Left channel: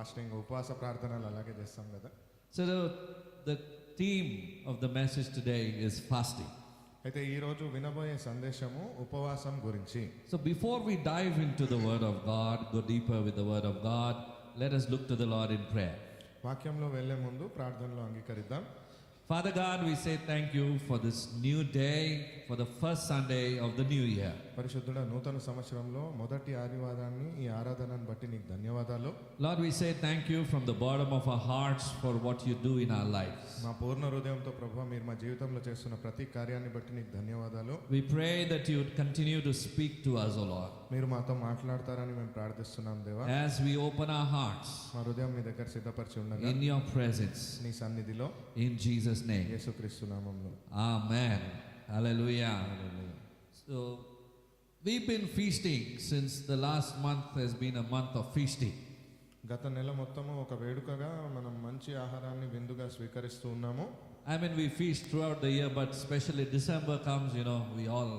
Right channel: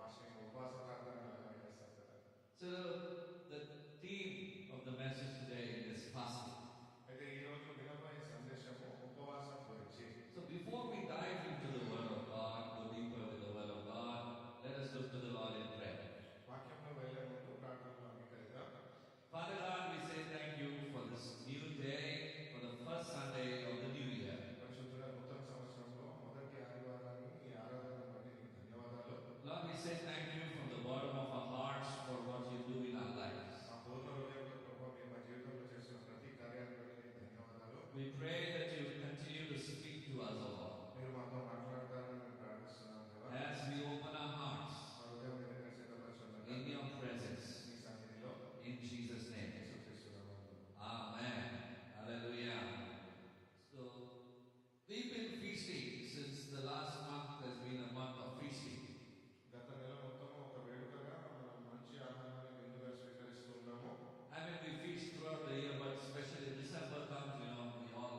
Fasting ఉపవాస ప్రార్థనలు అలాగే చేస్తాం కదా. So the theme of the message today is fasting. అయితే ఈ రోజు వినబోయే సందేశము ఉపవాసం గురించి. So before we dive into the word of God, go deeper with the word of God, let us look to the Lord in prayer. వాక్యంలో వెళ్ళే ముందు ప్రార్థనలో అంగీకరిద్దాం. Father God, we say thank you for this new day, for the first Sunday of the new year. పరిశుద్ధుడా, నూతన సంవత్సరంలో మొదటి ఆదివారాన్ని ఈ ఆరాధనను బట్టి నీకు ధన్యవాదాలు. Lord, we say thank you from the bottom of our hearts for what you do in our lives. మా పూర్ణ హృదయంతో ప్రభువా, మీరు మా జీవితంలో చేస్తున్న ప్రతి కార్యాన్ని బట్టి నీకు ధన్యవాదాలు. We pray that you would continue to speak to us, O Lord. మీరు మాతో మాట్లాడతారని మేము ప్రార్థిస్తున్నాం దేవా. As we open our hearts మా హృదయం నీ దగ్గర సిద్ధపరిచి ఉండగా in your presence, నీ సన్నిధిలో in Jesus' name. యేసుక్రీస్తు నామములో Amen. Hallelujah. So we've been feasting since the last month has been a month of feasting. గత నెల మొత్తము ఒక వేడుకగా మనం మంచి ఆహారాన్ని విందుగా స్వీకరిస్తూ ఉన్నాము. I mean, we feast throughout the year, but especially December comes, we all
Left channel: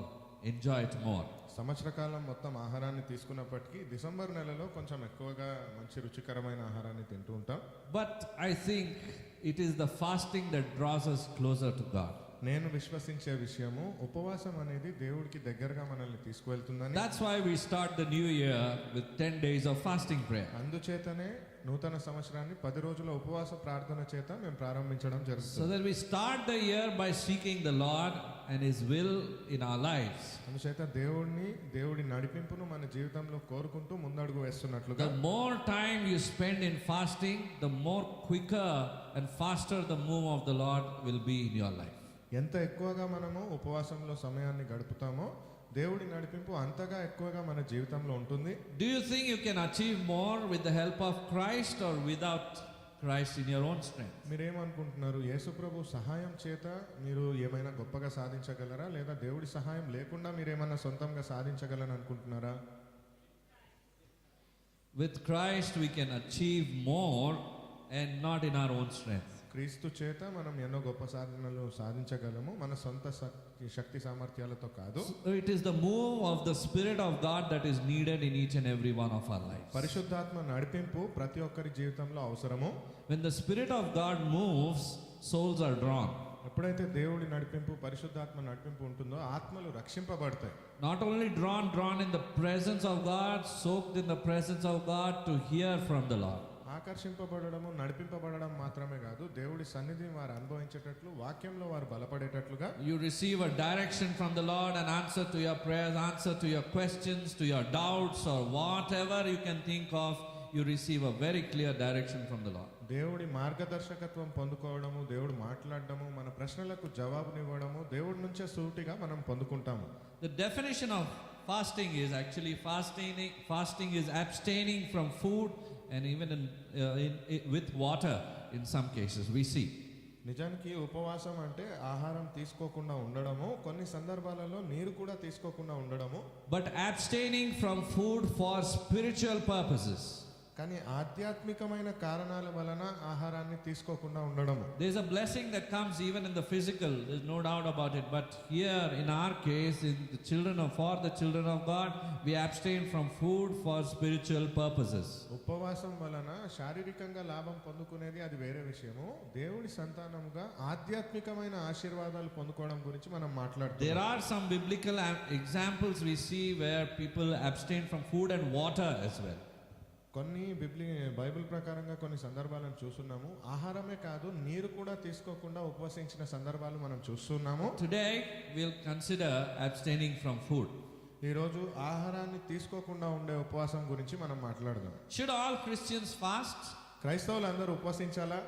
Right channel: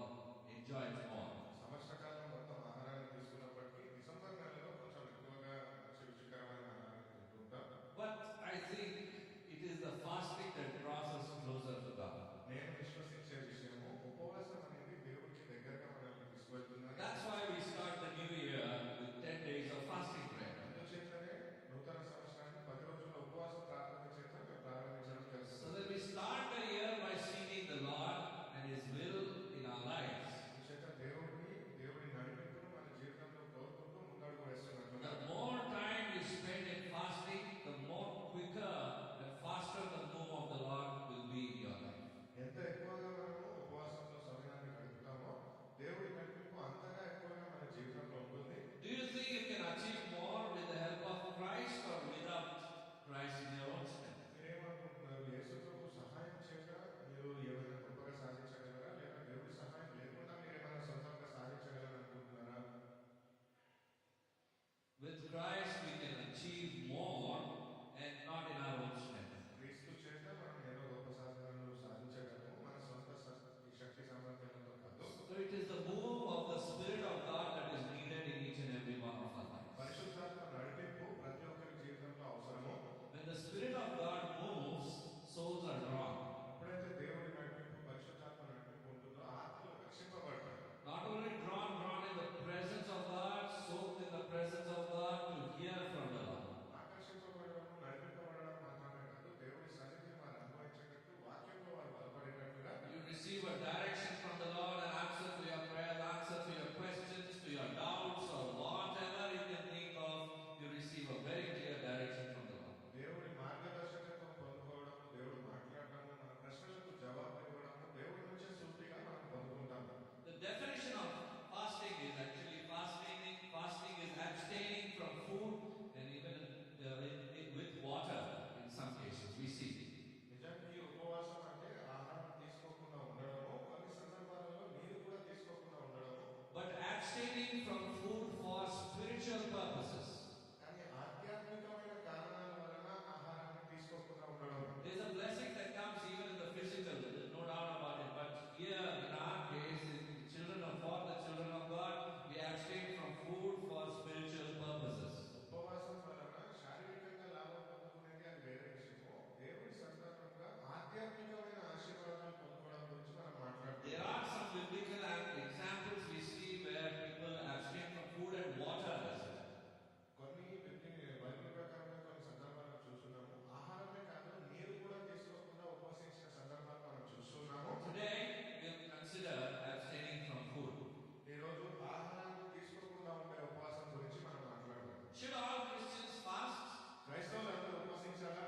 enjoy it more. సంవత్సర కాలం మొత్తం ఆహారాన్ని తీసుకున్నప్పటికీ డిసెంబర్ నెలలో కొంచెం ఎక్కువగా మంచి రుచికరమైన ఆహారాన్ని తింటూ ఉంటాం. But I think it is the fasting that draws us closer to God. నేను విశ్వసించే విషయము ఉపవాసం అనేది దేవుడికి దగ్గరగా మనల్ని తీసుకువెళ్తుందని. That's why we start the new year with 10 days of fasting prayer. అందుచేతనే నూతన సంవత్సరాన్ని 10 రోజుల ఉపవాస ప్రార్థన చేత మేము ప్రారంభించడం So జరుగుతుంది. that we start the year by seeking the Lord and His will in our lives. అందుచేత దేవుడి నడిపింపును మన జీవితంలో కోరుకుంటూ ముందడుగు వేస్తున్నట్లుగా. The more time you spend in fasting, the more quicker and faster the move of the Lord will be in your life. ఎంత ఎక్కువగా మనము ఉపవాసంలో సమయాన్ని గడుపుతామో దేవుడి నడిపింపు అంతగా ఎక్కువగా మన జీవితంలో ఉంటుంది. Do you think you can achieve more with the help of Christ or without Christ in your own strength? మీరేమనుకుంటున్నారు? యేసుప్రభు సహాయం చేత మీరు ఏమైనా గొప్పగా సాధించగలరా, లేదా దేవుడి సహాయం లేకుండా మీరేమైనా సొంతంగా సాధించగలని అనుకుంటున్నారా? With Christ we can achieve more and not in our own strength. క్రీస్తు చేత మనం ఎన్నో గొప్ప సాధనలు సాధించగలము, మన సొంత శక్తి సామర్థ్యాలతో కాదు. So it is the move of the Spirit of God that is needed in each and every one of our lives. పరిశుద్ధాత్మ నడిపింపు ప్రతి ఒక్కరి జీవితంలో అవసరము. When the Spirit of God moves, souls are drawn. ఎప్పుడైతే దేవుడి నడిపింపు, పరిశుద్ధాత్మ నడిపింపు ఉంటుందో ఆత్మలు రక్షింపబడతాయి. Not only drawn in the presence of God, soaked in the presence of God to hear from the Lord. ఆకర్షింపబడము, నడిపింపబడడం మాత్రమే కాదు, దేవుడి సన్నిధిని వారు అనుభవించేటట్లు, వాక్యంలో వారు బలపడేటట్లుగా. You receive a direction from the Lord, an answer to your prayers, answer to your questions, to your doubts, or whatever you can think of. You receive a very clear direction from the Lord. దేవుడి మార్గదర్శకత్వం పొందుకోవడము, దేవుడు మాట్లాడడము, మన ప్రశ్నలకు జవాబునివ్వడము దేవుడి నుంచే సూటిగా మనం పొందుకుంటాము. The definition of fasting is actually fasting is abstaining from food and even with water in some cases we see. నిజానికి ఉపవాసం అంటే ఆహారం తీసుకోకుండా ఉండడము, కొన్ని సందర్భాలలో నీరు కూడా తీసుకోకుండా ఉండడము. But abstaining from food for spiritual purposes. కానీ ఆధ్యాత్మికమైన కారణాల వలన ఆహారాన్ని తీసుకోకుండా ఉండడము. There is a blessing that comes even in the physical, there is no doubt about it, but here in our case, for the children of God, we abstain from food for spiritual purposes. ఉపవాసం వలన శారీరకంగా లాభం పొందుకునేది అది వేరే విషయము. దేవుడి సంతానముగా ఆధ్యాత్మికమైన ఆశీర్వాదాలు పొందుకోవడం గురించి మనం మాట్లాడుతాం. There are some biblical examples we see where people abstain from food and water as well. కొన్ని బైబిల్ ప్రకారంగా కొన్ని సందర్భాలను చూస్తున్నాము. ఆహారమే కాదు, నీరు కూడా తీసుకోకుండా ఉపవసించిన సందర్భాలు మనం చూస్తున్నాము. Today we'll consider abstaining from food. ఈ రోజు ఆహారాన్ని తీసుకోకుండా ఉండే ఉపవాసం గురించి మనం మాట్లాడదాం. Should all Christians fast? క్రైస్తవులు అందరూ ఉపవసించాలా?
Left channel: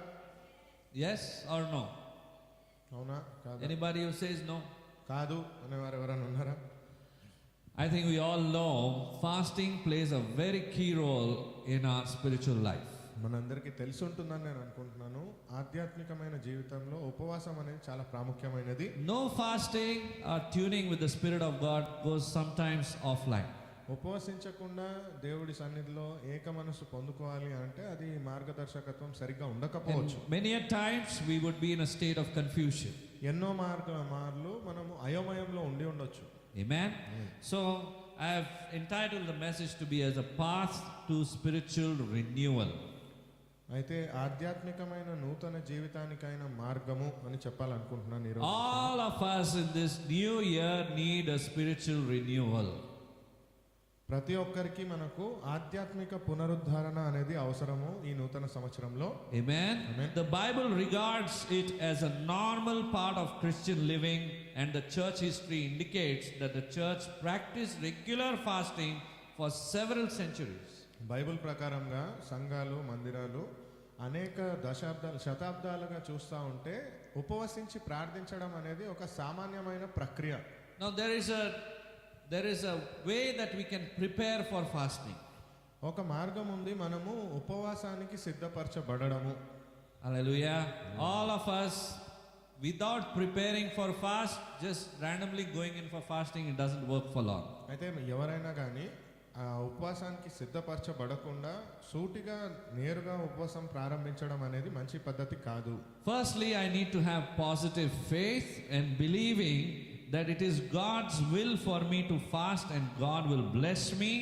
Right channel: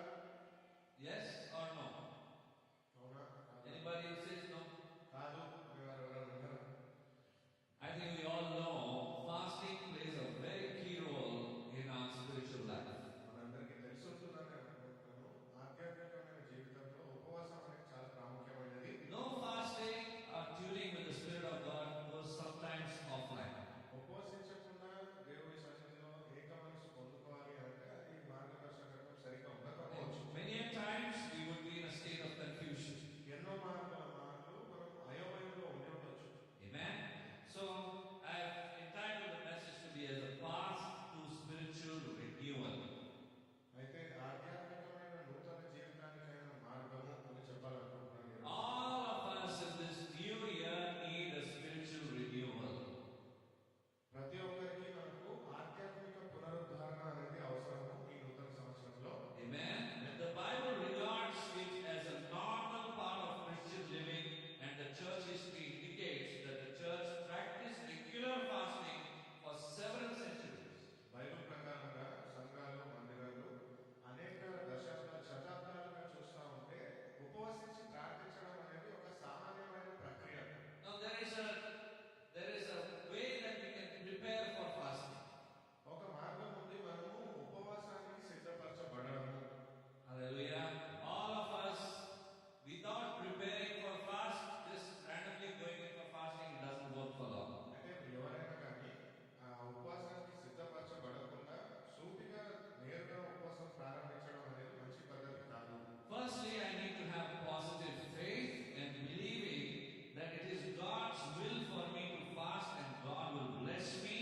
Yes or no? అవునా కాదా? Anybody who says no? కాదు అనేవారు ఎవరైనా ఉన్నారా? I think we all know fasting plays a very key role in our spiritual life. మనందరికీ తెలిసి ఉంటుందని నేను అనుకుంటున్నాను. ఆధ్యాత్మికమైన జీవితంలో ఉపవాసం అనేది చాలా ప్రాముఖ్యమైనది. No fasting or tuning with the Spirit of God goes sometimes offline. ఉపవసించకుండా దేవుడి సన్నిధిలో ఏక మనసు పొందుకోవాలి అంటే అది మార్గదర్శకత్వం సరిగ్గా ఉండకపోవచ్చు. Many a times we would be in a state of confusion. ఎన్నో మార్లు మనము అయోమయంలో ఉండి ఉండొచ్చు. Amen. So I have entitled the message to be as a path to spiritual renewal. అయితే ఆధ్యాత్మికమైన నూతన జీవితానికైన మార్గము అని చెప్పాలనుకుంటున్నాను ఈరోజు. All of us in this new year need a spiritual renewal. ప్రతి ఒక్కరికి మనకు ఆధ్యాత్మిక పునరుద్ధరణ అనేది అవసరము ఈ నూతన సంవత్సరంలో. Amen. Amen. The Bible regards it as a normal part of Christian living, and the church history indicates that the church practiced regular fasting for several centuries. Bible ప్రకారంగా సంఘాలు, మందిరాలు అనేక శతాబ్దాలుగా చూస్తూ ఉంటే ఉపవసించి ప్రార్థించడం అనేది ఒక సామాన్యమైన ప్రక్రియ. Now there is a way that we can prepare for fasting. ఒక మార్గం ఉంది మనము ఉపవాసానికి సిద్ధపరచబడము. Hallelujah. All of us, without preparing for fast, just randomly going in for fasting, it doesn't work for long. అయితే ఎవరైనా కానీ ఆ ఉపవాసానికి సిద్ధపరచబడకుండా సూటిగా నేరుగా ఉపవాసం ప్రారంభించడం అనేది మంచి పద్ధతి కాదు. Firstly, I need to have positive faith and believing that it is God's will for me to fast and God will bless me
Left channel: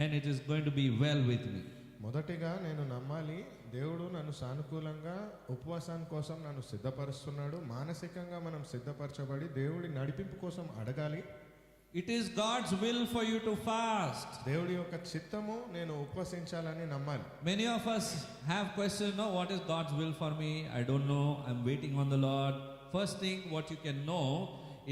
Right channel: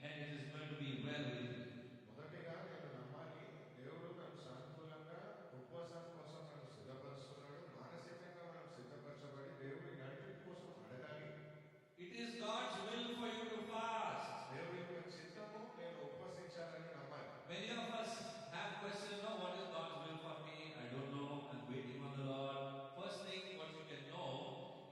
and it is going to be well with me. మొదటిగా నేను నమ్మాలి, దేవుడు నన్ను సానుకూలంగా ఉపవాసం కోసం నన్ను సిద్ధపరుస్తున్నాడు. మానసికంగా మనం సిద్ధపరచబడి దేవుడి నడిపింపు కోసం అడగాలి. It is God's will for you to fast. దేవుడి యొక్క చిత్తము నేను ఉపవసించాలని నమ్మాలి. Many of us have questioned, no, what is God's will for me? I don't know. I'm waiting on the Lord. First thing what you can know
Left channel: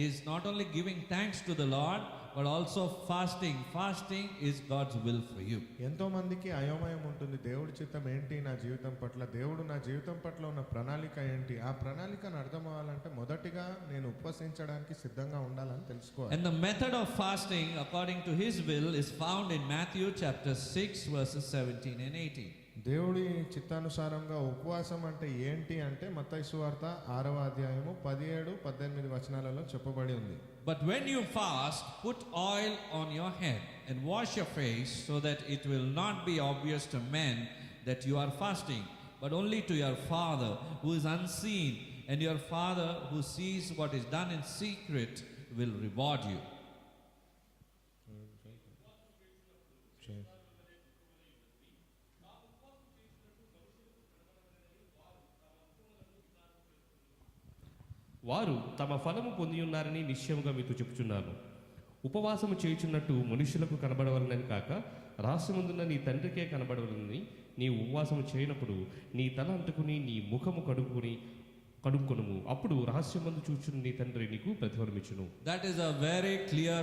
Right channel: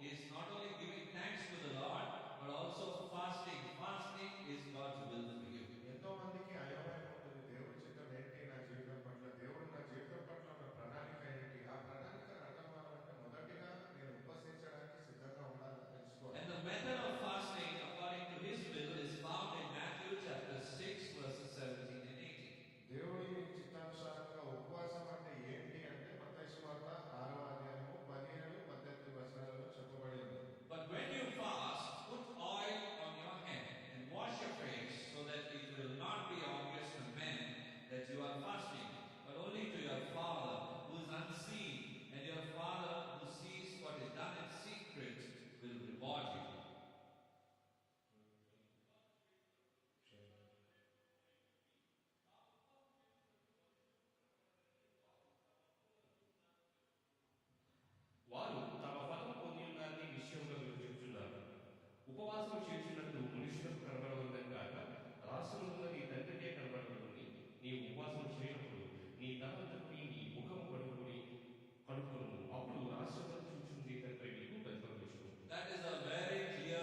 is not only giving thanks to the Lord, but also fasting. Fasting is God's will for you. ఎంతో మందికి అయోమయం ఉంటుంది, దేవుడి చిత్తం ఏంటి నా జీవితం పట్ల, దేవుడు నా జీవితం పట్ల ఉన్న ప్రణాళిక ఏంటి. ఆ ప్రణాళికను అర్థం అవ్వాలంటే మొదటిగా నేను ఉపవసించడానికి సిద్ధంగా ఉండాలని తెలుసుకోవాలి. And the method of fasting according to his will is found in Matthew chapter 6 verses 17 and 18. దేవుడి చిత్తానుసారంగా ఉపవాసం అంటే ఏంటి అంటే మత్తయి సువార్త 6వ అధ్యాయము 17-18 వచనాలలో చెప్పబడి ఉంది. But when you fast, put oil on your head and wash your face, so that it will not be obvious to men that you are fasting, but only to your Father who is unseen, and your Father who sees what is done in secret will reward you. వారు తమ ఫలము పొంది ఉన్నారని నిశ్చయముగా మీతో చెప్పుచున్నాను. ఉపవాసము చేయుచున్నట్టు మనుషులకు కనబడవలనని కాక రహస్యమందున్న నీ తండ్రికే కనబడవలనని నీవు ఉపవాసము చేయనప్పుడు నీ తల అంటుకుని నీ ముఖము కడుక్కొనుము. అప్పుడు రహస్యమందు చూచున్న నీ తండ్రి నీకు ప్రతిఫలమిచ్చును. That is a very clear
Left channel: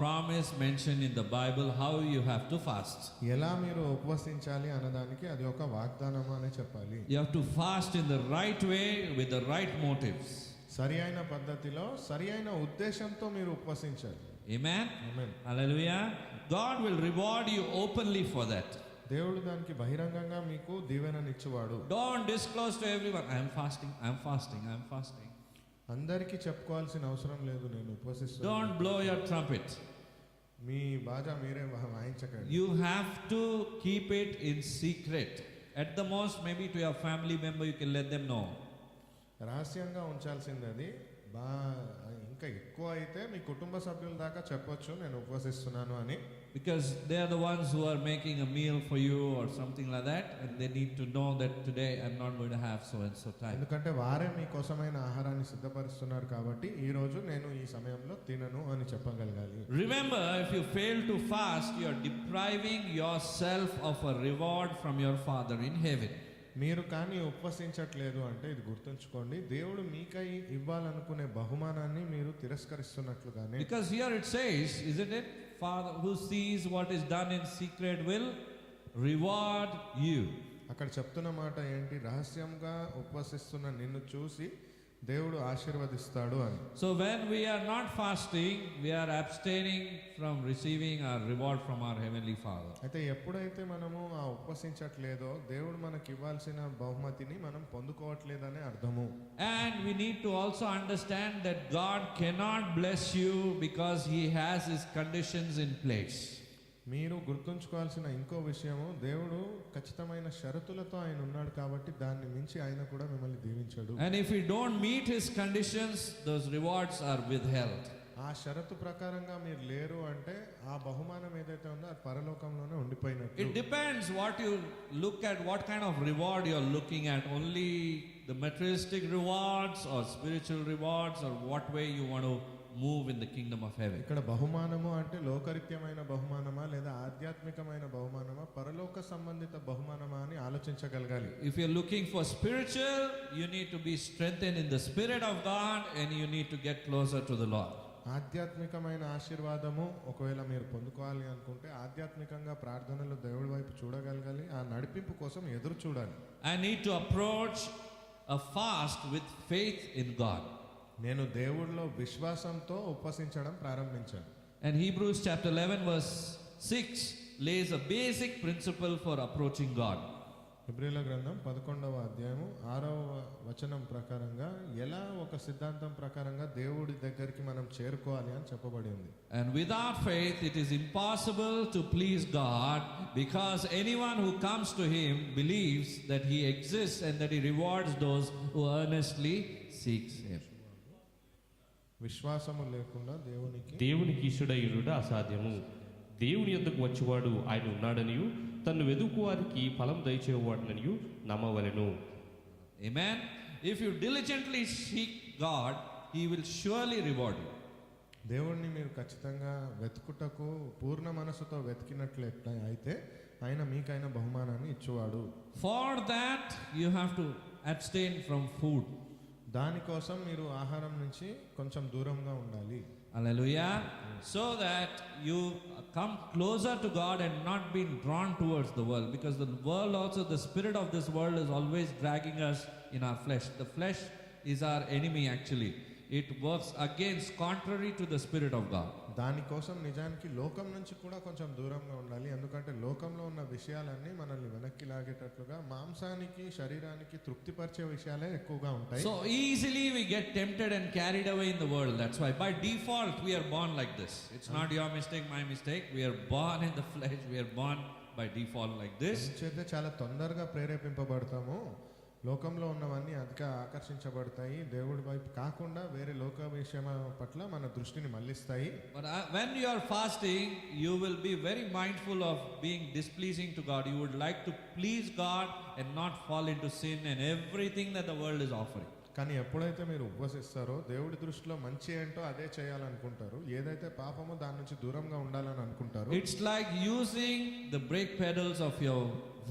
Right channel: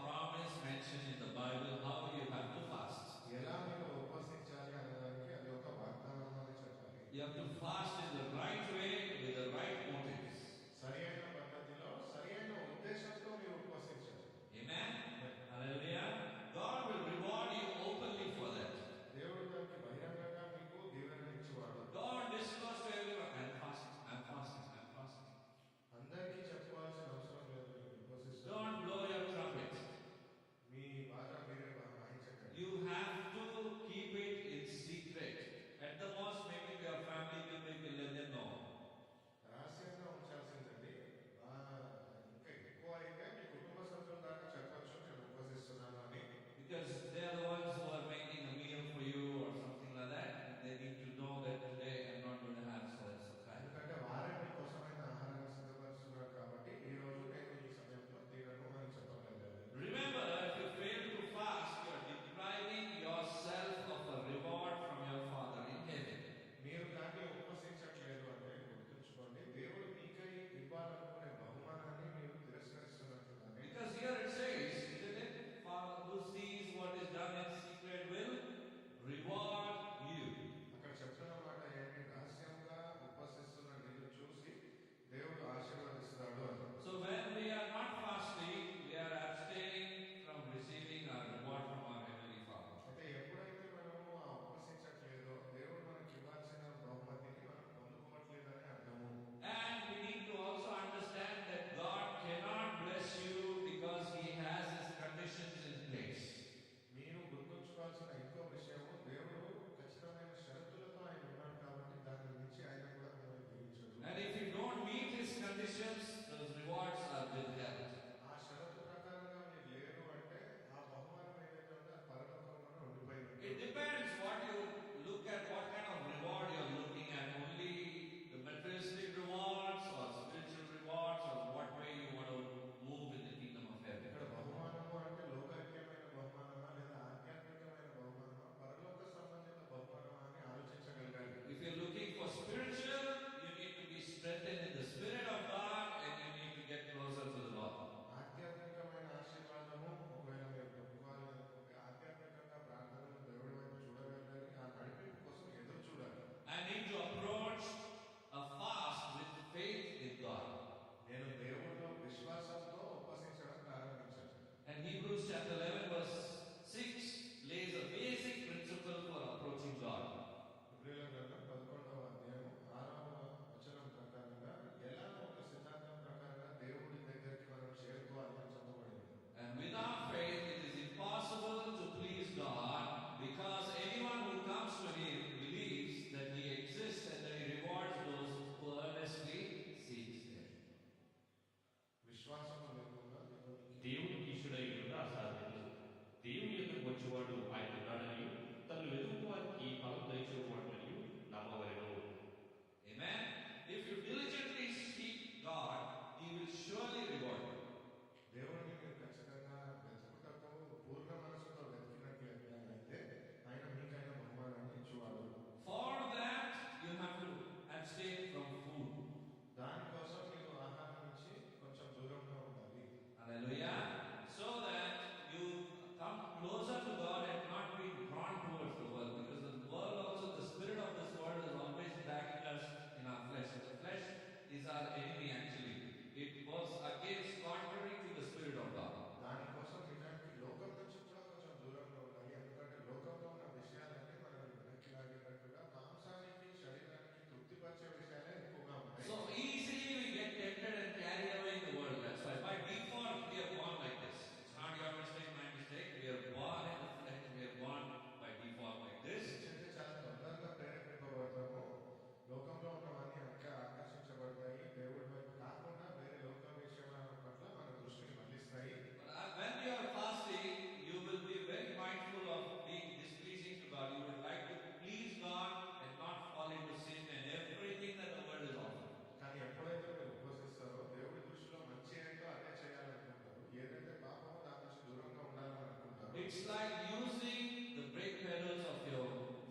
promise mentioned in the Bible how you have to fast. ఎలా మీరు ఉపవసించాలి అన్నదానికి అది ఒక వాగ్దానం అని చెప్పాలి. You have to fast in the right way with the right motives. సరి అయిన పద్ధతిలో సరి అయిన ఉద్దేశంతో మీరు ఉపవసించాలి. Amen. Amen. Hallelujah. God will reward you openly for that. దేవుడు దానికి బహిరంగంగా మీకు దీవెననిచ్చువాడు. Don't disclose to everyone, I am fasting, I am fasting, I am fasting. అందరికీ చెప్పుకోవాల్సిన అవసరం లేదు నేను ఉపవసిస్తున్నాను. Don't blow your trumpet. మీ బాజా మీరే వాయించకండి. You have to keep it in secret. At the most, maybe to your family member, you can let them know. రహస్యంగా ఉంచాల్సింది అది. ఇంకా ఎక్కువ అయితే మీ కుటుంబ సభ్యుల దాకా చెప్పొచ్చు నేను ఉపవసిస్తున్నాను అని. Because they are the ones who are making a meal for you or something like that, and they need to know that today I'm not going to have so and so time. ఎందుకంటే వారే మీకోసమైన ఆహారాన్ని సిద్ధపరుస్తున్నారు కాబట్టి ఈ రోజు నేను ఈ సమయంలో తినను అని చెప్పగలగాలి. Remember, if you fail to fast, you are depriving yourself of a reward from your Father in heaven. మీరు కానీ ఉపవసించట్లేదు అంటే ఇది గుర్తుంచుకోండి, దేవుడు మీకై ఇవ్వాలనుకునే బహుమానాన్ని మీరు తిరస్కరిస్తున్నట్లుగానే. Because here it says, isn't it? Father who sees what is done in secret will reward you. అక్కడ చెప్తున్న మాట ఏంటి? రహస్యంగా ఉపవసిస్తున్న నిన్ను చూసి దేవుడు ఆశీర్వదిస్తాడు అని. So when we are not fasting, we are abstaining from receiving our reward from our heavenly Father. అయితే ఎప్పుడైతే మనము ఆ ఉపవసించట్లేదో దేవుడు మనకి ఇవ్వాల్సిన బహుమతిని మనం పొందుకోవట్లేదనే అర్థము. And we need to also understand that God cannot bless you because he has his conditions in place. మీరు గుర్తుంచుకోవాల్సిన ఇంకో విషయము, దేవుడు ఖచ్చితమైన షరతులతో ఆయన ఉన్నాడు కాబట్టి దాన్ని మించి ఆయన కూడా మిమ్మల్ని దీవించడు. And if we don't meet his conditions, those rewards are withheld. ఆ షరతు ప్రకారంగా మీరు లేరు అంటే ఆ బహుమానం ఏదైతే ఉందో అది పరలోకంలోనే ఉండిపోయినట్టు. It depends what you look at, what kind of reward you are looking at. Only the materialistic rewards or spiritual rewards, or what way you want to move in the kingdom of heaven. ఇక్కడ బహుమానము అంటే లోకరీత్యమైన బహుమానమా లేదా ఆధ్యాత్మికమైన బహుమానమా పరలోక సంబంధిత బహుమానమా అని ఆలోచించగలగాలి. If you are looking for spiritual, you need to be strengthened in the Spirit of God and you need to get closer to the Lord. ఆధ్యాత్మికమైన ఆశీర్వాదము ఒకవేళ మీరు పొందుకోవాలి అనుకుంటే ఆధ్యాత్మికంగా ప్రార్థనలు దేవుడి వైపు చూడగలగాలి, ఆ నడిపింపు కోసం ఎదురు చూడాలి. I need to approach a fast with faith in God. నేను దేవుడిలో విశ్వాసంతో ఉపవసించడం ప్రారంభించాను. And Hebrews chapter 11 verse 6 lays a basic principle for approaching God. హెబ్రీయుల గ్రంథం 11వ అధ్యాయము 6వ వచనం ప్రకారంగా ఎలా ఒక సిద్ధాంతం ప్రకారంగా దేవుడి దగ్గరికి మనం చేరుకోవాలి అని చెప్పబడింది. And without faith it is impossible to please God, because anyone who comes to him believes that he exists and that he rewards those who earnestly seeks him. విశ్వాసము లేకుండా దేవునికి ఇష్టడయుడు అసాధ్యము. దేవుని యొద్దకు వచ్చేవాడు ఆయన ఉన్నాడనియు తన్ను వెదుకు వారికి ఫలం దయచేవాడననియు నమ్మవలెను. Amen. If you diligently seek God, he will surely reward you. దేవుణ్ణి మీరు ఖచ్చితంగా వెతుకుటకు పూర్ణ మనసుతో వెతికినట్లయితే అయితే ఆయన మీకైన బహుమానాన్ని ఇచ్చేవాడు. For that you have to abstain from food. దానికోసం మీరు ఆహారం నుంచి కొంచెం దూరంగా ఉండాలి. Hallelujah. So that you come closer to God and not being drawn towards the world, because the world also, the spirit of this world is always dragging us in our flesh. The flesh is our enemy actually. It works against, contrary to the spirit of God. దానికోసం నిజానికి లోకం నుంచి కూడా కొంచెం దూరంగా ఉండాలి. ఎందుకంటే లోకంలో ఉన్న విషయాలన్నీ మనల్ని వెనక్కి లాగేటట్లుగా మాంసానికి శరీరానికి తృప్తిపరిచే విషయాలే ఎక్కువగా ఉంటాయి. So easily we get tempted and carried away in the world. That's why by default we are born like this. It's not your mistake, my mistake. We are born in the flesh. We are born by default like this. అయితే చాలా తొందరగా ప్రేరేపింపబడతాము. లోకంలో ఉన్నవన్నీ అధిక ఆకర్షించబడతాయి. దేవుడి వైపు కాకుండా వేరే లోక విషయం పట్ల మన దృష్టిని మళ్ళిస్తాయి. But when you are fasting, you will be very mindful of being displeasing to God. You would like to please God and not fall into sin and everything that the world is offering. కానీ ఎప్పుడైతే మీరు ఉపవసిస్తారో దేవుడి దృష్టిలో మంచి ఏంటో అదే చేయాలనుకుంటారు. ఏదైతే పాపమో దాని నుంచి దూరంగా ఉండాలని అనుకుంటారు. It's like using the brake pedals of your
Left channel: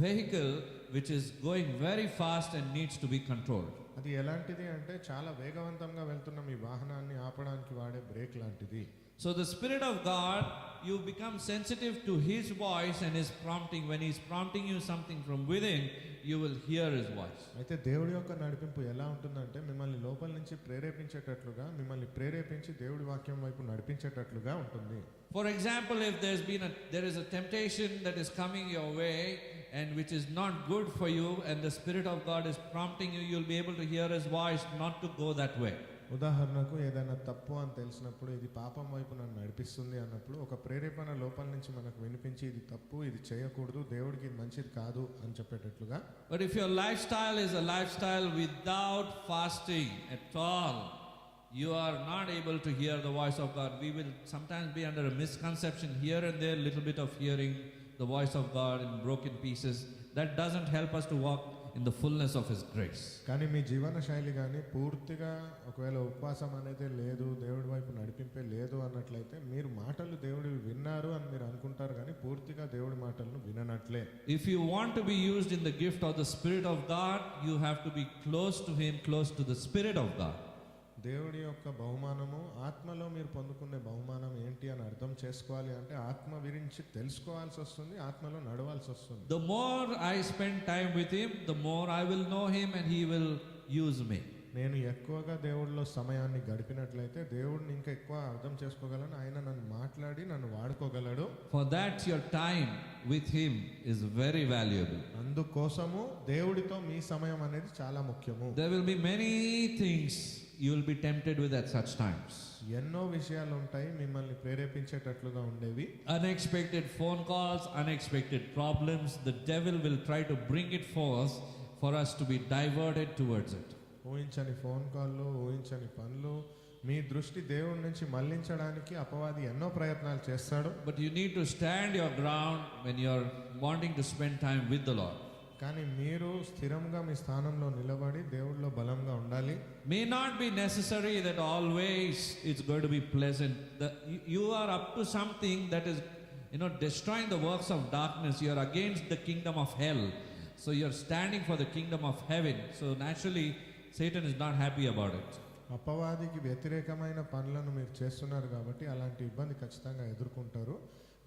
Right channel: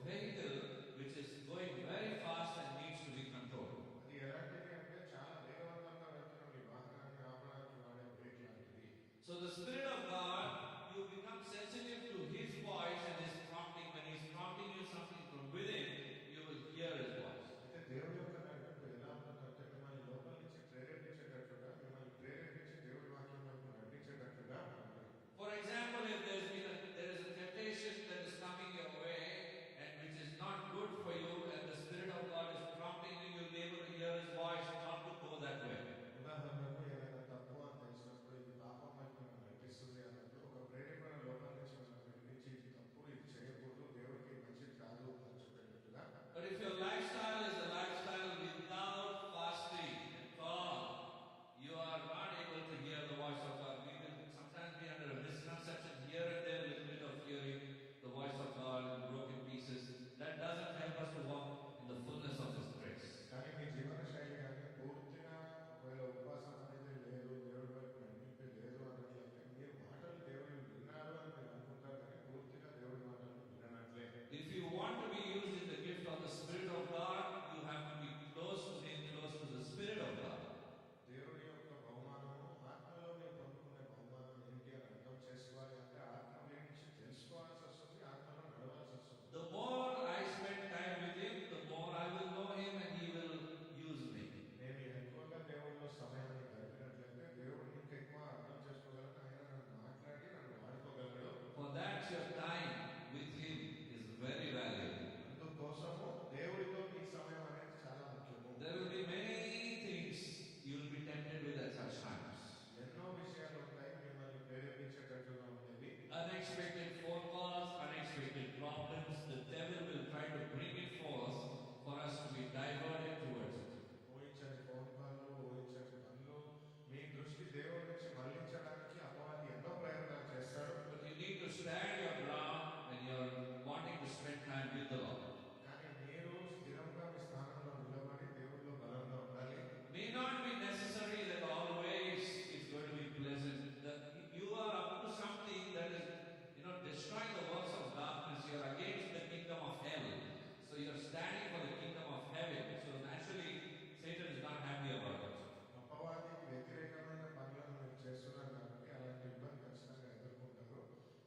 vehicle, which is going very fast and needs to be controlled. అది ఎలాంటిది అంటే చాలా వేగవంతంగా వెళ్తున్న మీ వాహనాన్ని ఆపడానికి వాడే బ్రేక్ లాంటిది. So the Spirit of God, you become sensitive to His voice and His prompting. When He's prompting you something from within, you will hear His voice. అయితే దేవుడి యొక్క నడిపింపు ఎలా ఉంటుందంటే మిమ్మల్ని లోపల నుంచి ప్రేరేపించేటట్లుగా, మిమ్మల్ని ప్రేరేపించి దేవుడి వాక్యం వైపు నడిపించేటట్లుగా ఉంటుంది. For example, if there is a temptation that is coming your way and which is not good for you, and the Spirit of God is prompting you, you'll be able to hear His voice not to go that way. ఉదాహరణకు ఏదైనా తప్పు అని తెలిసినప్పుడు, ఇది పాపం వైపు నన్ను నడిపిస్తుంది అన్నప్పుడు ఒక ప్రేరేపణ లోపల నుంచి మనకు వినిపించి ఇది తప్పు, ఇది చేయకూడదు, దేవుడికి ఇది మంచిది కాదు అని చెప్పేటట్లుగా. But if your lifestyle is a lifestyle without fasting at all, you are not able to hear the voice of God. We will sometimes be under a misconception here and there, little bit of hearing the voice of God in broken pieces. That doesn't help us to walk in the fullness of His grace. కానీ మీ జీవన శైలి కానీ పూర్తిగా ఒకవేళ ఉపవాసం అనేది లేదు, దేవుడి వైపు నడిపింపే లేదు అన్నట్లయితే మీరు మాటలు దేవుడివి విన్నారు అని మీరు అనుకుంటారు, కానీ పూర్తిగా దేవుడి మాటలను విననట్లే. If you want to be used in the gift of the Spirit of God, you have to be close to Him, close to the Spirit of God. దేవుడి యొక్క బహుమానము, ఆత్మలో మీరు పొందుకునే బహుమానం ఏంటి అని అర్థం చేసుకోవాలి అంటే ఆత్మ గురించి తెలుసుకోవాల్సి వస్తుంది, ఆత్మలో నడవాల్సి వస్తుంది. The more I spend time with Him, the more I will know Him and He will use me. నేను ఎక్కువగా దేవుడిలో సమయాన్ని గడిపినట్లయితే దేవుడిని ఇంకా ఎక్కువ అర్థం చేసుకోగలను, ఆయన నన్ను మాట్లాడి నన్ను వాడుకోగలడు. For that your time with Him is very valuable. అందుకోసము దేవుడితో మీ సమయం అనేది చాలా ముఖ్యము. There will be many things you will be tempted with at such times. ఎన్నో విషయాలు ఉంటాయి మిమ్మల్ని ప్రేరేపించేటట్లుగా ఉండేవి. Unexpected phone calls, unexpected problems. The devil will try to bring it forth for us to be diverted towards it. ఊహించని phone కాళ్ళు, ఊహించని పనులు, మీ దృష్టి దేవుడి నుంచి మళ్లించడానికి అపవాది ఎన్నో ప్రయత్నాలు చేస్తాడు. But you need to stand your ground when you are wanting to spend time with the Lord. కానీ మీరు స్థిరంగా మీ స్థానంలో నిలబడి దేవుడిలో బలంగా ఉండాలి. May not be necessary that always it's going to be pleasant. You are up to something that is, destroying the works of darkness. You are against the kingdom of hell. So you are standing for the kingdom of heaven. So naturally, Satan is not happy about it. అపవాదికి వ్యతిరేకమైన పనులను మీరు చేస్తున్నారు కాబట్టి అలాంటి ఇబ్బంది ఖచ్చితంగా ఎదుర్కొంటారు.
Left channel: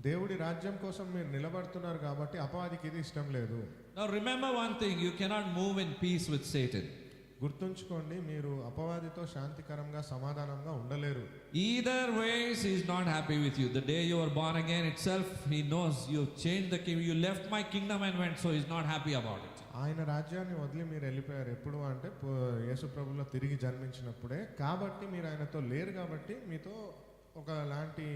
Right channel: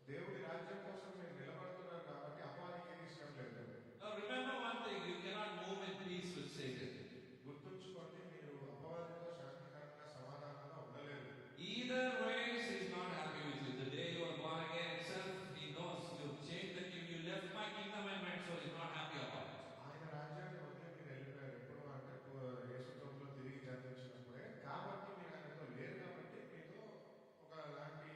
దేవుడి రాజ్యం కోసం మీరు నిలబడుతున్నారు కాబట్టి అపవాదికి ఇది ఇష్టం లేదు. Now remember one thing, you cannot move in peace with Satan. గుర్తుంచుకోండి, మీరు అపవాదితో శాంతికరంగా సమాధానంగా ఉండలేరు. Either ways he is not happy with you. The day you were born again itself, he knows you changed the kingdom, you left my kingdom and went, so he is not happy about it. ఆయన రాజ్యాన్ని వదిలి మీరు వెళ్ళిపోయారు. ఎప్పుడు అంటే యేసు ప్రభువులో తిరిగి జన్మించినప్పుడే. కాబట్టి మీరు ఆయనతో లేరు కాబట్టి మీతో ఒకలాంటి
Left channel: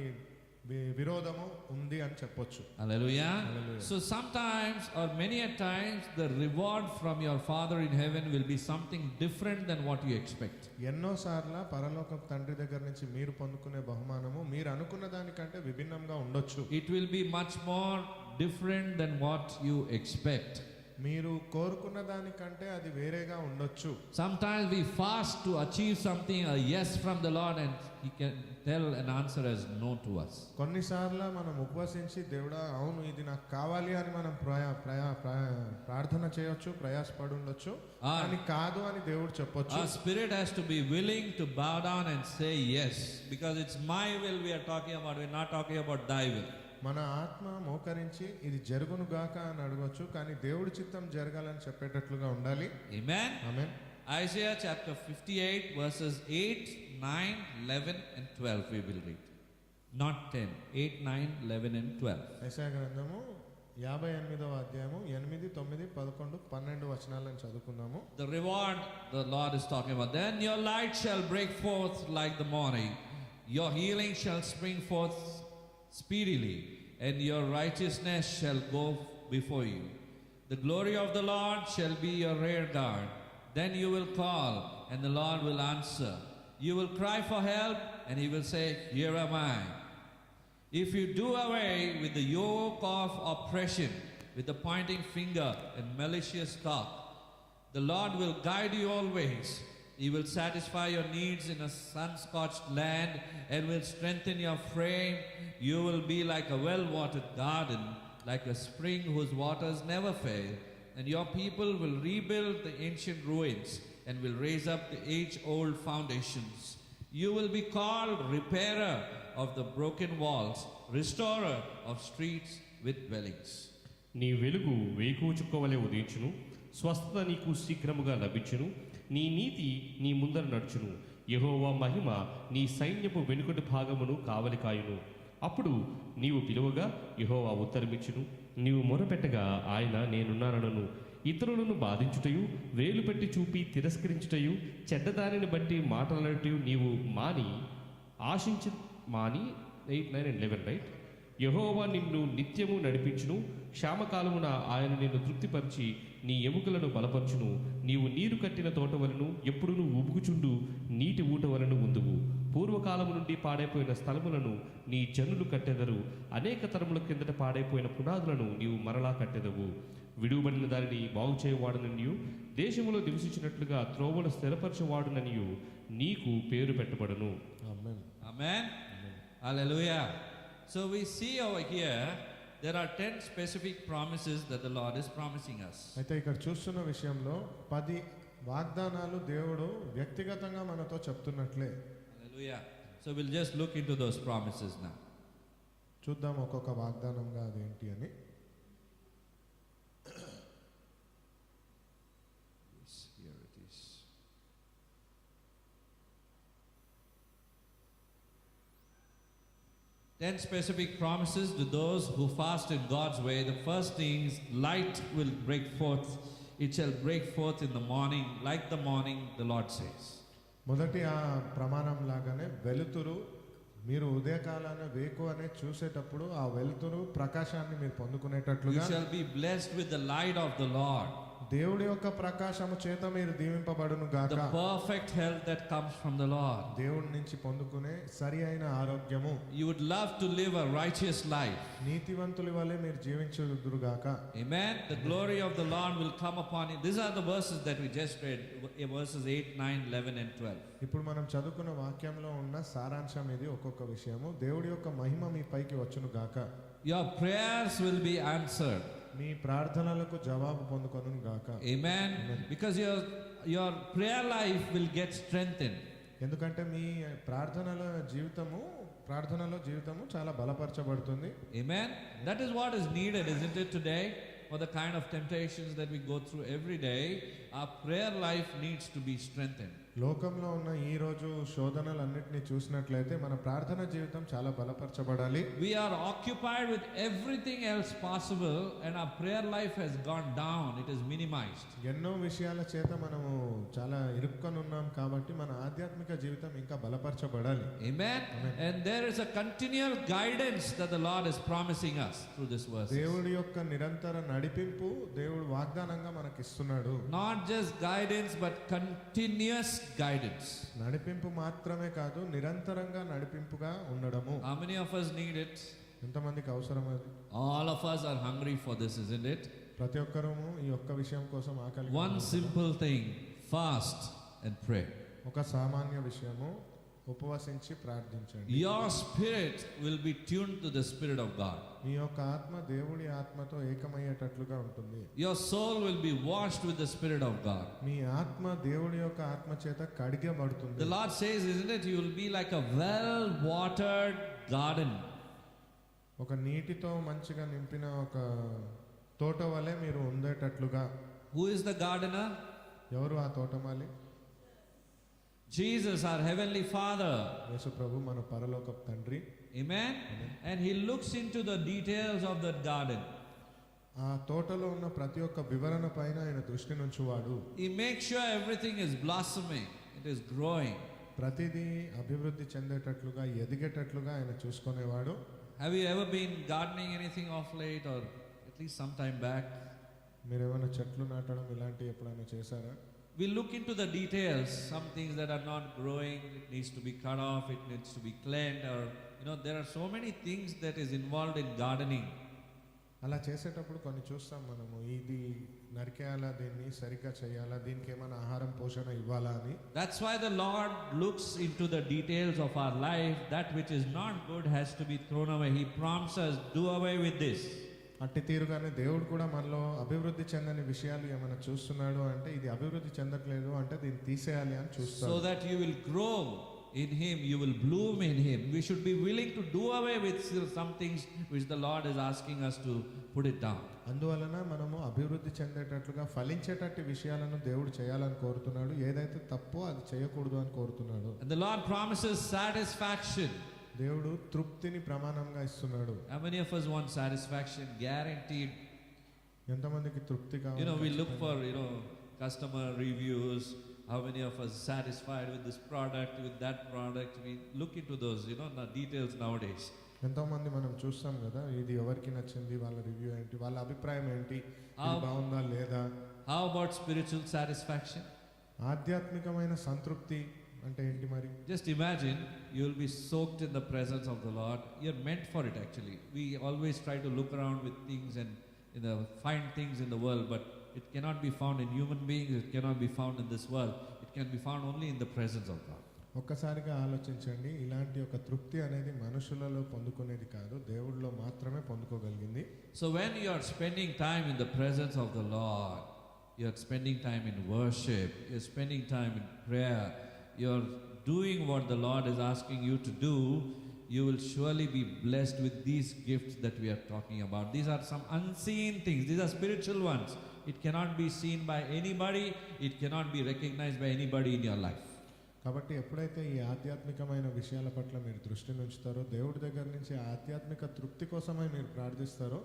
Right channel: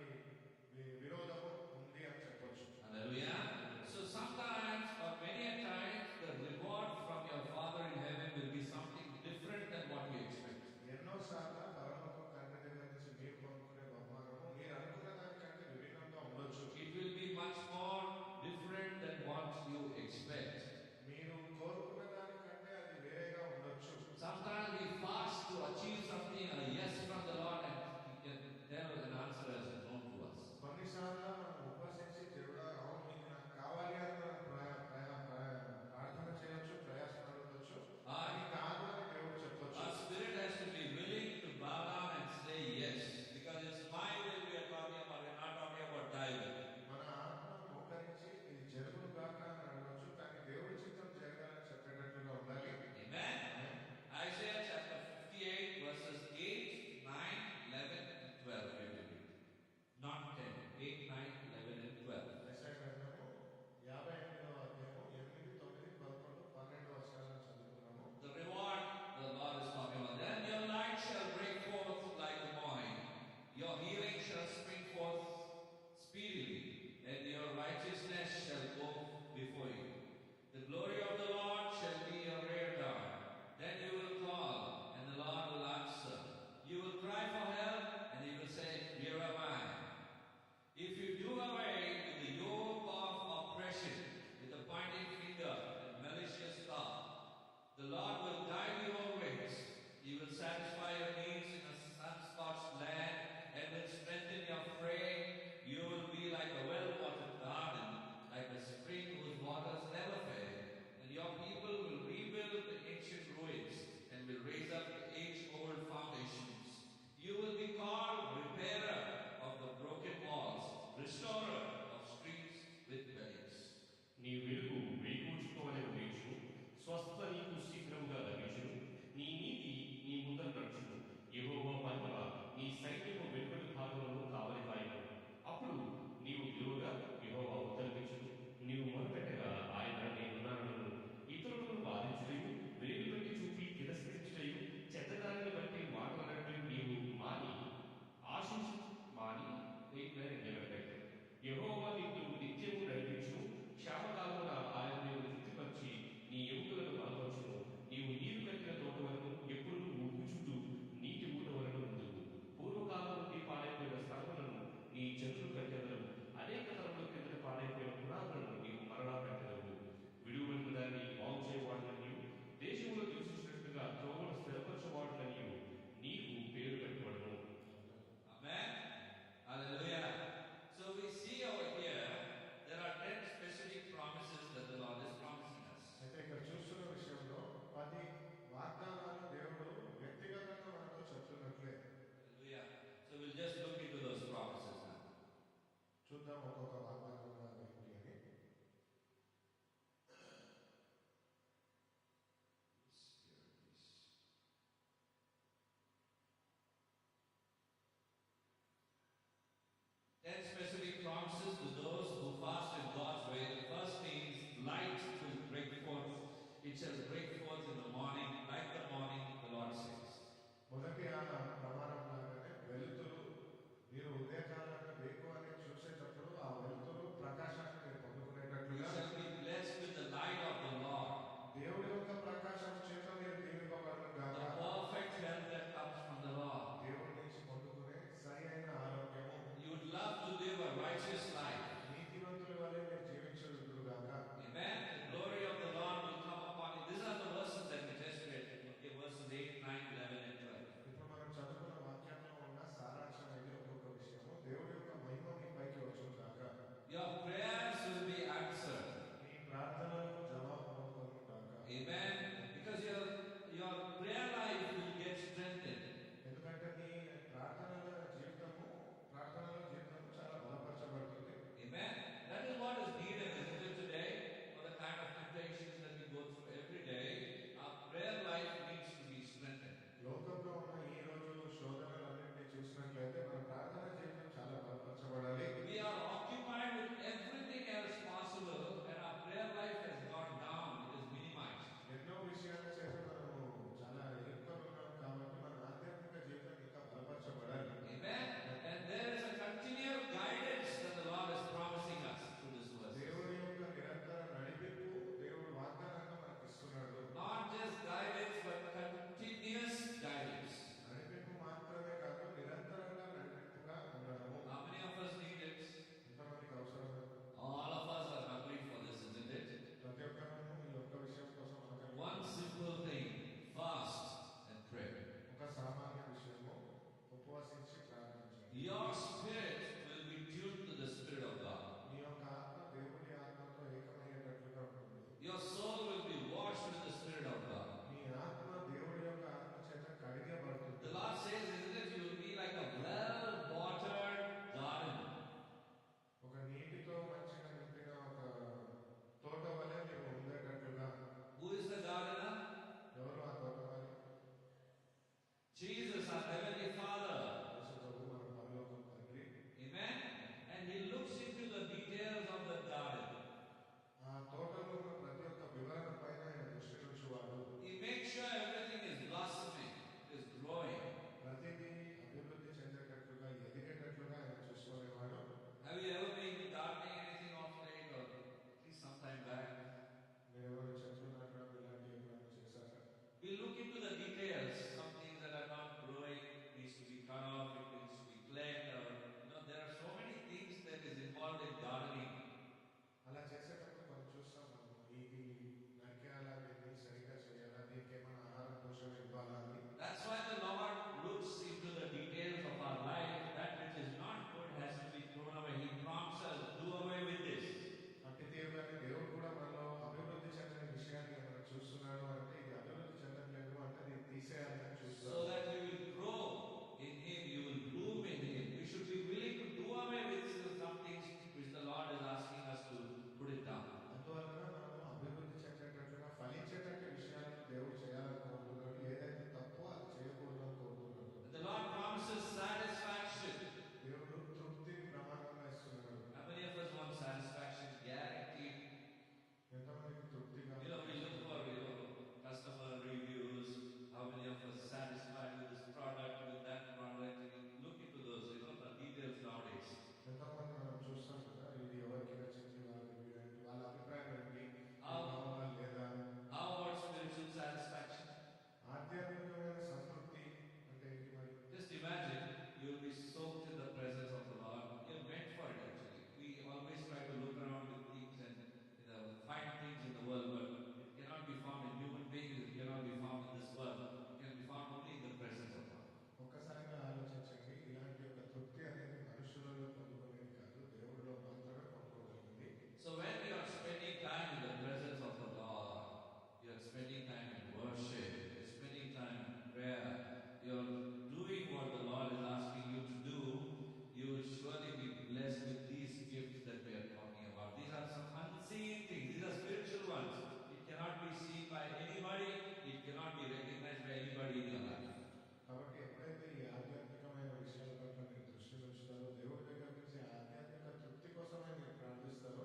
విరోధము ఉంది అని చెప్పొచ్చు. Hallelujah. So sometimes or many a times the reward from your Father in heaven will be something different than what you expect. ఎన్నోసార్ల పరలోక తండ్రి దగ్గర నుంచి మీరు పొందుకునే బహుమానము మీరు అనుకున్న దానికంటే విభిన్నంగా ఉండొచ్చు. It will be much more different than what you expect. మీరు కోరుకున్న దానికంటే అది వేరేగా ఉండొచ్చు. Sometimes we fast to achieve something, a yes from the Lord, and he can tell an answer as no to us. కొన్నిసార్లు మనం ఉపవసించి దేవుడా అవును ఇది నాకు కావాలి అని మనం ప్రార్థన చేయొచ్చు, ప్రయాసపడి ఉండొచ్చు. కానీ కాదు అని దేవుడు చెప్పొచ్చు. Our spirit has to be willing to bow down and say yes, because it's my will we are talking about. We're not talking about thy will. మన ఆత్మ మోకరించి ఇది జరుగును గాక అని అడగొచ్చు, కానీ దేవుడి చిత్తం జరగాలని చెప్పేటట్లుగా ఉండాలి. Amen. Amen. Isaiah chapter 58 verses 8, 9, 11 and 12 we will read. Not 10. 8, 9, 11 and 12. యెషయా గ్రంథము 58వ అధ్యాయము 8, 9, 11, 12 వచనాలను చదువుకుందాము. The reward the Lord is talking about. Then your light shall break forth like the morning. Your healing shall spring forth speedily, and your righteousness shall go before you. The glory of the Lord shall be your rear guard. Then you will call, and the Lord will answer. You will cry for help, and he will say, here am I. If you do away with the yoke of oppression, with the pointing finger and malicious talk, the Lord will guide you always. He will satisfy your needs in a sun-scorched land and will strengthen your frame. You will be like a well-watered garden, like a spring whose waters never fail. And your people will rebuild the ancient ruins and will raise up the age-old foundations. You will be called repairer of the broken walls, restorer of streets with dwellings. నీ వెలుగు వేకువ చుక్కవలె ఉదయించును, స్వస్థత నీకు శీఘ్రముగా లభించును, నీ నీతి నీ ముందర నడుచును. యెహోవా మహిమ నీ సైన్యపు వెనుకటి భాగమును కావలి కాయును. అప్పుడు నీవు పిలువగా యెహోవా ఉత్తరమిచ్చును, నీవు మొరపెట్టగా ఆయన నేనున్నానను. ఇతరులను బాధించుటయు, వేలు పెట్టి చూపి తిరస్కరించుటయు, చెడ్డదారిని బట్టి మాటలనటయు నీవు మాని 8, 9 and 11 రైట్. యెహోవా నిన్ను నిత్యము నడిపించును, క్షామకాలమున ఆయన నిన్ను తృప్తిపరిచి నీ ఎముకలను బలపరచును. నీవు నీరు కట్టిన తోటవలను ఎప్పుడును ఉబుకుచుండు నీటి ఊటవలను ఉందువు. పూర్వకాలము నుండి పాడైపోయిన స్థలములను నీ జనులు కట్టెదరు, అనేక తరముల కిందట పాడైపోయిన పునాదులను నీవు మరలా కట్టెదవు. విడువబడిన దానిని బాగు చేయవాడుననియు, దేశములో నివసించినట్లుగా త్రోవను స్థిరపరచువాడుననియు నీకు పేరు పెట్టబడును. Amen. Amen. Hallelujah. So we see over here there are 10 specific promises that the Lord is promising us. అయితే ఇక్కడ చూస్తున్న విషయంలో 10 వాగ్దానాలు దేవుడు వ్యక్తిగతంగా మనతో చెప్తున్నట్లే. Hallelujah. So we'll just look into those promises now. చూద్దాం ఒక్కొక్క వాగ్దానంగా అదేంటి అని. Yes, here it is. Ten specific promises to those who fast in God's way. The first thing is light will break forth. It shall break forth in the morning, like the morning, the Lord says. మొదటి ఆ ప్రమాణం లాగానే వెలుతురు మీరు ఉదయకాలాన వేకు అనే చూసేటప్పుడు ఆ వెలుతురు ప్రకాశాన్ని మీరు You పొందుకునేటట్లుగా shall be blessed with the light of the Lord. దేవుడి యొక్క ప్రకాశము చేత మీరు దీవింపబడును గాక. The perfect health that comes from the Lord. దేవుడి నుంచి పొందుకునే సరి అయిన ఆరోగ్యము. You would love to live a righteous life. నీతివంతుల వలె మీరు జీవించుదురు గాక. Amen. The glory of the Lord will come upon you. These are the verses that we just read, verses 8, 9, 11 and 12. ఇప్పుడు మనం చదువుకున్న వాక్యంలో ఉన్న సారాంశం ఇది. ఒక్కొక్క విషయము దేవుడి యొక్క మహిమ మీ పైకి వచ్చును గాక. Your prayers will be answered. మీ ప్రార్థనలకు జవాబు పొందుకొనును గాక. Amen. Because your prayer life will get strengthened. ఎందుకంటే మీ ప్రార్థనలో జీవితము చాలా బలపరచబడుతుంది. Amen. That is what is needed, isn't it, today? For the kind of temptations that we go through every day, our prayer life needs to be strengthened. లోకంలో ఉన్న ఈ రోజు శోధనలన్నిటిని చూసినట్లయితే మన ప్రార్థన జీవితం చాలా బలపరచబడాలి. We are occupied with everything else possible and our prayer life has gone down. It is minimized. ఎన్నో విషయాల చేత మనము చాలా ఇరుక్కొని ఉన్నాం కాబట్టి మన ఆధ్యాత్మిక జీవితం ఇంకా బలపరచబడాలి. Amen. And there is a continual guidance that the Lord is promising us through this verse. దేవుడి యొక్క నిరంతర నడిపింపు దేవుడు వాగ్దానంగా మనకి ఇస్తున్నాడు. Not just guidance but continuous guidance. నడిపింపు మాత్రమే కాదు, నిరంతరంగా నడిపింపుగా ఉండడము. How many of us need it? ఎంతమందికి అవసరం అది? All of us are hungry for this, isn't it? ప్రతి ఒక్కరము ఈ ఒక్క విషయం కోసం ఆకలి. One simple thing, fast and pray. ఒక సామాన్య విషయము, ఉపవసించి ప్రార్థించండి. Your spirit will be tuned to the Spirit of God. మీ యొక్క ఆత్మ దేవుడి ఆత్మతో ఏకమయ్యేటట్లుగా ఉంటుంది. Your soul will be washed with the Spirit of God. మీ ఆత్మ దేవుడి యొక్క ఆత్మ చేత కడిగబడుతుంది. The Lord says, isn't it? You will be like a well-watered garden. ఒక నీటితో మంచిగా నింపిన ఒక తోట వలె మీరు ఉండేటట్లుగా. Who is the gardener? ఎవరు ఆ తోటమాలి? Jesus, our heavenly Father. యేసు ప్రభు మన పరలోకపు తండ్రి. Amen. And he looks into the details of that garden. ఆ తోటలో ఉన్న ప్రతి ఒక్క వివరణ పైన ఆయన దృష్టి నుంచువాడు. He makes sure everything is blossoming, it is growing. ప్రతిదీ అభివృద్ధి చెందేటట్లుగా ఎదిగేటట్లుగా ఆయన చూసుకునేవాడు. Have you ever been gardening anything of late or at least some time back? మీరు ఏమైనా చెట్లు నాటడం ఇలాంటివి ఎప్పుడైనా చేశారా? We look into the details, some things that are not growing, it needs to be cut off, it needs to be cleaned, or there are so many things that is involved in gardening. అలా చేసేటప్పుడు కొన్ని చూస్తాం మనము, ఇది నరికేయాలా, దీన్ని సరిగ్గా చేయాలా, దీనికి ఏమైనా ఆహారం పోషణ ఇవ్వాలా అని. That's why the Lord looks into the details of our life. That which is not good has to be thrown away. He prompts us, do away with this. అట్టి తీరుగానే దేవుడు కూడా మనలో అభివృద్ధి చెందని విషయాలు ఏమైనా చూస్తున్నాడు అంటే ఇది అభివృద్ధి చెందట్లేదు అంటే దీన్ని తీసేయాలి అని చూస్తాడు. So that you will grow in him, you will bloom in him. We should be willing to do away with some things which the Lord is asking us to put it down. అందువలన మనము అభివృద్ధి చెందేటట్లుగా ఫలించేటట్టు విషయాలను దేవుడు చేయాలని కోరుతున్నాడు. ఏదైతే తప్పో అది చేయకూడదు అని కోరుతున్నాడు. And the Lord promises satisfaction. దేవుడు తృప్తిని ప్రమాణంగా ఇస్తున్నాడు. How many of us want satisfaction? Guaranteed. ఎంతమందికి తృప్తి కావాలి? We look for customer reviews. How many of us satisfied with this product, with that product? We look into those, the details nowadays. ఎంతోమంది మనం చూస్తాం కదా, ఇది ఎవరికి నచ్చింది, వాళ్ళ రివ్యూ ఏంటి, వాళ్ళ అభిప్రాయం ఏంటి, ఇది బాగుందా లేదా. How about spiritual satisfaction? ఆధ్యాత్మికమైన సంతృప్తి అంటే ఏంటి మరి? Just imagine you will be soaked in the presence of the Lord. You're meant for it actually. We always try to look around with things and find things in the world, but it cannot be found in human beings, it cannot be found in this world. It can be found only in the presence of God. ఒక్కసారిగా ఆలోచించండి, ఇలాంటి ఒక తృప్తి అనేది మనుషులలో పొందుకునేది కాదు, దేవుడిలో మాత్రమే పొందుకోగలిగింది. So when you are spending time in the presence of the Lord, you are spending time in worship, you are spending time in prayer, you are doing what the Lord is asking you to do, you will surely be blessed with these gifts that we are talking about. These are some unseen things, these are spiritual ones. It cannot be seen by anybody, it cannot be recognized by anybody in your life. కాబట్టి ఎప్పుడైతే ఈ ఆధ్యాత్మికమైన విషయాల పట్ల మీరు దృష్టి ఉంచుతారో, దేవుడి దగ్గర నుంచి ఆధ్యాత్మిక తృప్తి కోసమే మీరు ప్రార్థిస్తారో,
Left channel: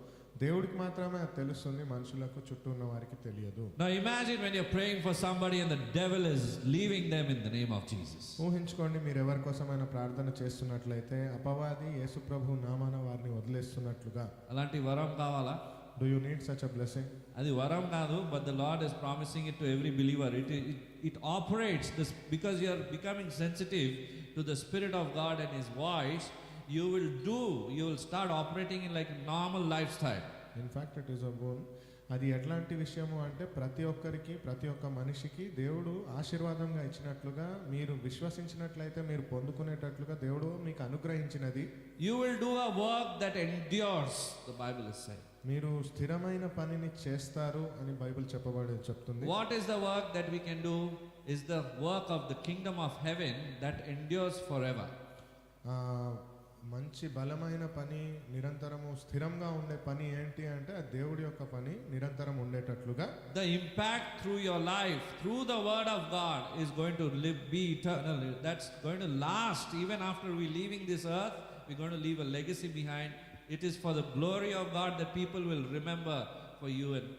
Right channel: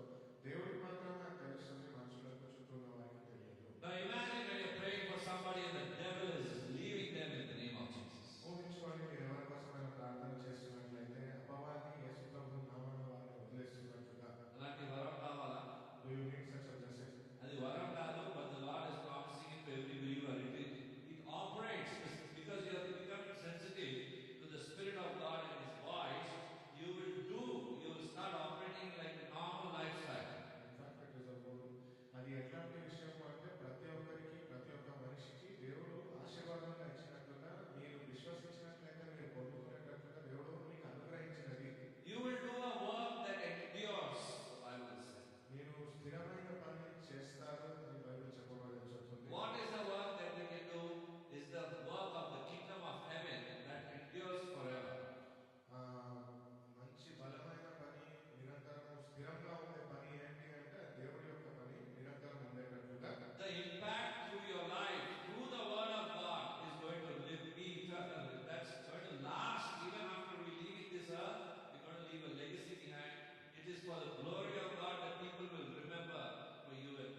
దేవుడికి మాత్రమే అది తెలుస్తుంది, మనుషులకు చుట్టూ ఉన్న వారికి తెలియదు. Now imagine when you're praying for somebody and the devil is leaving them in the name of Jesus. ఊహించుకోండి, మీరు ఎవరి కోసమైనా ప్రార్థన చేస్తున్నట్లయితే అపవాది యేసు ప్రభు నామాన వారిని వదిలేస్తున్నట్లుగా. అలాంటి వరం కావాలా? Do you need such a blessing? అది వరం కాదు, but the Lord is promising it to every believer. It operates this because you are becoming sensitive to the Spirit of God and His voice. You will start operating in like a normal lifestyle. In fact, it is a boon. అది ఎట్లాంటి విషయము అంటే ప్రతి ఒక్క మనిషికి దేవుడు ఆశీర్వాదంగా ఇచ్చినట్లుగా మీరు విశ్వసించినట్లయితే మీరు పొందుకునేటట్లుగా దేవుడు మీకు అనుగ్రహించినది. You will do a work that endures, the Bible is saying. మీరు స్థిరమైన పనిని చేస్తారు అని బైబిల్ చెప్తుంది. What is the work that we can do? Is the work of the kingdom of heaven that endures forever. మంచి బలమైన పని, నిరంతరము స్థిరంగా ఉండే పని ఏంటి అంటే ఆ దేవుడి యొక్క పని నిరంతరం ఉండేటట్లుగా. The impact through your life, through the word of God is going to be eternal. That's going to last even after we leaving this earth. We're going to leave a legacy behind. It is for the glory of God that people will remember for you and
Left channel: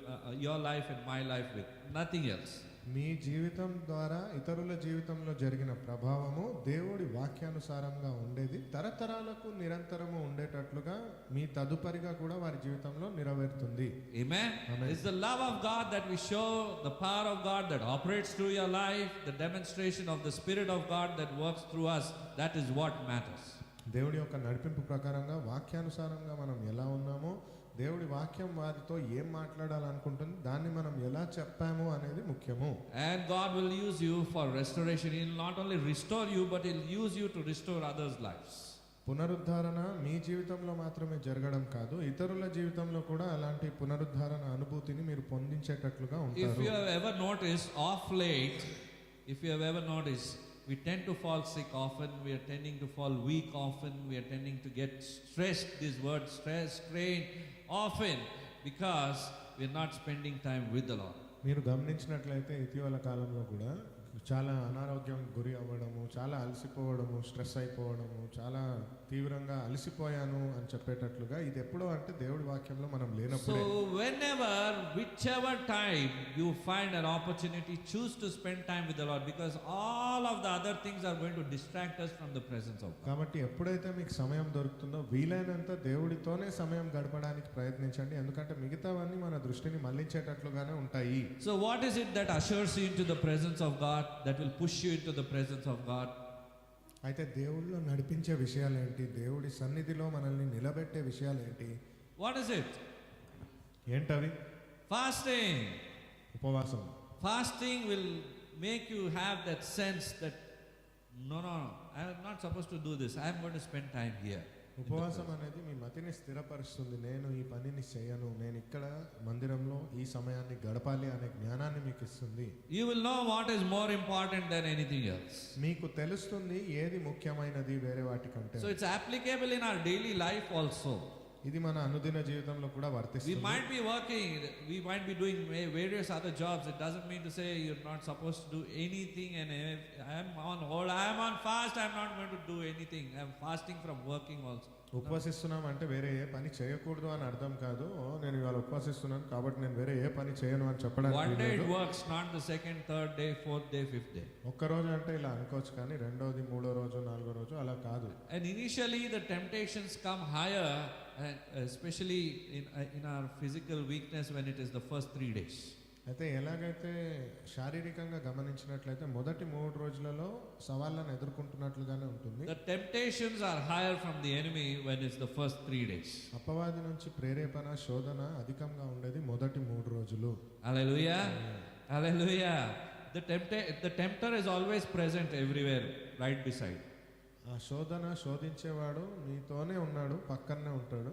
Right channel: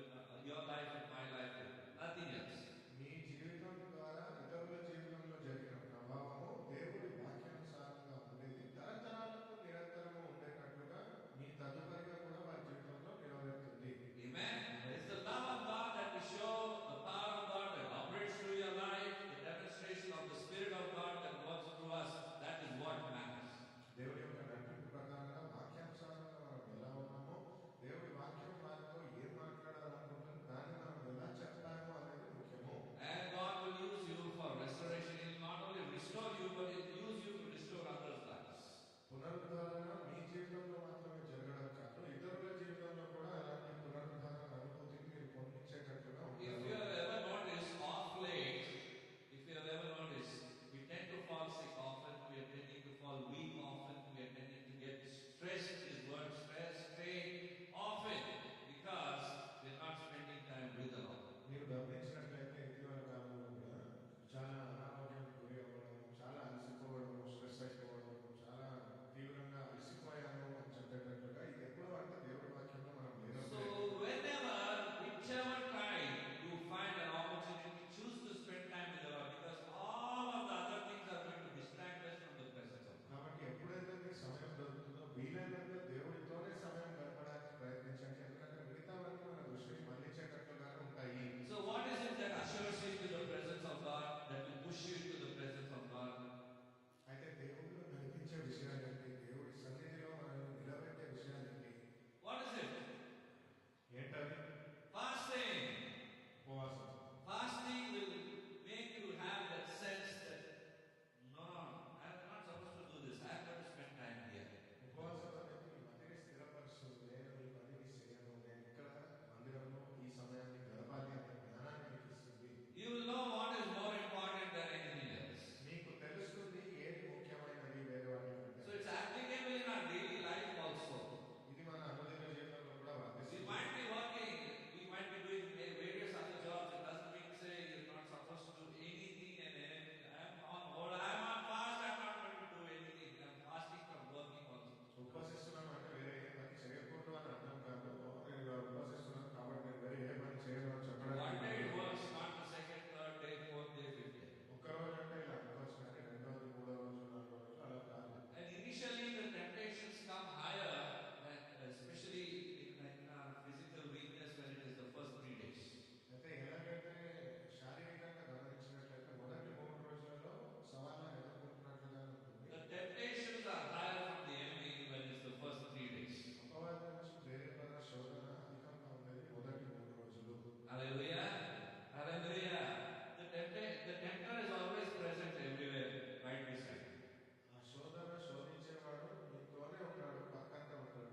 your life and my life with nothing else. మీ జీవితం ద్వారా ఇతరుల జీవితంలో జరిగిన ప్రభావము దేవుడి వాక్యానుసారంగా ఉండేది తరతరాలకు నిరంతరము ఉండేటట్లుగా మీ తదుపరిగా కూడా వారి జీవితంలో నెరవేరుతుంది. Amen. It's the love of God that we show, the power of God that operates through your life, the demonstration of the Spirit of God that works through us. That is what matters. దేవుడి యొక్క నడిపింపు ప్రకారంగా వాక్యానుసారంగా మనం ఎలా ఉన్నామో, దేవుడి వాక్యం వారితో ఏం మాట్లాడాలనుకుంటుంది దాన్ని మనం ఎలా చెప్పాము అనేది ముఖ్యము. And God will use you for restoration. He will not only restore you, but He will use you to restore others' lives. పునరుద్ధరణ మీ జీవితంలో మాత్రమే జరగడం కాదు, ఇతరుల జీవితంలో కూడా అలాంటి పునరుద్ధరణ అనుభూతిని మీరు పొందించేటట్లుగా ఉంటారు. If you have ever noticed of late, we tend to fall sick often, we are tending to fall weak often, we are tending to get stressed, this word stress, strain, often because we are not spending time with the Lord. మీరు గమనించినట్లయితే ఇటీవల కాలంలో కూడా చాలా అనారోగ్యం గురి అవ్వడము, చాలా అలసిపోవడము, స్ట్రెస్ అయిపోవడము, చాలా తీవ్రంగా అలసిపోయాను అని చెప్పేటట్లుగా ఇది ఎప్పుడో అంటే దేవుడి వాక్యంలో మనం లేనప్పుడు. So whenever, whichever time you find an opportunity, choose to spend time with the Lord, because all of the other things are going to distract us from the presence of God. కాబట్టి ఎప్పుడైతే మీకు సమయం దొరుకుతుందో వీలైనంత దేవుడితోనే సమయం గడపడానికి ప్రయత్నించండి, ఎందుకంటే మిగతావన్నీ మన దృష్టిని మళ్లించేటట్లుగానే ఉంటాయి. So what is it that ushers you into the presence of God, that will push you into the presence of God? అయితే దేవుడిలో నడిపించే విషయాలు ఏంటి, దేవుడి సన్నిధిలో మనల్ని నిలబెట్టే విషయాలు ఏంటి? What is it? ఏంటవి? Fasting. ఉపవాసం. Fasting will make you have that sense that no, I am not supposed to do this. I am going to spend time here. ఉపవాసం అనేది మీ మతిని స్థిరపరుస్తుంది. నేను ఈ పనిని చేయను, నేను ఇక్కడ మందిరంలో ఈ సమయాన్ని గడపాలి అనే జ్ఞానాన్ని మీకు ఇస్తుంది. You will know what is more important than anything else. మీకు తెలుస్తుంది ఏది ముఖ్యమైనది వేరే వాటికంటే. So it's applicable in our daily life also. ఇది మన అనుదిన జీవితంలో కూడా వర్తిస్తుంది. We might be working, we might be doing various other jobs. It doesn't mean to say you're not supposed to do anything. And I am on hold, I am on fast, I am not going to do anything. I am fasting from working also. ఉపవసిస్తున్నాం అంటే వేరే ఏ పని చేయకూడదు అని అర్థం కాదు. నేను ఇవాళ ఉపవసిస్తున్నాను కాబట్టి నేను వేరే ఏ పని చేయను అని చెప్పడానికి. One day it works, not the second, third day, fourth day, fifth day. ఒక్క రోజు అంటే ఇలా అనుకోవచ్చు, కానీ రెండోది, మూడో రోజు, నాలుగో రోజు అలా కాదు. And initially the temptations come higher, and especially in our physical weakness when it is the first 3 days. అయితే ఎలాగైతే శారీరకంగా గమనించినట్లయితే మొదటి 3 రోజులలో సవాళ్ళను ఎదుర్కొంటున్నట్లుగానే ఉంటుంది. The temptations are higher from the enemy when it's the first 3 days. అపవాది నుంచి ప్రేరేపణ, శోధన అధికంగా ఉండేది మొదటి 3 రోజులు. Hallelujah. Hallelujah. The tempter is always present everywhere, right beside. ఆ శోధించేవాడు మీతోనే ఉన్నాడు, పక్కనే ఉంటాడు.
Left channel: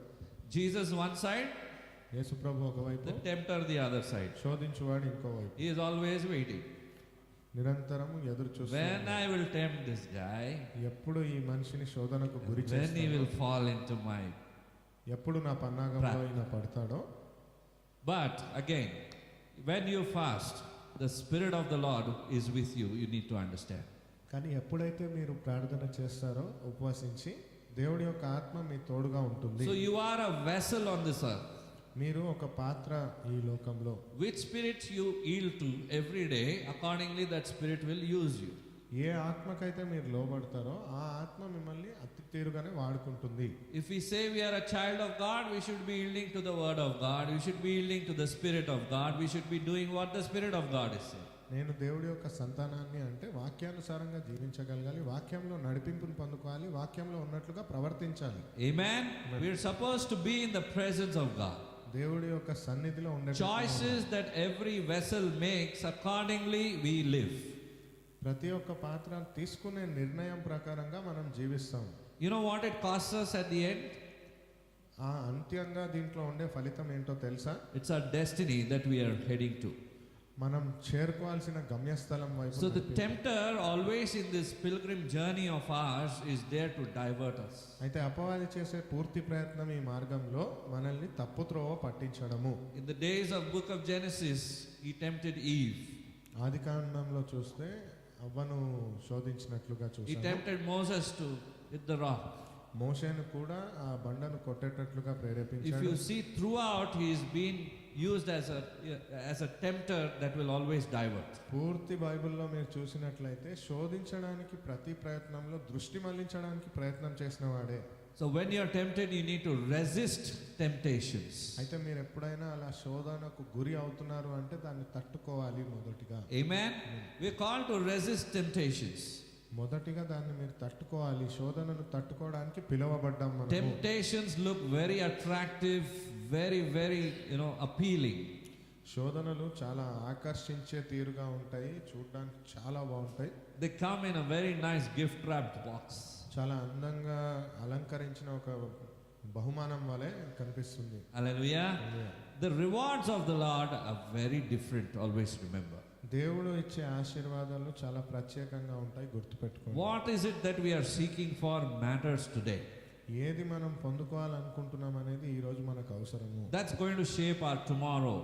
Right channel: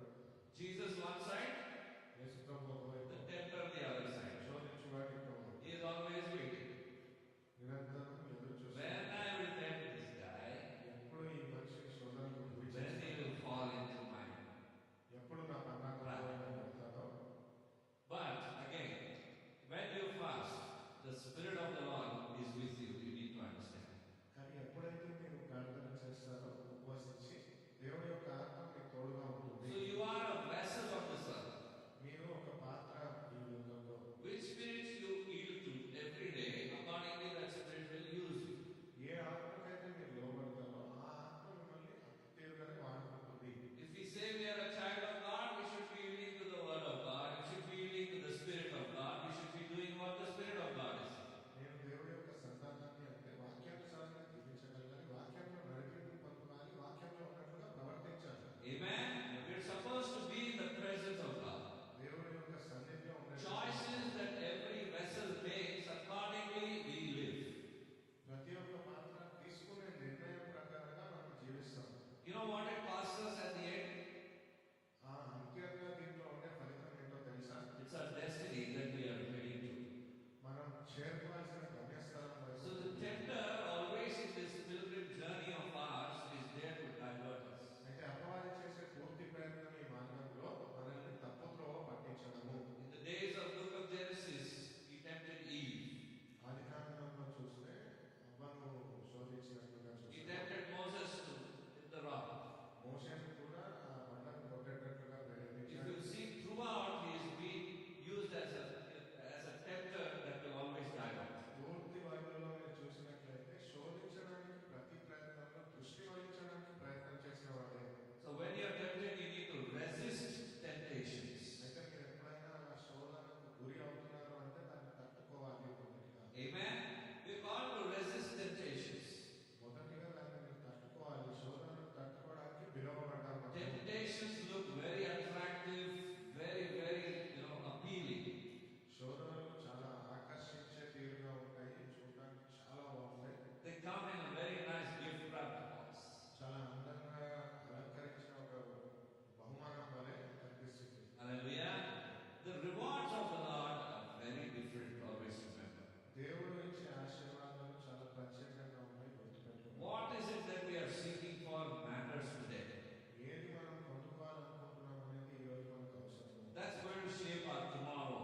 Jesus one side, యేసు ప్రభు ఒకవైపు, the tempter the other side. శోధించువాడు ఇంకోవైపు. He is always waiting. నిరంతరము ఎదురు చూస్తున్నాడు. When I will tempt this guy, ఎప్పుడు ఈ మనిషిని శోధనకు గురి when he చేస్తాను, will fall into my. ఎప్పుడు నా పన్నాగంలో ఈయన పడతాడో. But again, when you fast, the Spirit of the Lord is with you. You need to understand. కానీ ఎప్పుడైతే మీరు ప్రార్థన చేస్తారో, ఉపవాసించి, దేవుడి యొక్క ఆత్మ మీ తోడుగా ఉంటుంది. So you are a vessel on this earth. మీరు ఒక పాత్ర ఈ లోకంలో. Which spirit you yield to every day, accordingly that spirit will use you. ఏ ఆత్మకైతే మీరు లోబడతారో ఆ ఆత్మ మిమ్మల్ని తీరుగానే వాడుకుంటుంది. If we say we are a child of God, we should be yielding to the word of God. We should be yielding to the Spirit of God. We should be doing what the Spirit of God is saying. నేను దేవుడి యొక్క సంతానాన్ని అంటే వాక్యానుసారంగా జీవించగలగాలి, వాక్యంలో నడిపింపును పొందుకోవాలి, వాక్యంలో ఉన్నట్లుగా ప్రవర్తించాలి. Amen. We are supposed to be in the presence of God. దేవుడి యొక్క సన్నిధిలో ఉండే Choices that every vessel makes, accordingly we live. ప్రతి ఒక్క పాత్ర తీసుకునే నిర్ణయం ప్రకారంగా మనం జీవిస్తాం. You know what it costs us at the end? ఆ అంత్యంగా దీంట్లో ఉండే ఫలితం ఏంటో తెలుసా? It's our destiny that we are heading to. మనం చేరుకోవాల్సిన గమ్యస్థలం వైపు. So the tempter always in this pilgrim journey of ours is there to divert us. అయితే అపవాది చేసే పూర్తి ప్రయత్నం ఈ మార్గంలో మనల్ని తప్పుత్రోవ పట్టించడము. In the days of book of Genesis, he tempted Eve. ఆదికాండంలో చూస్తే అవ్వను శోధించినట్లుగా He చూసాము. tempted Moses to hit the rock. మోషేను కూడా ఆ బండను కొట్టేటట్లుగా If ప్రేరేపించాడు. you see throughout, he is being used as a tempter that will always divert. పూర్తి బైబిల్లో మీరు చూసినట్లయితే శోధించడానికి ప్రతి ప్రయత్నంలో దృష్టి మళ్లించడానికి ప్రయత్నం చేసిన వాడే. So when you are tempted, you need to resist temptations. అయితే మీరు ఎప్పుడైనా అలా శోధనకు గురి అవుతున్నారు అంటే దాన్ని తట్టుకోవాలి మొదటిగా. Amen. We are called to resist temptations. మొదటిగా దాన్ని మీరు తట్టుకోవాలి, శోధనను తట్టుకోవడానికి పిలువబడ్డాం మనం. Temptations look very attractive, very appealing. శోధనలు చాలా ఆకర్షించే తీరుగా ఉంటాయి, చూడడానికి చాలా బాగుంటాయి. They come in a very nice gift wrapped box. చాలా అందంగా అలంకరించిన ఒక బహుమానం వలె కనిపిస్తుంది. Hallelujah. The rewards of the Lord are very different, always remember. దేవుడు ఇచ్చే ఆశీర్వాదాలు చాలా ప్రత్యేకంగా ఉంటాయి, గుర్తుపెట్టుకోండి. What is it that we are seeking for matters today. ఏది మనం పొందుకోవాలనుకుంటున్నాం అనేది ఈ రోజు మనకు అవసరము. That's going to shape our tomorrow.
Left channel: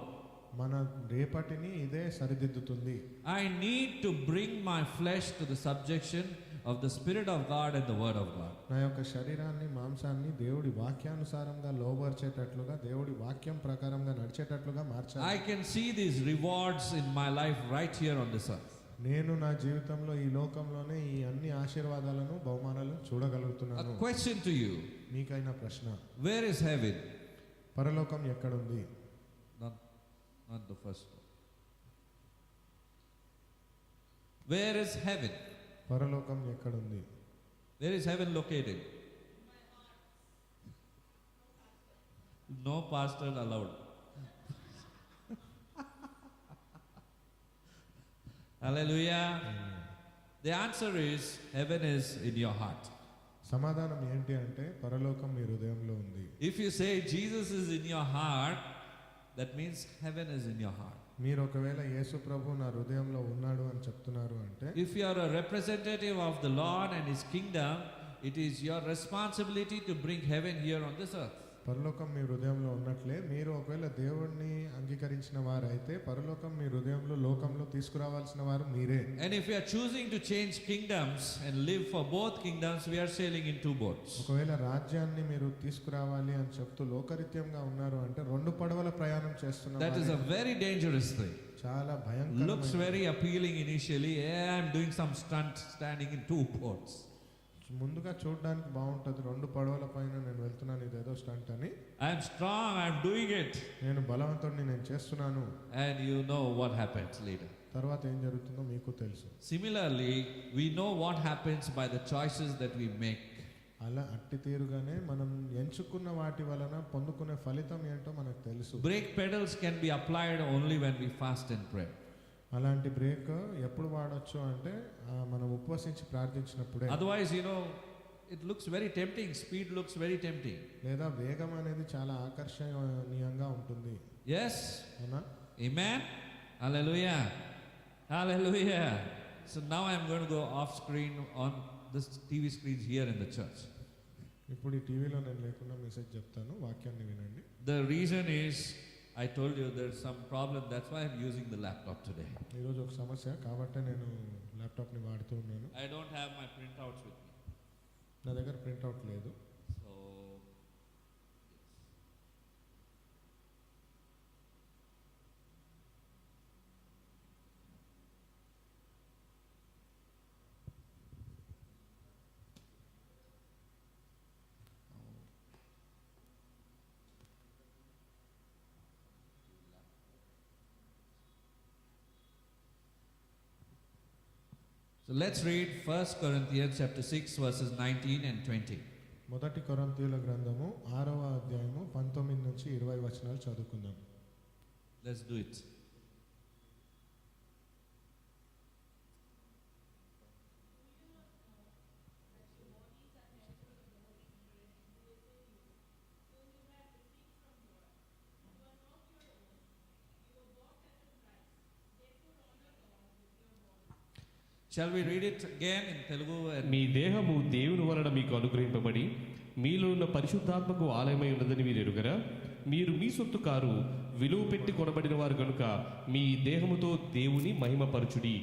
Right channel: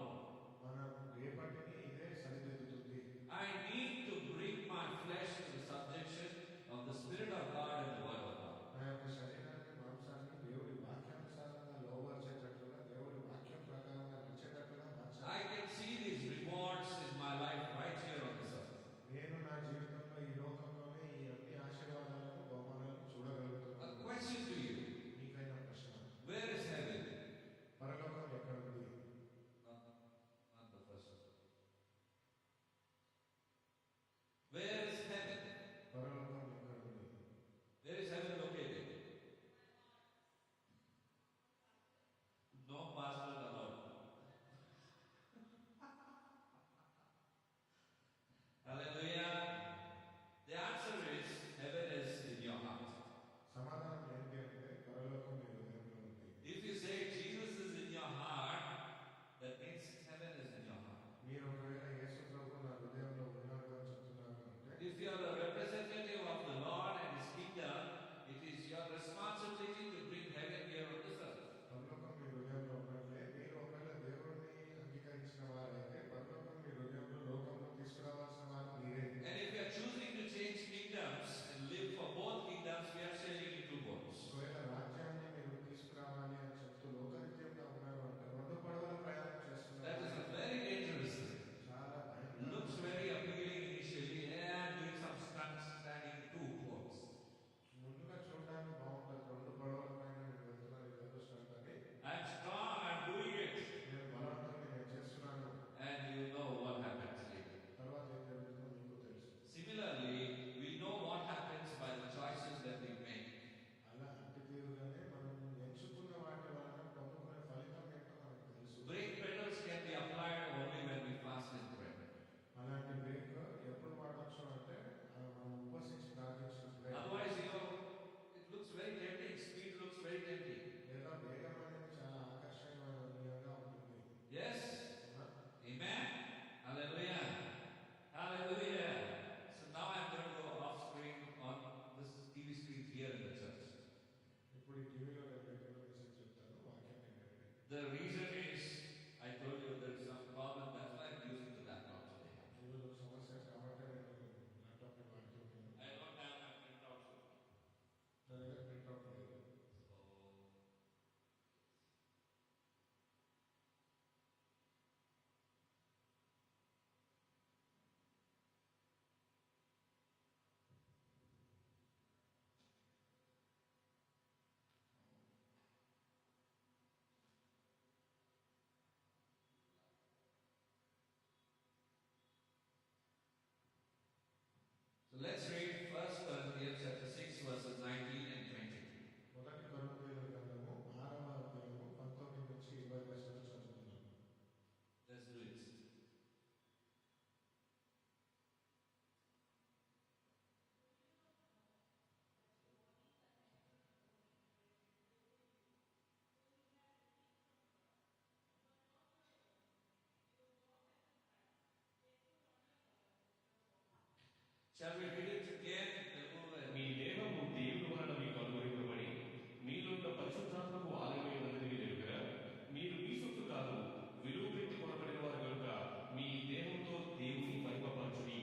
మన రేపటిని ఇదే సరిదిద్దుతుంది. I need to bring my flesh to the subjection of the Spirit of God and the Word of God. నా యొక్క శరీరాన్ని, మాంసాన్ని దేవుడి వాక్యానుసారంగా లోబర్చేటట్లుగా, దేవుడి వాక్యం ప్రకారంగా నడిచేటట్లుగా మార్చాలి. I can see these rewards in my life right here on this earth. నేను నా జీవితంలో ఈ లోకంలోనే ఈ అన్ని ఆశీర్వాదాలను, బహుమానాలను చూడగలుగుతున్నాను. A question to you. మీకైనా ప్రశ్న, Where is heaven? పరలోకం ఎక్కడుంది? Not the first one. Where is heaven? పరలోకం ఎక్కడుంది? Where is heaven located? No pastor allowed. Hallelujah. The answer is heaven is in your heart. సమాధానం ఏంటి అంటే పరలోకం మీ హృదయంలో ఉంది. If you say Jesus is in your heart, that means heaven is in your heart. మీరు ఒకవేళ యేసు ప్రభు నా హృదయంలో ఉన్నాడు అని చెప్తున్నారు అంటే, If you are a representative of the Lord and His kingdom, it is your responsibility to bring heaven here on this earth. పరలోకం మీ హృదయంలో ఉన్నట్లే మీరు ఒకవేళ దేవుణ్ణి అంగీకరించిన వారైతే పరలోకం మీ హృదయంలో, లోకంలో తీసుకురావాల్సిన వారు మీరే. And if we are choosing to change kingdoms and live for both kingdoms, we are sailing in two boats. ఒకవేళ రాజ్యాన్ని మీరు తీసుకురావాలి అని చెప్తూ లోకరీత్యంగా ఉన్నారు అంటే రెండు పడవల ప్రయాణం చేస్తున్నారు. That is a very dangerous thing. చాలా Looks భయంకరమైన, very appealing initially. I am doing some stunt standing in two boats. ముందుగా చూడడానికి బాగుంటుంది, రెండు పడవల పైన నేను వెళ్తున్నాను, ఇదేదో స్టంట్ అని. I am strong, I am doing it. నేను బలవంతుడిని, నేను చేస్తున్నాను. And you know what happens later. తర్వాత ఏం జరుగుతుందో మీకు తెలుసు. Similarly, we know what happens by the choices that we make. అలా అట్టి తీరుగానే మనం ఎంచుకున్న వాటి వలన పొందుకునే ఫలితం ఏంటో మనకు తెలుసు. Brake pedals can be applied only when we fast and pray. అలాంటి బ్రేక్ ఎప్పుడు వాడొచ్చు అంటే మనం ఉపవసించి ప్రార్థించినప్పుడే. Otherwise, it looks very tempting. Speed looks very tempting. లేదా వేగం అనేది చాలా ఆకర్షణీయంగా ఉంటుంది. Yes? అవునా? Amen? Hallelujah. Hallelujah. So now I'm going to go off screen on this TV screens here in the church. ఇప్పుడు ఈ టీవీలో నేను లేకుండా మెసేజ్ చెప్తాను, వాక్యాన్ని వినండి. The reason is, I told you there's some problem. That's why I'm using the laptop today. ఈరోజు ఒక సమస్య కాబట్టి నేను ల్యాప్టాప్ని వాడుతూ ఉన్నాను. I don't have my printouts with me. నా దగ్గర ప్రింట్అవుట్ లేదు. So, So let's read 1 Corinthians chapter 6 verses 19 and 20. మొదటి కొరింథీయుల గ్రంథము 6వ అధ్యాయము 19 నుంచి 20 వచనాలు చదువుకుందాం. Let's do it. Shall we read it again in Telugu? మీ దేహము దేవుని వలన మీకు అనుగ్రహింపబడి మీలో ఉన్న పరిశుద్ధాత్మకు ఆలయమై ఉన్నదని మీరు ఎరుగరా? మీరు మీ సొత్తు కారు, విలువ పెట్టి కొనబడిన వారు కనుక మీ దేహముతో దేవుని మహిమపరచుడి.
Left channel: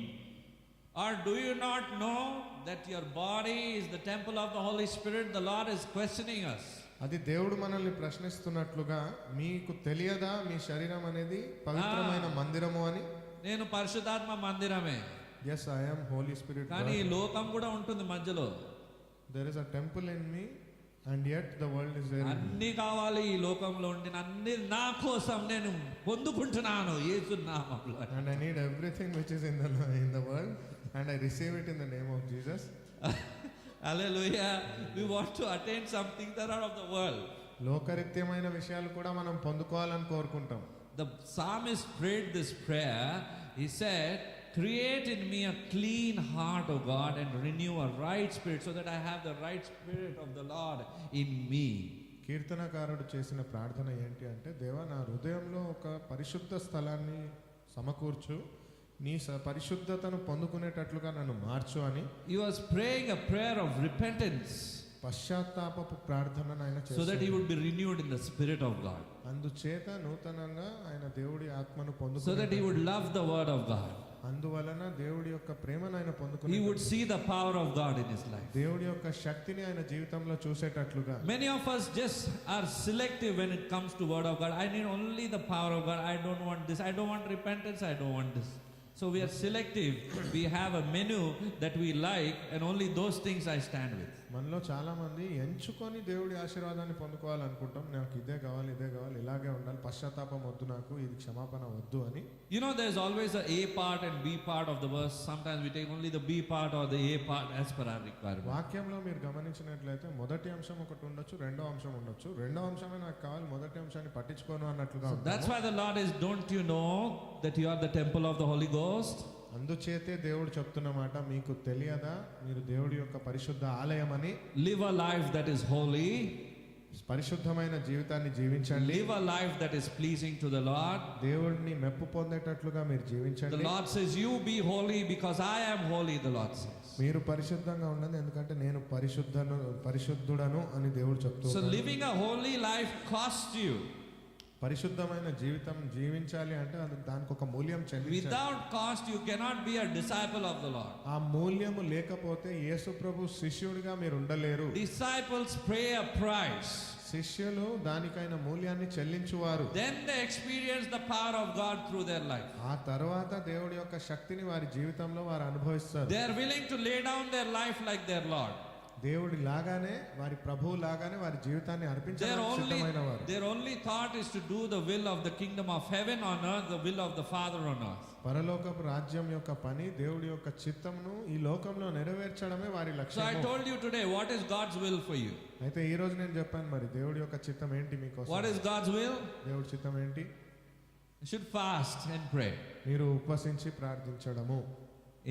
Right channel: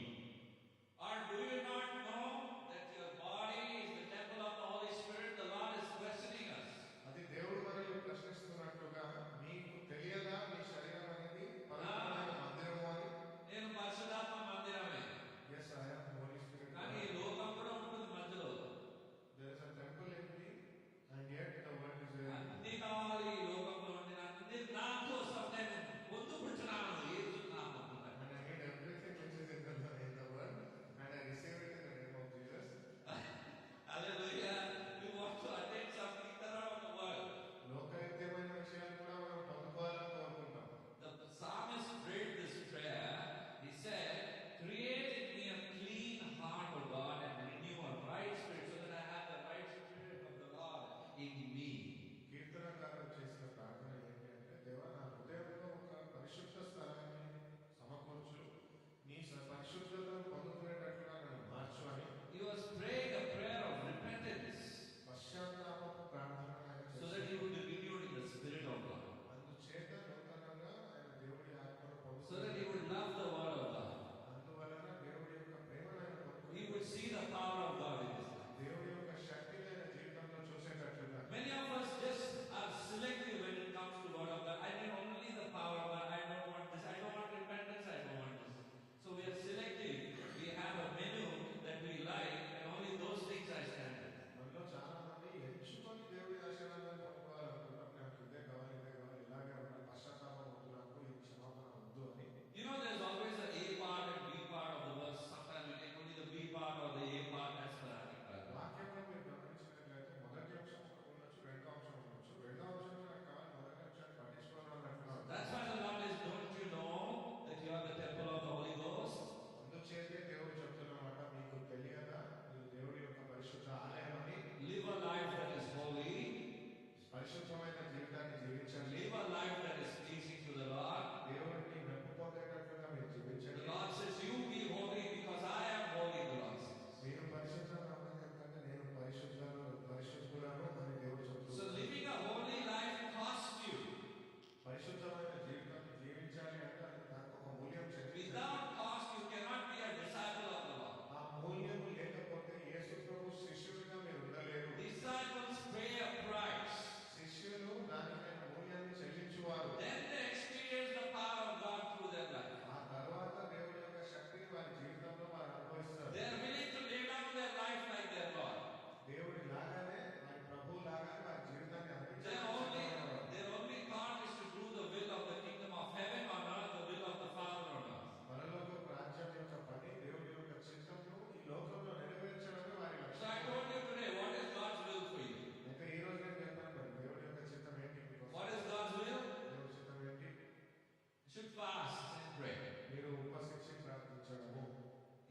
Or do you not know that your body is the temple of the Holy Spirit? The Lord is questioning us. అది దేవుడు మనల్ని ప్రశ్నిస్తున్నట్లుగా మీకు తెలియదా మీ శరీరం అనేది పవిత్రమైన మందిరము అని? నేను పరిశుద్ధాత్మ మందిరమే. Yes, I am Holy Spirit. కానీ ఈ లోకం కూడా ఉంటుంది మధ్యలో. There is a temple in me and yet the world is there. అన్ని కావాలి ఈ లోకంలో ఉండి అన్ని నా కోసం నేను పొందుకుంటున్నాను యేసు నామములో. And I need everything which is in the world and I receive it in the name of Jesus. Hallelujah. We want to attain something that are of the world. లోకరీత్యమైన విషయాలు కూడా మనం పొందుకోవాలని కోరుకుంటాం. The psalmist prayed this prayer. He said, create in me a clean heart, O God, and renew a right spirit, so that I have the right spirit of the Lord in me. కీర్తనకారుడు చేసిన ప్రార్థన ఏంటి అంటే, దేవా నా హృదయంలో ఒక పరిశుద్ధ స్థలాన్ని సమకూర్చు, నీ పరిశుద్ధతను పొందుకునేటట్లుగా నన్ను మార్చు అని. He was praying a prayer of repentance, పశ్చాత్తాపపు ప్రార్థనను ఆయన so that he would be renewed in the spirit of God, అందుచేత నూతనంగా ఆయన దేవుడి ఆత్మను so పొందుకుని, that he would love the word of God. అందువలన దేవుడి యొక్క ప్రేమను ఆయన పొందుకుని, He would see the power of God in his life. దేవుడి యొక్క శక్తిని ఆయన జీవితంలో చూసేటట్లుగా. Many of us just are selective when it comes to word of God. I need only the power of God. I don't want this. I don't want repentance. I don't want this. So we are selective. We have a menu that we like, and only those things I stand with. మనలో చాలా మంది ఎంచుకొని దేవుడి ఆశీర్వాదాన్ని పొందుకోవాలనుకుంటాం. నాకు ఇదే కావాలి, ఇదే కావాలి, ఇలాగే ఉండాలి, పశ్చాత్తాపం వద్దు, నాకు ఇది క్షమాపణ వద్దు అని. You know, there's always a A part and B part of the verse. Sometimes we take only the B part or the A part as per our requirement. వాక్యంలో మీరు గమనించినట్లయితే మొదటి అంశం ఒకటి ఉండొచ్చు, రెండో అంశం ఉండొచ్చు. రెండో అంశమే నాకు కావాలి, మొదటి అంశాన్ని పట్టించుకోను అన్నట్లుగా. So that's why the Lord is, don't you know that you are the temple of the Holy Ghost? అందుచేతే దేవుడు చెప్తున్న మాట, మీకు తెలియదా మీరు దేవుడి యొక్క పరిశుద్ధ ఆలయం అని? Live a life that is holy. పరిశుద్ధమైన జీవితాన్ని జీవించండి. Live a life that is pleasing to the Lord. దేవుడిని మెప్పు పొందేటట్లుగా మీరు The జీవించండి. Lord says, you be holy because I am holy, the Lord says. మీరు పరిశుద్ధంగా ఉండండి ఎందుకంటే నేను పరిశుద్ధుడను అని దేవుడు So చెప్తున్నాడు. living a holy life costs you. పరిశుద్ధమైన జీవితం జీవించాలి అంటే అది దానికి ఒక మూల్యం చెల్లించాలి. Without cost you cannot be a disciple of the Lord. ఆ మూల్యము లేకపోతే యేసు ప్రభు శిష్యుడిగా మీరు ఉండలేరు. Disciples pay a price. శిష్యులు దానికైన మూల్యాన్ని చెల్లించువారు. Then they experience the power of God through their life. ఆ తర్వాత దేవుడి యొక్క శక్తిని వారి జీవితంలో వారు అనుభవిస్తారు. They are willing to lay down their life like their Lord. దేవుడి లాగానే వారి ప్రభువు లాగానే వారి జీవితాన్ని అర్పించడానికి సిద్ధమైన వారు. Their only thought is to do the will of the kingdom of heaven on earth, the will of the Father on earth. పరలోకపు రాజ్యం యొక్క పని, దేవుడి యొక్క చిత్తమును ఈ లోకంలో నెరవేర్చడమే వారి So I లక్ష్యం. told you today, what is God's will for you? అయితే ఈ రోజు నేను చెప్పాను, మరి దేవుడి యొక్క చిత్తం ఏంటి మీకోసం? What is God's will? దేవుడి చిత్తం ఏంటి? You should fast and pray. మీరు ఉపవసించి ప్రార్థించడము.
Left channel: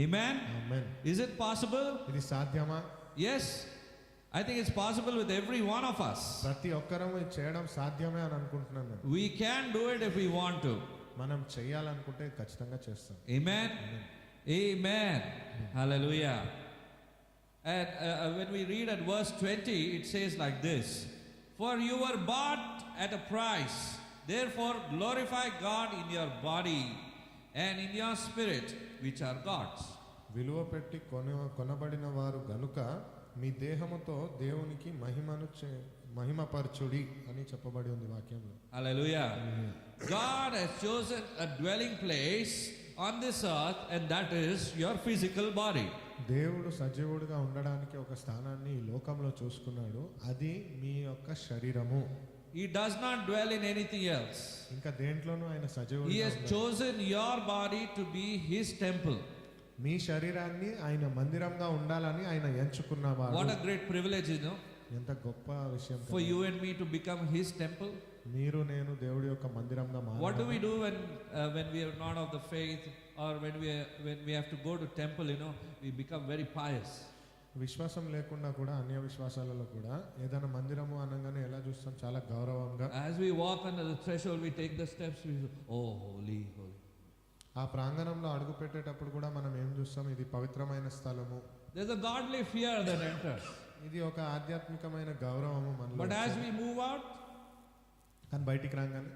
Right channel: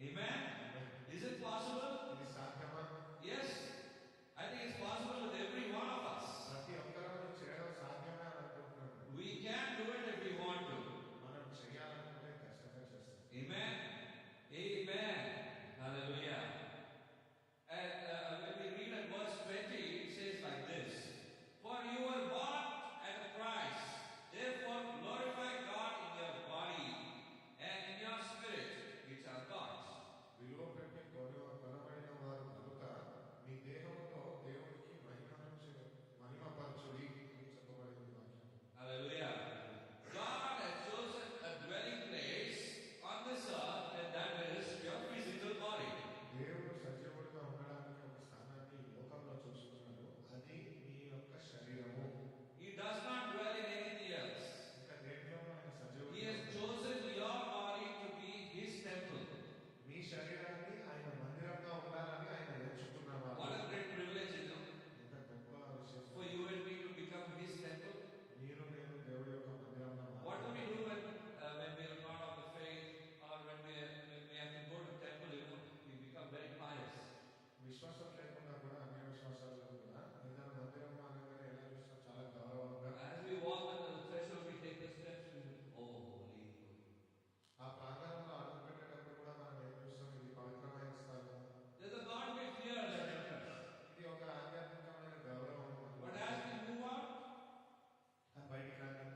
Amen? Amen. Is it possible? ఇది సాధ్యమా? Yes. I think it's possible with every one of us. ప్రతి ఒక్కరూ ఇది చేయడం సాధ్యమే అని అనుకుంటున్నాను నేను. We can do it if we want to. మనం చేయాలనుకుంటే ఖచ్చితంగా చేస్తాం. Amen? Amen. Hallelujah. And when we read at verse 20, it says like this: For you were bought at a price. Therefore glorify God in your body and in your spirit, which are God's. విలువ పెట్టి కొనబడిన వారు గనుక మీ దేహముతో దేవునికి మహిమపరచుడి అని చెప్పబడి ఉంది వాక్యంలో. Hallelujah. God has chosen a dwelling place on this earth, and that is your physical body. దేవుడు సజీవుడిగా ఉండడానికి ఒక స్థానాన్ని ఈ లోకంలో చూసుకున్నాడు, అది మీ యొక్క శరీరము. He does not dwell in anything else. ఇంకా దేంట్లోనూ ఆయన He సజీవుడిగా has ఉండడు. chosen your body to be his temple. మీ శరీరాన్ని ఆయన మందిరంగా ఉండాలని ఆయన ఎంచుకున్నవాడు. What a great privilege, ఎంత గొప్ప విషయం for you and me to become His temple. మీరు నేను దేవుడి యొక్క మందిరంగా What do we మారాలి. do when we are not of the faith, or when we have to go to temple? We become very pious. విశ్వాసం లేకుండా కూడా అన్య విశ్వాసాలలో కూడా ఏదైనా మందిరము అనగానే ఎలా చూస్తాం, చాలా గౌరవంగా. As we walk under the threshold, we take the steps. We say, oh, holy, holy. ఆ ప్రాంగణంలో అడుగు పెట్టేటప్పుడు కూడా మనం ఏం చూస్తాం, ఇది పవిత్రమైన స్థలము. There's a godly fear that enters. ఇది ఒక ఆధ్యాత్మికమైన గౌరవము మనలో. But as we move out, కానీ బయటికి రాగానే,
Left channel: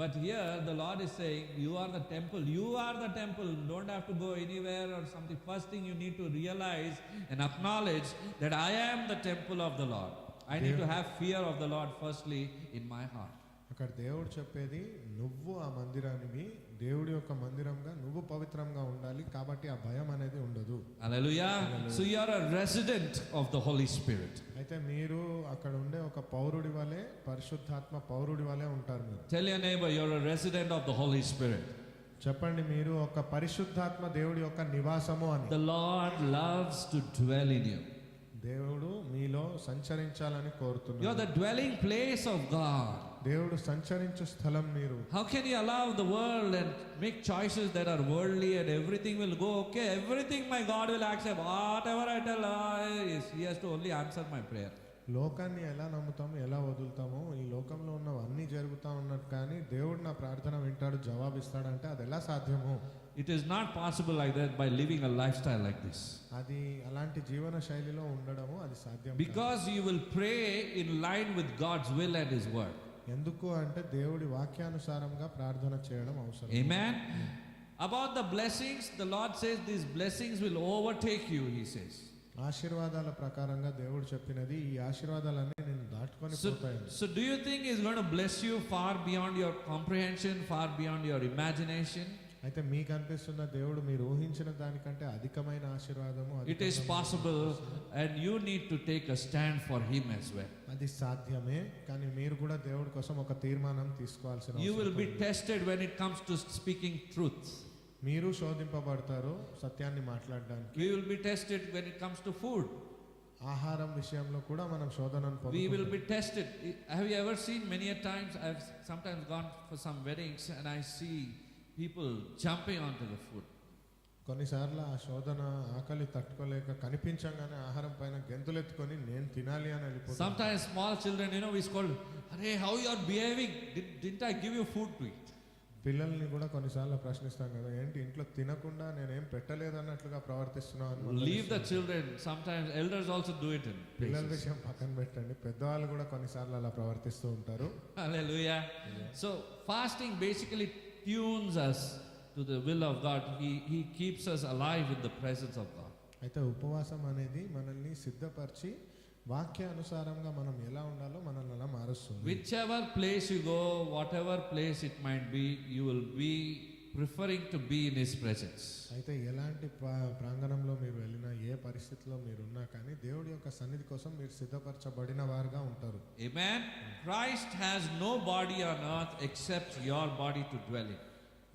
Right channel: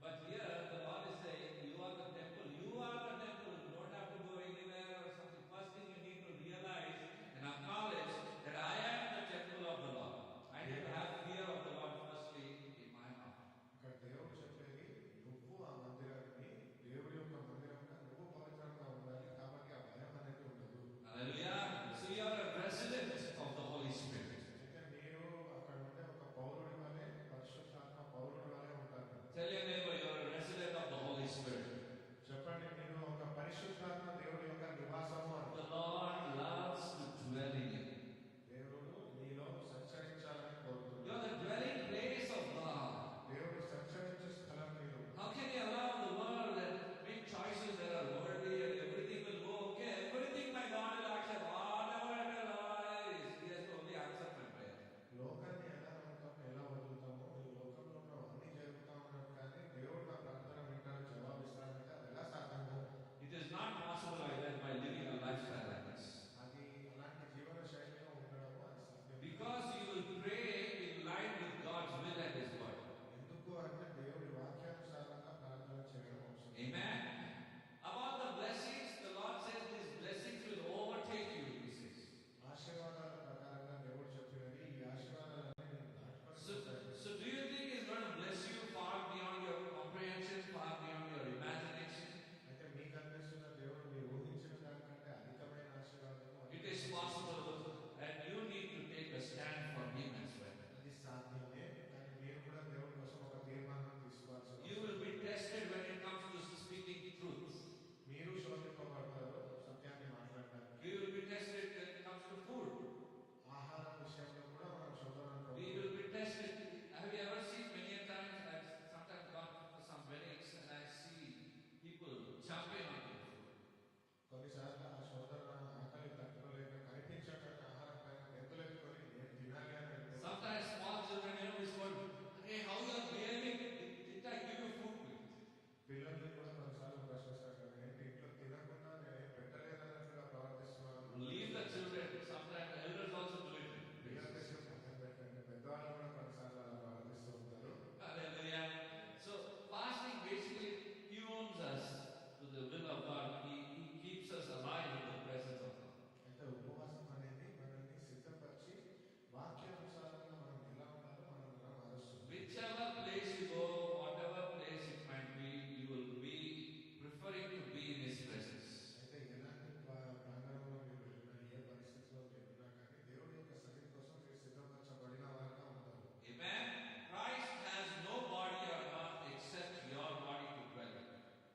but here the Lord is saying, you are the temple. You are the temple. Don't have to go anywhere or something. First thing you need to realize and acknowledge that I am the temple of the Lord. I need to have fear of the Lord firstly in my heart. అక్కడ దేవుడు చెప్పేది, నువ్వు ఆ మందిరానికి దేవుడి యొక్క మందిరంగా నువ్వు పవిత్రంగా ఉండాలి, కాబట్టి ఆ భయం అనేది ఉండదు. Hallelujah. So you are a resident of the Holy Spirit. అయితే మీరు అక్కడ ఉండే ఒక పౌరుడి వలె, పరిశుద్ధాత్మ పౌరుడి వలె ఉంటారు. మీరు Tell your neighbor you're a resident of the Holy Spirit. చెప్పండి, మీరు ఒక పరిశుద్ధాత్మ దేవుడి యొక్క నివాసము అని. The Lord loves to dwell in you. దేవుడు మీలో సంచరించాలని You're కోరుతున్నాడు. the dwelling place of God. దేవుడు సంచరించే స్థలం మీరు. How can you allow the world and make choices that are worldly and everything will go okay? Everything my God will accept. Whatever I tell, He has to only answer my prayer. లోకాన్ని ఎలా నమ్ముతాము, ఎలా వదులుతామో, ఈ లోకంలో ఉన్నవన్నీ జరుగుతూ ఉన్నట్టు, కానీ దేవుడు నా ప్రార్థన వింటాడు, జవాబిస్తాడంటే అది ఎలా సాధ్యము? It is not possible like that by living a lifestyle like this. అది అలాంటి జీవన శైలిలో ఉండడము అది సాధ్యం కాదు. Because you will pray in line with God's will and His word. ఎందుకు అంటే దేవుడి వాక్యానుసారంగా ప్రార్థన చేయడం అవసరం. Amen. About the blessings, the Lord says these blessings will overtake you, He says. ఆశీర్వాదాల ప్రకారంగా దేవుడు చెప్పినది, ఈ ఆశీర్వాదాలన్నీ నేను దాటుకొని పోతాయి. So do you think He's going to bless you far beyond your comprehension, far beyond your imagination? అయితే మీకు అనిపిస్తున్న దేవుడు మీరు ఊహించిన దానికంటే అధికమైన ఆశీర్వాదము, It is possible, and you need to take a stand for Him as well. అది సాధ్యమే, కానీ మీరు కూడా దేవుడి కోసం ఒక తీర్మానం తీసుకోవాల్సిన You will అవసరం be ఉంది. tested when it comes to speaking truth. మీరు శోధింపబడతారు సత్యాన్ని మాట్లాడడానికి. We will be tested when it comes to food. ఆహారం విషయంలో కూడా మనం శోధనను We will పొందుతాం. be tested. Have you ever seen many a times? I've sometimes gone for some weddings and I see people jumping onto the food. కొన్నిసార్లు ఆ శోధన ఆకలి తట్టుకోలేక కనిపించగానే ఆహారం పైన గెంతులెత్తుకొని నేను తినాలి అని వెళ్ళిపోతాను. Sometimes small children, we scold, "Hey, how you are behaving? Didn't I give you food to eat?" పిల్లల్ని కూడా కొన్నిసార్లు ప్రశ్నిస్తాం కదా, ఏంటి ఇంట్లో తినకుండా నేనేం పెట్టలేదు అన్నట్లుగా ప్రవర్తిస్తున్నావు అని మనం Leave the children. Sometimes elders also do it in పిల్లల places. విషయం పక్కన పెట్టండి, పెద్దవాళ్ళు కూడా కొన్నిసార్లు అలా ప్రవర్తిస్తూ ఉంటారు. Hallelujah. So fasting basically tunes us to the will of God. He keeps us alive in the presence of God. అయితే ఉపవాసం అనేది మనల్ని సిద్ధపరిచి వాక్యానుసారంగా మనం ఎలా ఉండాలో మనల్ని అలా మారుస్తుంది. Whichever place you go, whatever place it might be, you will be preferring to be in His presence. అయితే ఎలాంటి ప్రాంగణంలో మీరు వెళ్ళినా, ఏ పరిస్థితిలో మీరు ఉన్నా కానీ దేవుడి యొక్క సన్నిధి కోసం మీరు సిద్ధపరచబడిన వారుగా ఉంటారు. Amen. Christ has no body on earth except your body to dwell in.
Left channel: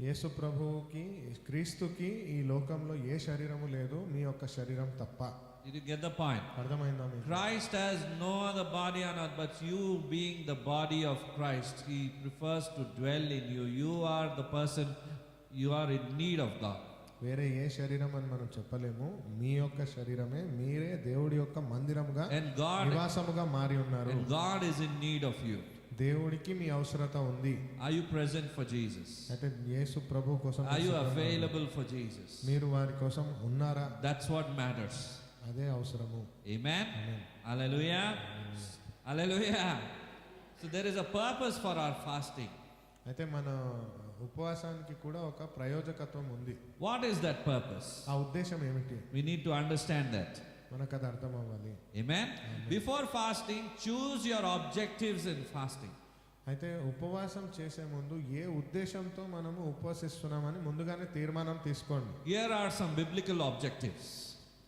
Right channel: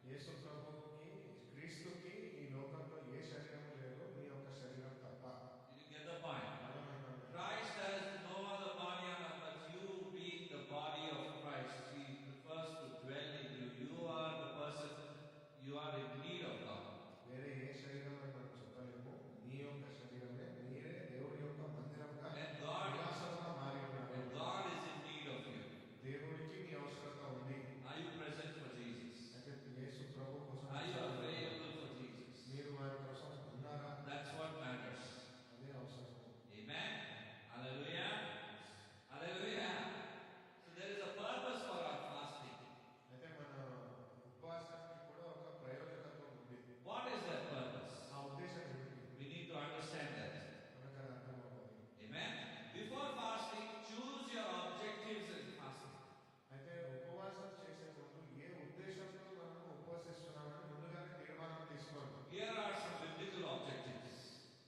యేసు ప్రభువుకి, క్రీస్తుకి ఈ లోకంలో ఏ శరీరము లేదు, మీ యొక్క శరీరం తప్ప. Did you get the point? అర్థమైందా మీకు? Christ has no other body on earth, but you being the body of Christ, He prefers to dwell in you. You are the person, you are in need of God. వేరే ఏ శరీరం అని మనం చెప్పలేము. మీ యొక్క శరీరమే, మీరే దేవుడి యొక్క మందిరముగా, And God, నివాసముగా మారి ఉన్నారు. and God is in need of you. దేవుడికి మీ అవసరత ఉంది. Are you present for Jesus? అయితే యేసు ప్రభు కోసం Are you available for Jesus? మీరు వారి కోసం ఉన్నారా? That's what matters. అదే అవసరము. Amen. Amen. Hallelujah. Hallelujah. So there is a purpose for our fasting. అయితే మన ఉపవాసానికి కూడా ఒక ప్రయోజకత్వం ఉంది. What is that purpose? ఆ ఉద్దేశం ఏమిటి? We need to understand that. మనకు అది అర్థం అవ్వాలి. Amen. Before fasting, choose your objectives in fasting. అయితే ఉపవాసం చేసే ముందు ఏ ఉద్దేశంతో మనము ఉపవసిస్తున్నామని ముందుగానే తీర్మానం తీసుకోండి. Here are some biblical objectives.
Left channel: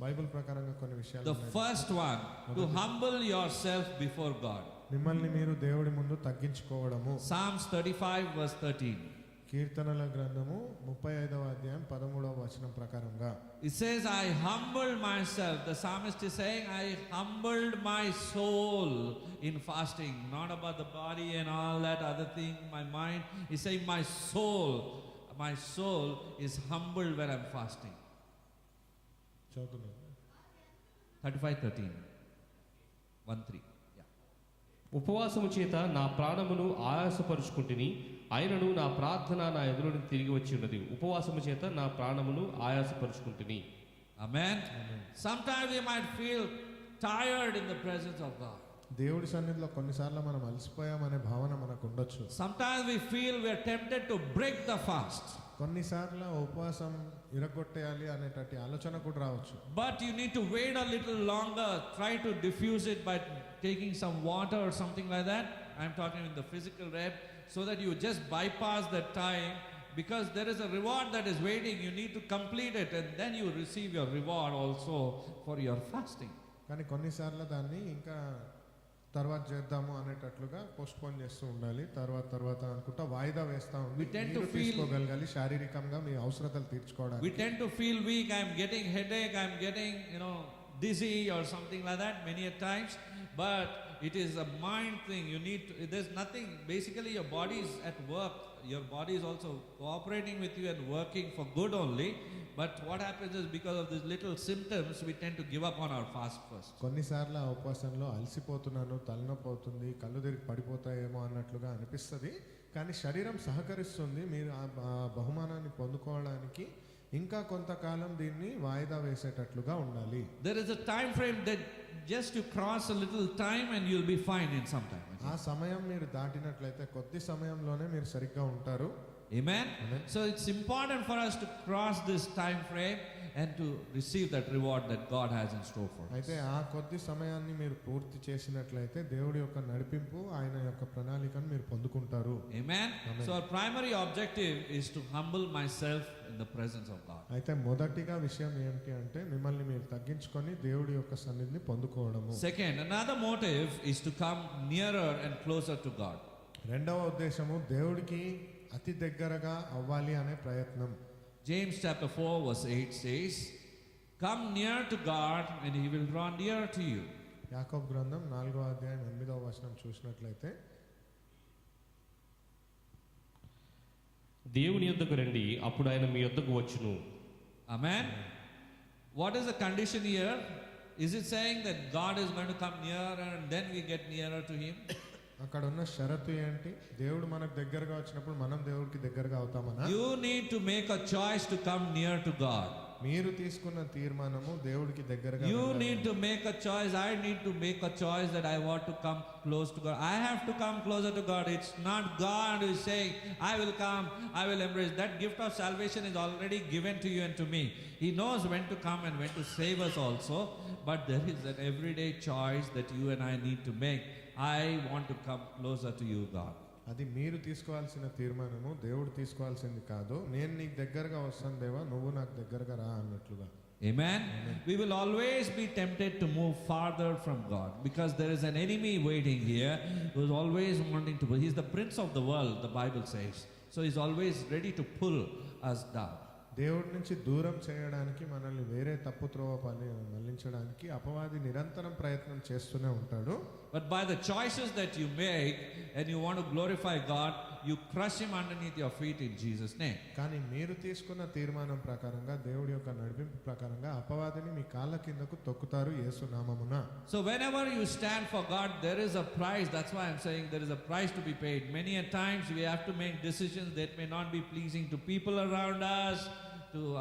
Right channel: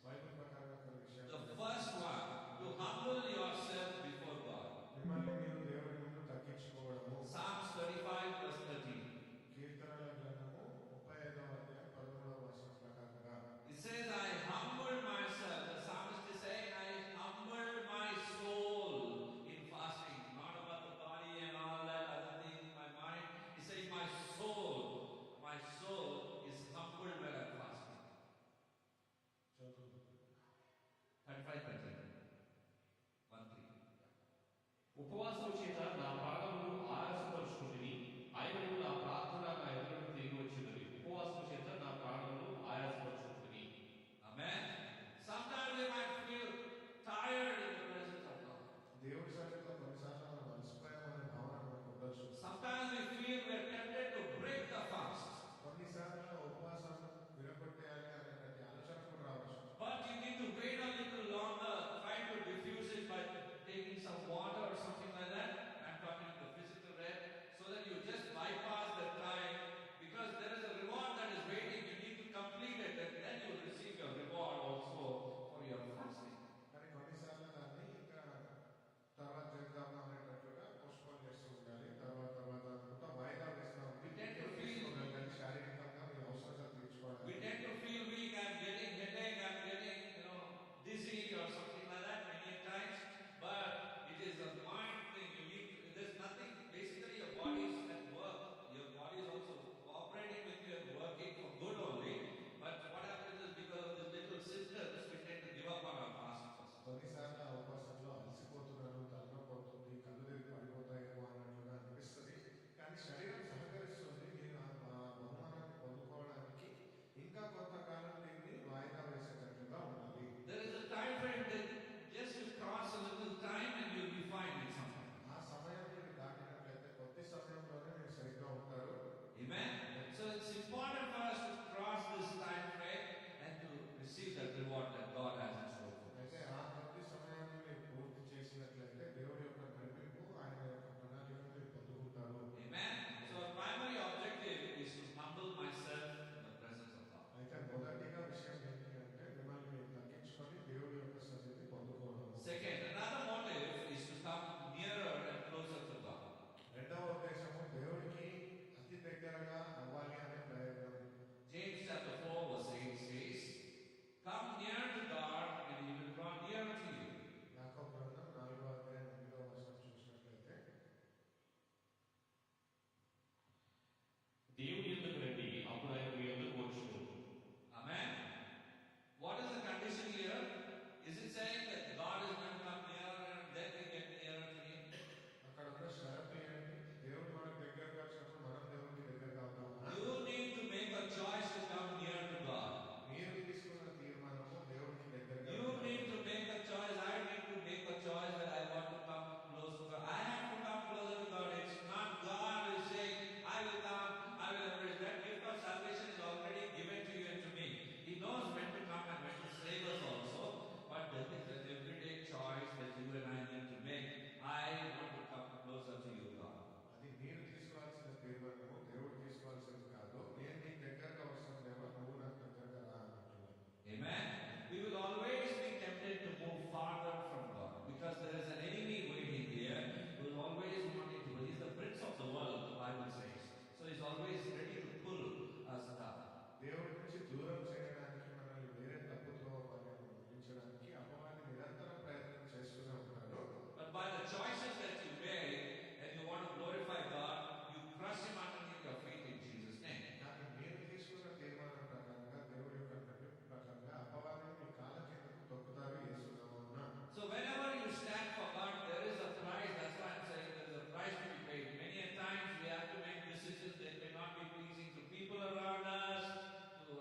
Bible ప్రకారంగా కొన్ని విషయాలు The ఉన్నాయి. first one, to humble yourself before God. మిమ్మల్ని మీరు దేవుడి ముందు తగ్గించుకోవడము. Psalms 35 verse 13. కీర్తనల గ్రంథము 35వ అధ్యాయం 13వ వచనం ప్రకారంగా It says, I humbled myself. The psalmist is saying, I humbled my soul in fasting. Not about the body and all that other thing, my mind. He's saying, my soul is humbled when I'm fasting. చదువుతున్నాను 35:13. 1:3. Yeah. ఉపవాసము చేత నా ప్రాణమును ఆయాసపరుచుకుంటుని, ఆయనను నా ప్రార్థన నా ఎదురుని తిరిగి వచ్చి ఉన్నది. ఉపవాసము చేత నా ప్రాణమును ఆయాసపరుచుకుంటుని. Amen. Sometimes we might feel tired in the presence of God. దేవుడి సన్నిధిలో కొన్నిసార్లు మనం అలసిపోయామనే భావన మనకు ఉండొచ్చు. Sometimes we feel we are tempted to break the fast. కొన్నిసార్లు ఉపవాసం ఇరగొట్టేయాలి అనేటటువంటి ఆలోచన కూడా రావచ్చు. But you need to wait a little longer. Try to diffuse it by taking some water or something like that. I'm talking in the physical realm, so that you just bypass that time, because there is a reward that is waiting. You need to complete it, and then you receive your reward also for your fasting. కానీ కొన్నిసార్లు దాన్ని ఇంకా తర్వాత చేద్దాము అనేటట్లుగా postpone చేస్తూ ఉండాలి. తర్వాత అనుకుంటా వాయిదా వేస్తా We tend to feel- తీసుకోగలగాలి శారీరకంగా మీ అవసరతలు తీర్చుకోవడానికి. We tend to feel weak. I'm getting headache. I'm getting, dizzy or something like that many a times. But it is a mind thing. You need to, there's nothing. Basically, your body is at work. Your body is also cooperating with you and working for good only. But what happens is, because of these little symptoms, we tend to give up on our fast first. కొన్నిసార్లు ఆ ఉపవాసంలో అలసిపోతున్నాను, తలనొప్పి అవుతుంది, కళ్ళు తిరిగి పడిపోతాయేమో అన్నట్లుగా అనిపిస్తుంది. కానీ శరీరం సహకరిస్తుంది. మీరు ఆ బహుమానాన్ని పొందుకోవడానికి ఇంకా కొంతకాలం దీన్ని వాయిదా వేసేటట్లుగా ఉండాలి. There is a time frame that just you cross a little time and you'll be fine in some time. ఆ సమయం మీరు దాటినట్లయితే కొద్ది సమయంలోనే మీరు సరిగ్గా ఉంటారు. Amen? Amen. So it's important for us to cross this time frame and to receive that reward that God has in store for us. అయితే ఆ కొద్ది సమయాన్ని మీరు పూర్తి చేసినట్లయితే దేవుడి యొక్క నడిపింపు, ఆయన యొక్క ప్రణాళికను మీరు పొందుకుంటారు. Amen? Amen. So our primary objective is to humble myself in the presence of God. అయితే మొదటిగా విషయం ఏంటి అంటే మిమ్మల్ని మీరు తగ్గించుకొని దేవుడి యొక్క సన్నిధిని పొందుకోవడము. Second, another motive is to come nearer and closer to God. రెండవ ఉద్దేశము దేవుడికి అతి దగ్గరగా అవ్వాలి అనే ప్రయత్నం. James chapter 4 verse 8 says, come near to God and he will draw near to you. యాకోబు గ్రంథం 4వ అధ్యాయం 8వ వచనం చూసినట్లయితే, దేవుని యొద్దకు రండి, అప్పుడు ఆయన మీ యొద్దకు వచ్చును. Amen. What is the condition here? Is it saying that God is going to come nearer and then we get nearer to him? అక్కడ ఉన్న షరతు ఏంటి? దేవుడు మనకు దగ్గరగా వచ్చినప్పుడు మనం దేవుడికి దగ్గరగా అవుతామనా? You need to make a choice to come near to God. మీరు తీసుకున్న తీర్మానము దేవుడికి దగ్గరగా You వెళ్ళాలి. need to make a choice. I need to make a choice that I want to come close to God. I have to come closer to God. It's not God who is saying, I will come, I will embrace. That gift of salvation is already given to you and to me. He knows when to come and when to save us also. But there is an everyday choice that you and I need to make. I want to come closer to you, God. అది మీరు తీసుకోవాల్సిన తీర్మానము, దేవుడు తీసుకోవాల్సింది కాదు. నేను నీకు దగ్గరగా వస్తాను దేవా, నువ్వు నాకు దగ్గరగా రా అన్నట్లుగా. Amen. We will always be tempted to move farther from God, because there is an enemy waiting here who is always wanting to. He's the prince of the world, the Bible says. So he's always ready to pull us down. దేవుడి నుంచి దూరం చేయడానికి, మనల్ని వేరే తప్పు త్రోవ మళ్లించడానికి అపవాది నిరంతరం ప్రయత్నం చేస్తూనే ఉంటాడు. But by the choices that you make and you want to glorify God, you crush him underneath your feet in Jesus' name. కానీ మీరు తీసుకున్న తీర్మానం ప్రకారంగా, దేవుడి యొక్క నడిపింపు ప్రకారంగా అపవాదిని మీ కాళ్ళ కిందకు తొక్కుతారు యేసు నామమున. So whenever you stand for God, there is a price. That's why I'm saying there is a price to be paid. Many a times we have to make decisions that may not be pleasing to people around us.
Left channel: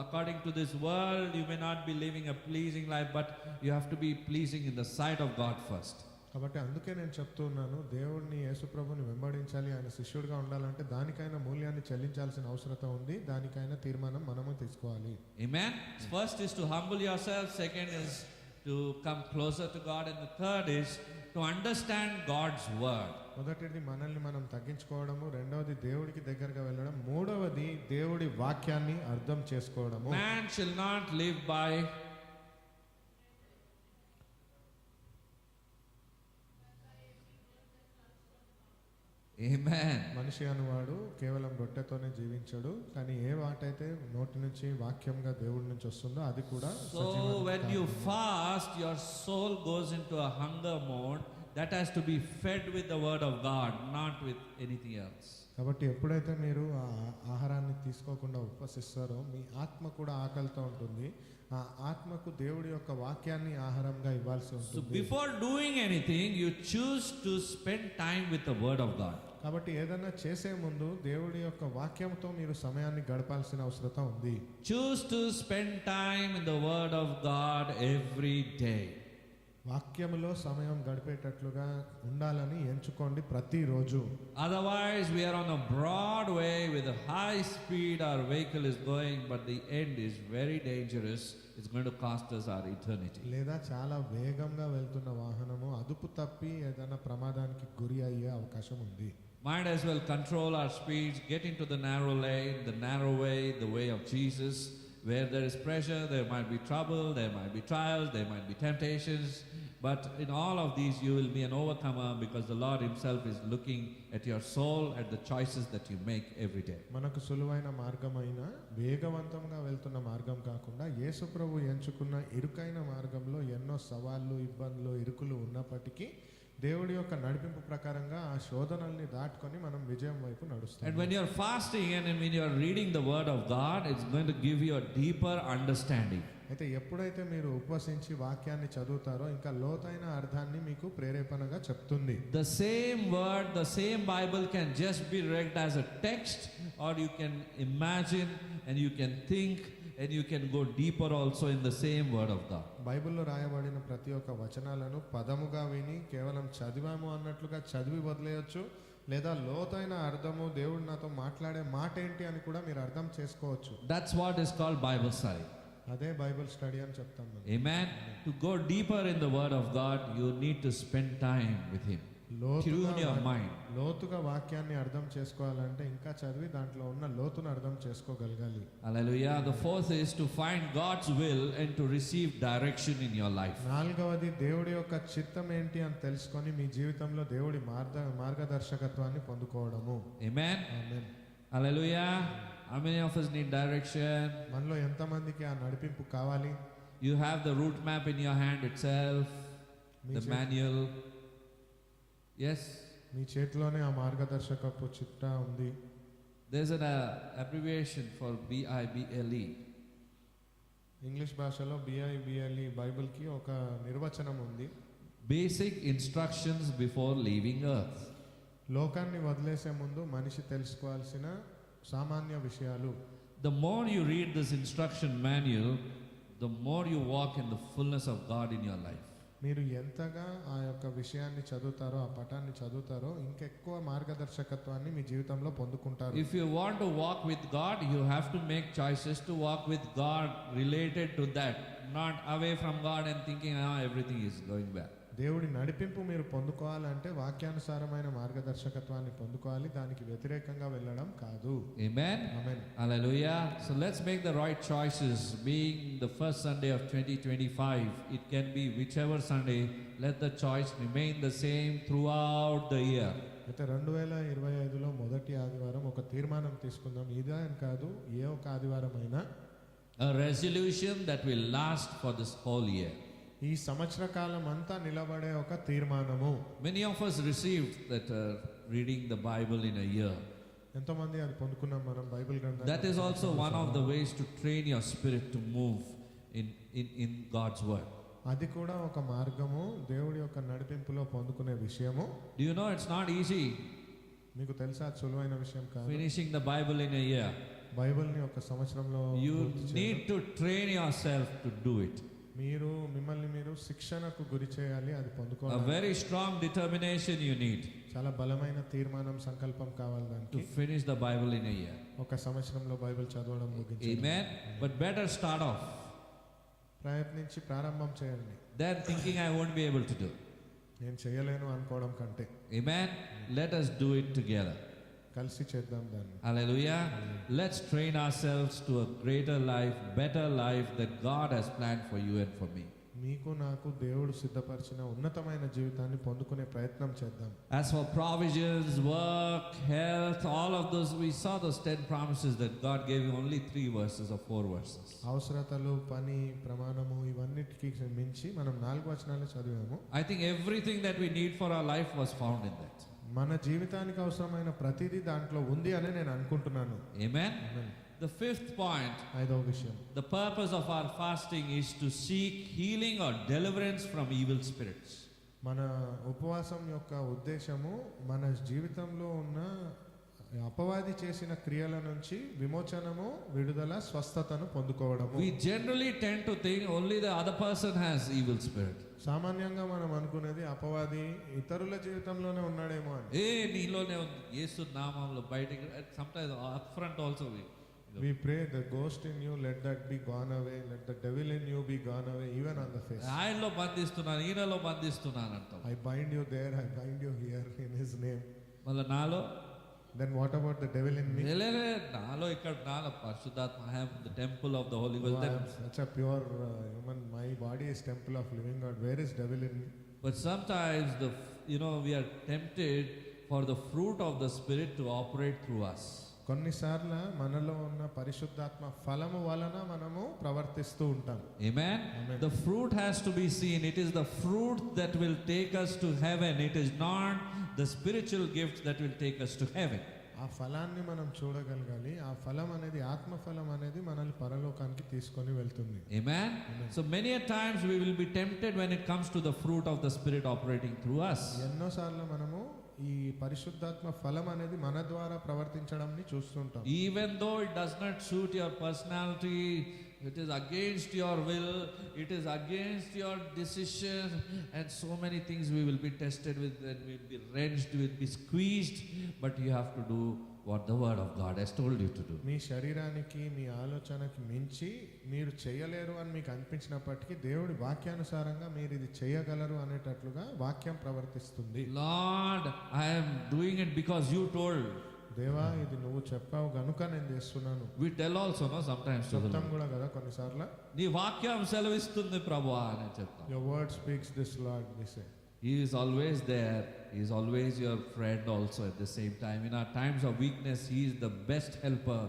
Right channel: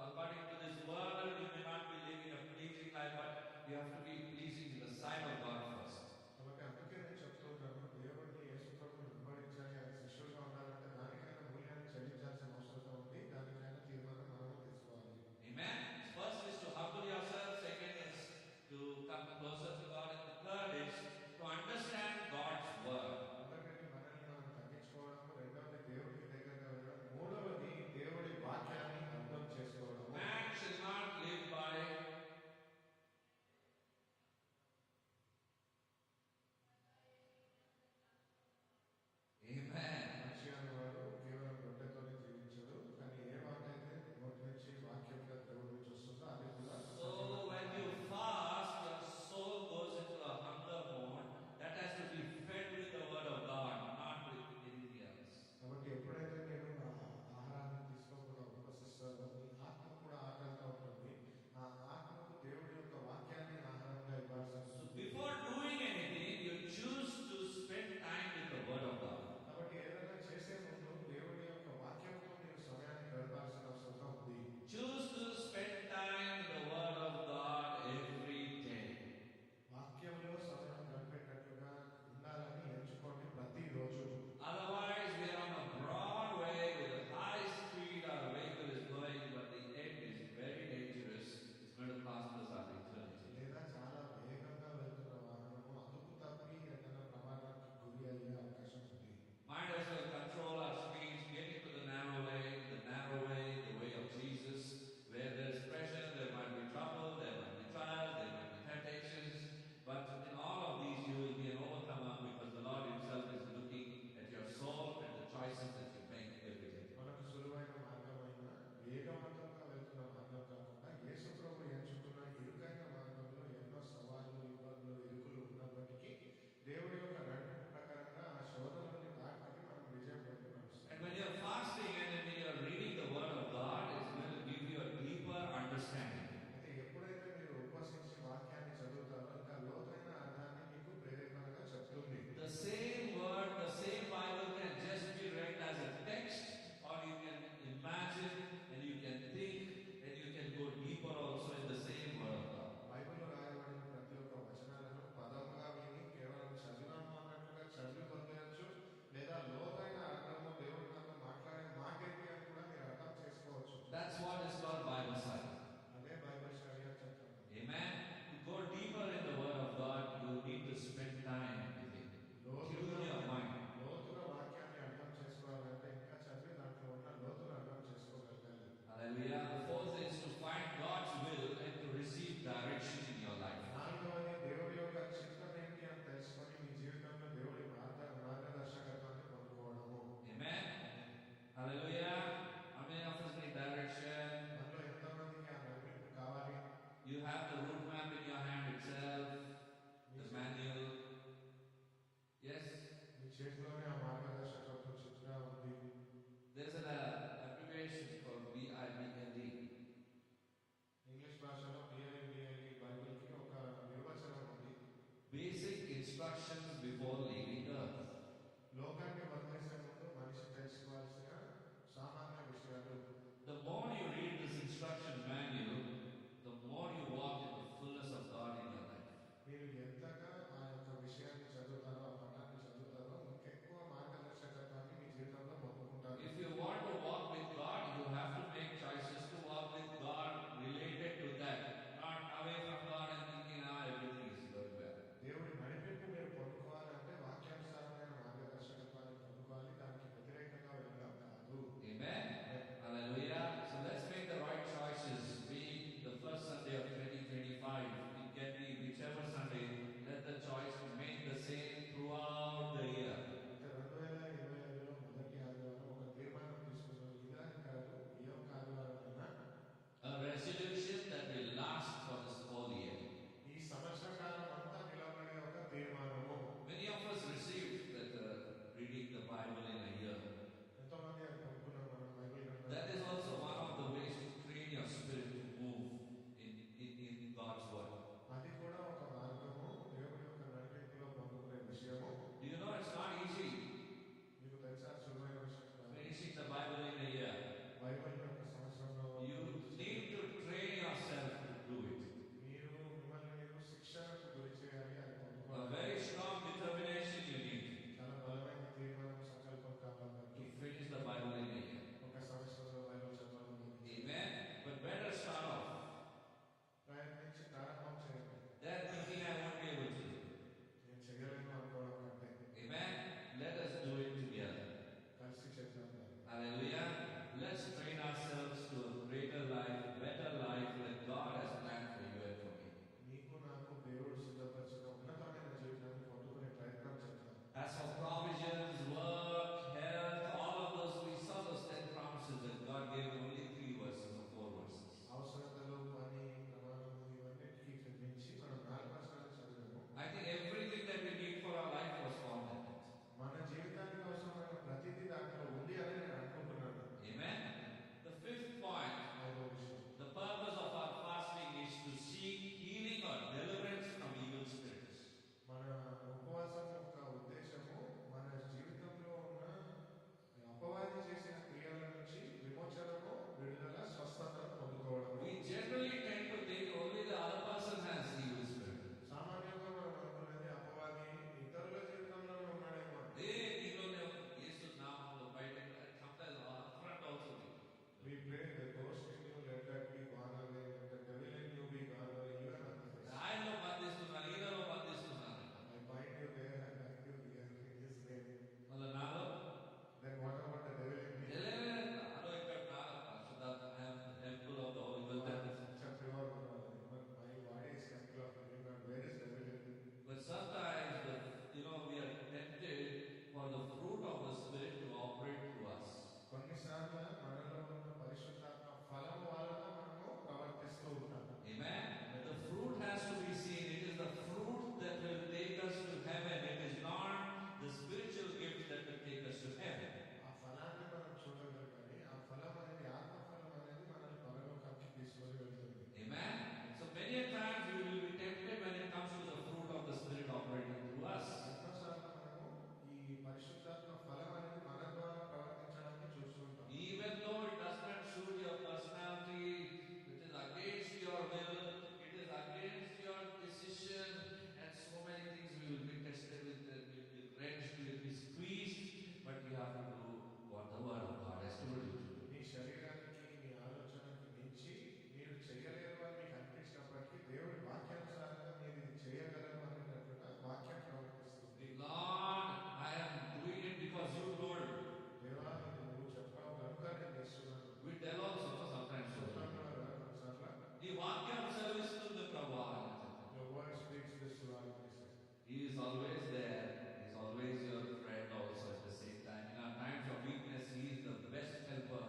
According to this world, you may not be living a pleasing life, but you have to be pleasing in the sight of God first. కాబట్టి అందుకే నేను చెప్తూ ఉన్నాను, దేవుడిని యేసు ప్రభుని వెంబడించాలి, ఆయన శిష్యుడిగా ఉండాలంటే దానికైనా మూల్యాన్ని చెల్లించాల్సిన అవసరత ఉంది. దానికైనా తీర్మానం మనము తీసుకోవాలి. Amen. First is to humble yourself. Second is to come closer to God, and the third is to understand God's word. మొదటిది మనల్ని మనం తగ్గించుకోవడము, రెండవది దేవుడికి దగ్గరగా వెళ్ళడం, మూడవది దేవుడి వాక్యాన్ని అర్థం చేసుకోవడము. Man shall not live by Amen. మనిషి అనువాడు కేవలం రొట్టెతోనే జీవించడు, కానీ ఏ వాటైతే నోటి నుంచి వాక్యంగా దేవుడి నుంచి వస్తుందో అది కూడా So సజీవానికి when you కారణం. fast, your soul goes into a hunger mode that has to be fed with the word of God, not with anything else. కాబట్టి ఎప్పుడైతే మీరు ఆ ఆహారాన్ని తీసుకోకుండా ఉపవసిస్తారో మీ ఆత్మ కూడా ఆకలితో ఉంటుంది. ఆ ఆత్మకు దేవుడి యొక్క వాక్యాన్ని ఆహారంగా ఇవ్వాల్సి So ఉంటుంది. before doing anything, you choose to spend time with the word of God. కాబట్టి ఏదైనా చేసే ముందు దేవుడి యొక్క వాక్యంతో మీరు సమయాన్ని గడపాల్సిన అవసరం ఉంది. Choose to spend time in the word of God every day. వాక్యములో సమయం గడిపేటట్లుగా ఉండాలని ఎంచుకోండి ప్రతిరోజు. Otherwise, we are on a broad way with a high speed. Our vehicle is going, but the end is very dangerous. It's going to cost us our eternity. లేదా చాలా వేగంగా వెళ్తున్న వాహనము అదుపు తప్పి ఏదైనా ప్రమాదానికి గురి అయ్యే అవకాశం ఉంది. Might as well control our speeds, get into the narrow lane, the narrow way, the way of Jesus. Where there is pressure, there might be trouble, there might be trials, there might be temptations. But in all of these, you will be an overcomer because the Lord Himself is looking at your soul, at the choices that you make every day. మనకు సులువైన మార్గమైన వేగవంతంగా వెళ్తున్న మార్గం కాకుండా యేసు ప్రభు ఎంచుకున్న ఇరుకైన మార్గంలో ఎన్నో సవాళ్ళు, ఇబ్బందులు, ఇరుకులు ఉన్నప్పటికీ దేవుడి యొక్క నడిపింపు ప్రకారంగా ఆ శోధనల్ని దాటుకొని మనం విజయం వైపు నడుస్తాం. And when you are fasting and when you are reading the Word of God, it's going to give you a deeper understanding. అయితే ఎప్పుడైతే మీరు ఉపవసించి వాక్యాన్ని చదువుతారో ఇంకా లోతైన అర్థాన్ని మీకు ప్రేరేపణగా చెప్తుంది. The same word, the same Bible can just be read as a text, or you can imagine and you can think and you can go deeper also in the same word of God. బైబిల్లో రాయబడిన ప్రతి ఒక్క వచనాలను పదముగా విని కేవలం చదివాము అన్నట్లుగా చదివి వదిలేయచ్చు, లేదా లోతైన అర్థము దేవుడు నాతో మాట్లాడే మాట ఏంటి అని కూడా మీరు అర్థం చేసుకోవచ్చు. That's what is called Bible study. అదే బైబిల్ స్టడీ అని చెప్తాం మనం. Amen. To go deeper in the word of God, you need to spend time with Him. Tune your mind. లోతుగా వాక్యాన్ని అర్థం చేసుకోవాలంటే ఇంకా చదివి దాంట్లో ఉన్న లోతును అర్థం చేసుకోగలగాలి. Hallelujah. The fourth is to find God's will and to receive direction in your life. నాలుగవది దేవుడి యొక్క చిత్తం ఏంటి అని తెలుసుకొని మీ జీవితంలో దేవుడి మార్గదర్శకత్వాన్ని పొందుకోవడము. Amen. Amen. Hallelujah. How many of us need direction? మనలో ఎంతమందికి ఆ నడిపింపు కావాలి? You have the route map in your hand itself, me the చే- manual. Yes. మీ చేతిలోనే ఆ మార్గదర్శకపు చిట్టా ఉంది. There's an abbreviation for BIBLE. English భాషలో BIBLE బైబిల్కి ఒక నిర్వచనం ఉంది. Basic instructions before leaving earth. లోకాన్ని వదిలేసే ముందు మనిషి తెలుసుకోవాల్సిన సామాన్య విషయాలు. The more you read this instruction manual, the more you walk in the fullness of God in your life. మీరు ఎంతగా ఆ యొక్క విషయాన్ని చదువుతారో, ఆ పటాన్ని చదువుతారో ఇంకెక్కువ మార్గదర్శకత్వాన్ని మీ జీవితంలో పొందుకుంటారు. If you want to walk with God, you have to make choices to walk with God related to that, not away from God and thinking, everything is going well. దేవుడి నడిపింపు మీరు పొందుకోవాలంటే వాక్యానుసారమైన మార్గదర్శకత్వాన్ని పొందుకోవాలి, దానికి వ్యతిరేకంగా వెళ్ళడం కాదు. Amen. Amen. Hallelujah. So let's make the right choices. Being the first Sunday of 2025, it can be whichever Sunday. Let the choice remain the same throughout the year. అయితే 2025లో మొదటి ఆదివారం ఒక తీర్మానం తీసుకుందాం. ఇదే అని కాదు, ఏ ఒక ఆదివారం అయినా A resolution that will last for this whole year. ఈ సంవత్సర కాలం అంతా నిలబడే ఒక తీర్మానము. Many of us received that reading the Bible in a year. ఎంతోమంది అది పొందుకున్నాం మనం బైబిల్ గ్రంథాన్ని. That is also one of the ways to train your spirit to move in God's word. అది కూడా ఒక మార్గము, దేవుడి యొక్క నడిపింపులో పొందుకునే విషయము. Do you know it's not easy మీకు తెలుసా అది సులువైన విషయం కాదు. finishing the Bible in a year? బైబిల్ని ఒక సంవత్సరంలో You పూర్తి చేయడం. need to train yourself to do it. మీరు మిమ్మల్ని మీరు శిక్షణకు గురి చేయాలి, అది A పొందుకోవాలి. very strong determination you need చాలా బలమైన తీర్మానం, సంకల్పం కావాలి to దానికి. finish the Bible in a year. ఒక సంవత్సరంలో బైబిల్ చదవడం ముగించాలి. Amen. But better start off ప్రయత్నించి ప్రారంభం చేయండి. than thinking I won't be able to do. నేను చేయలేను అనుకోవడం కంటే Amen. Let us do it together. కలిసి చేద్దాం దాన్ని. Hallelujah. Let's train ourselves to a greater life, better life that God has planned for you and for me. మీకు నాకు దేవుడు సిద్ధపరిచిన ఉన్నతమైన జీవితాన్ని పొందుకునే ప్రయత్నం చేద్దాం. As for provisions, work, health, all of those, we saw those 10 promises that God gave you only 3 verses or 4 verses. అవసరతలు, పని, ప్రమాణము ఇవన్నిటికి మించి మనం 4 వచనాలు చదివాము. I think everything that we need for our life was found in that. మన జీవితానికి అవసరమైన ప్రతిదీ దాంట్లో ఉంది అని నేను అనుకుంటున్నాను. Amen? The 5th point, 5వ విషయం, the purpose of our fasting is to seek healing or deliverance from evil spirits. మన ఉపవాసం యొక్క ఉద్దేశము మన జీవితంలో ఉన్న అపవాది చేసిన క్రియల నుంచి విమోచనము, విడుదల, స్వస్థతను పొందుకోవడము. We generally tend to think only the other person has evil spirit. సామాన్యంగా మనం అనుకునేది అపవాది ఇతరుల జీవితంలోనే ఉన్నాడేమో అని. నీలోనే ఉంది, యేసు నామములో బయటికి. Sometimes up front also we pray the ghost in you, let that be gone away, let the devil in you be gone away, even on the face. ఆయనలో బంధిస్తున్నాను, ఈయనలో బంధిస్తున్నాను అంటాం. I bind you there, I bind you here in his name. మళ్ళీ నాలో, then what about the devil in me? నాలో ఇక్కడ నాలో పరిశుద్ధాత్మ, I have the temple of the Holy Ghost. Wow, such a pure human, my body is temple of living God. Where is devil in me? But sometimes we are tempted for the fruit of the Spirit to operate through us. కొన్నిసార్లు మనలో ఉన్న పరిశుద్ధాత్మ ఫలము వలన మనము ప్రవర్తిస్తూ ఉంటాం. Amen? The fruit has to be seen. It is the fruit that will take us to heaven. It is not the spiritual gift that will take us to heaven. ఆ ఫలాన్ని మనం చూడగలగాలి. ఆ ఫలం అనేది, ఆత్మ ఫలం అనేది మనల్ని పరలోకానికి తీసుకొని వెళ్తుంది. Amen? So many a times we will be tempted when it comes to the fruit of the Spirit operating through us. ఎన్నోసార్లు మనము ఈ పరిశుద్ధాత్మ ఫలం అనేది మన ద్వారా ప్రవర్తించడాన్ని చూస్తుంటాం. Even though it does not suit your personality, it is against your will, it is against your decision, and so many things we will be tested with, and we will be wrenched, we will be squeezed, but you have to do what the word of God has told you to do. మీ శరీరానికి, మీ ఆలోచనకి మించి మీరు చేయలేరు అని మీకు అనిపించినప్పటికీ దేవుడి వాక్యానుసారంగా మీరు ఇది చేయగలరు అనేటట్లుగా వాక్యం ప్రవర్తిస్తుంది. Lord, I am doing it because you told. దేవా, ఇది నువ్వు చెప్పావు గనుక నేను చేస్తున్నాను. We tell also, no, sometimes to the చెప్తాం Lord. కూడా కదా కొన్నిసార్లు. నీ వాక్యం సెలవిస్తుంది ప్రభువా అని చెప్తాం. Your word speaks this, Lord, we say. He is always there. He is always your friend also at the same time. In our times of weakness, He is the best helper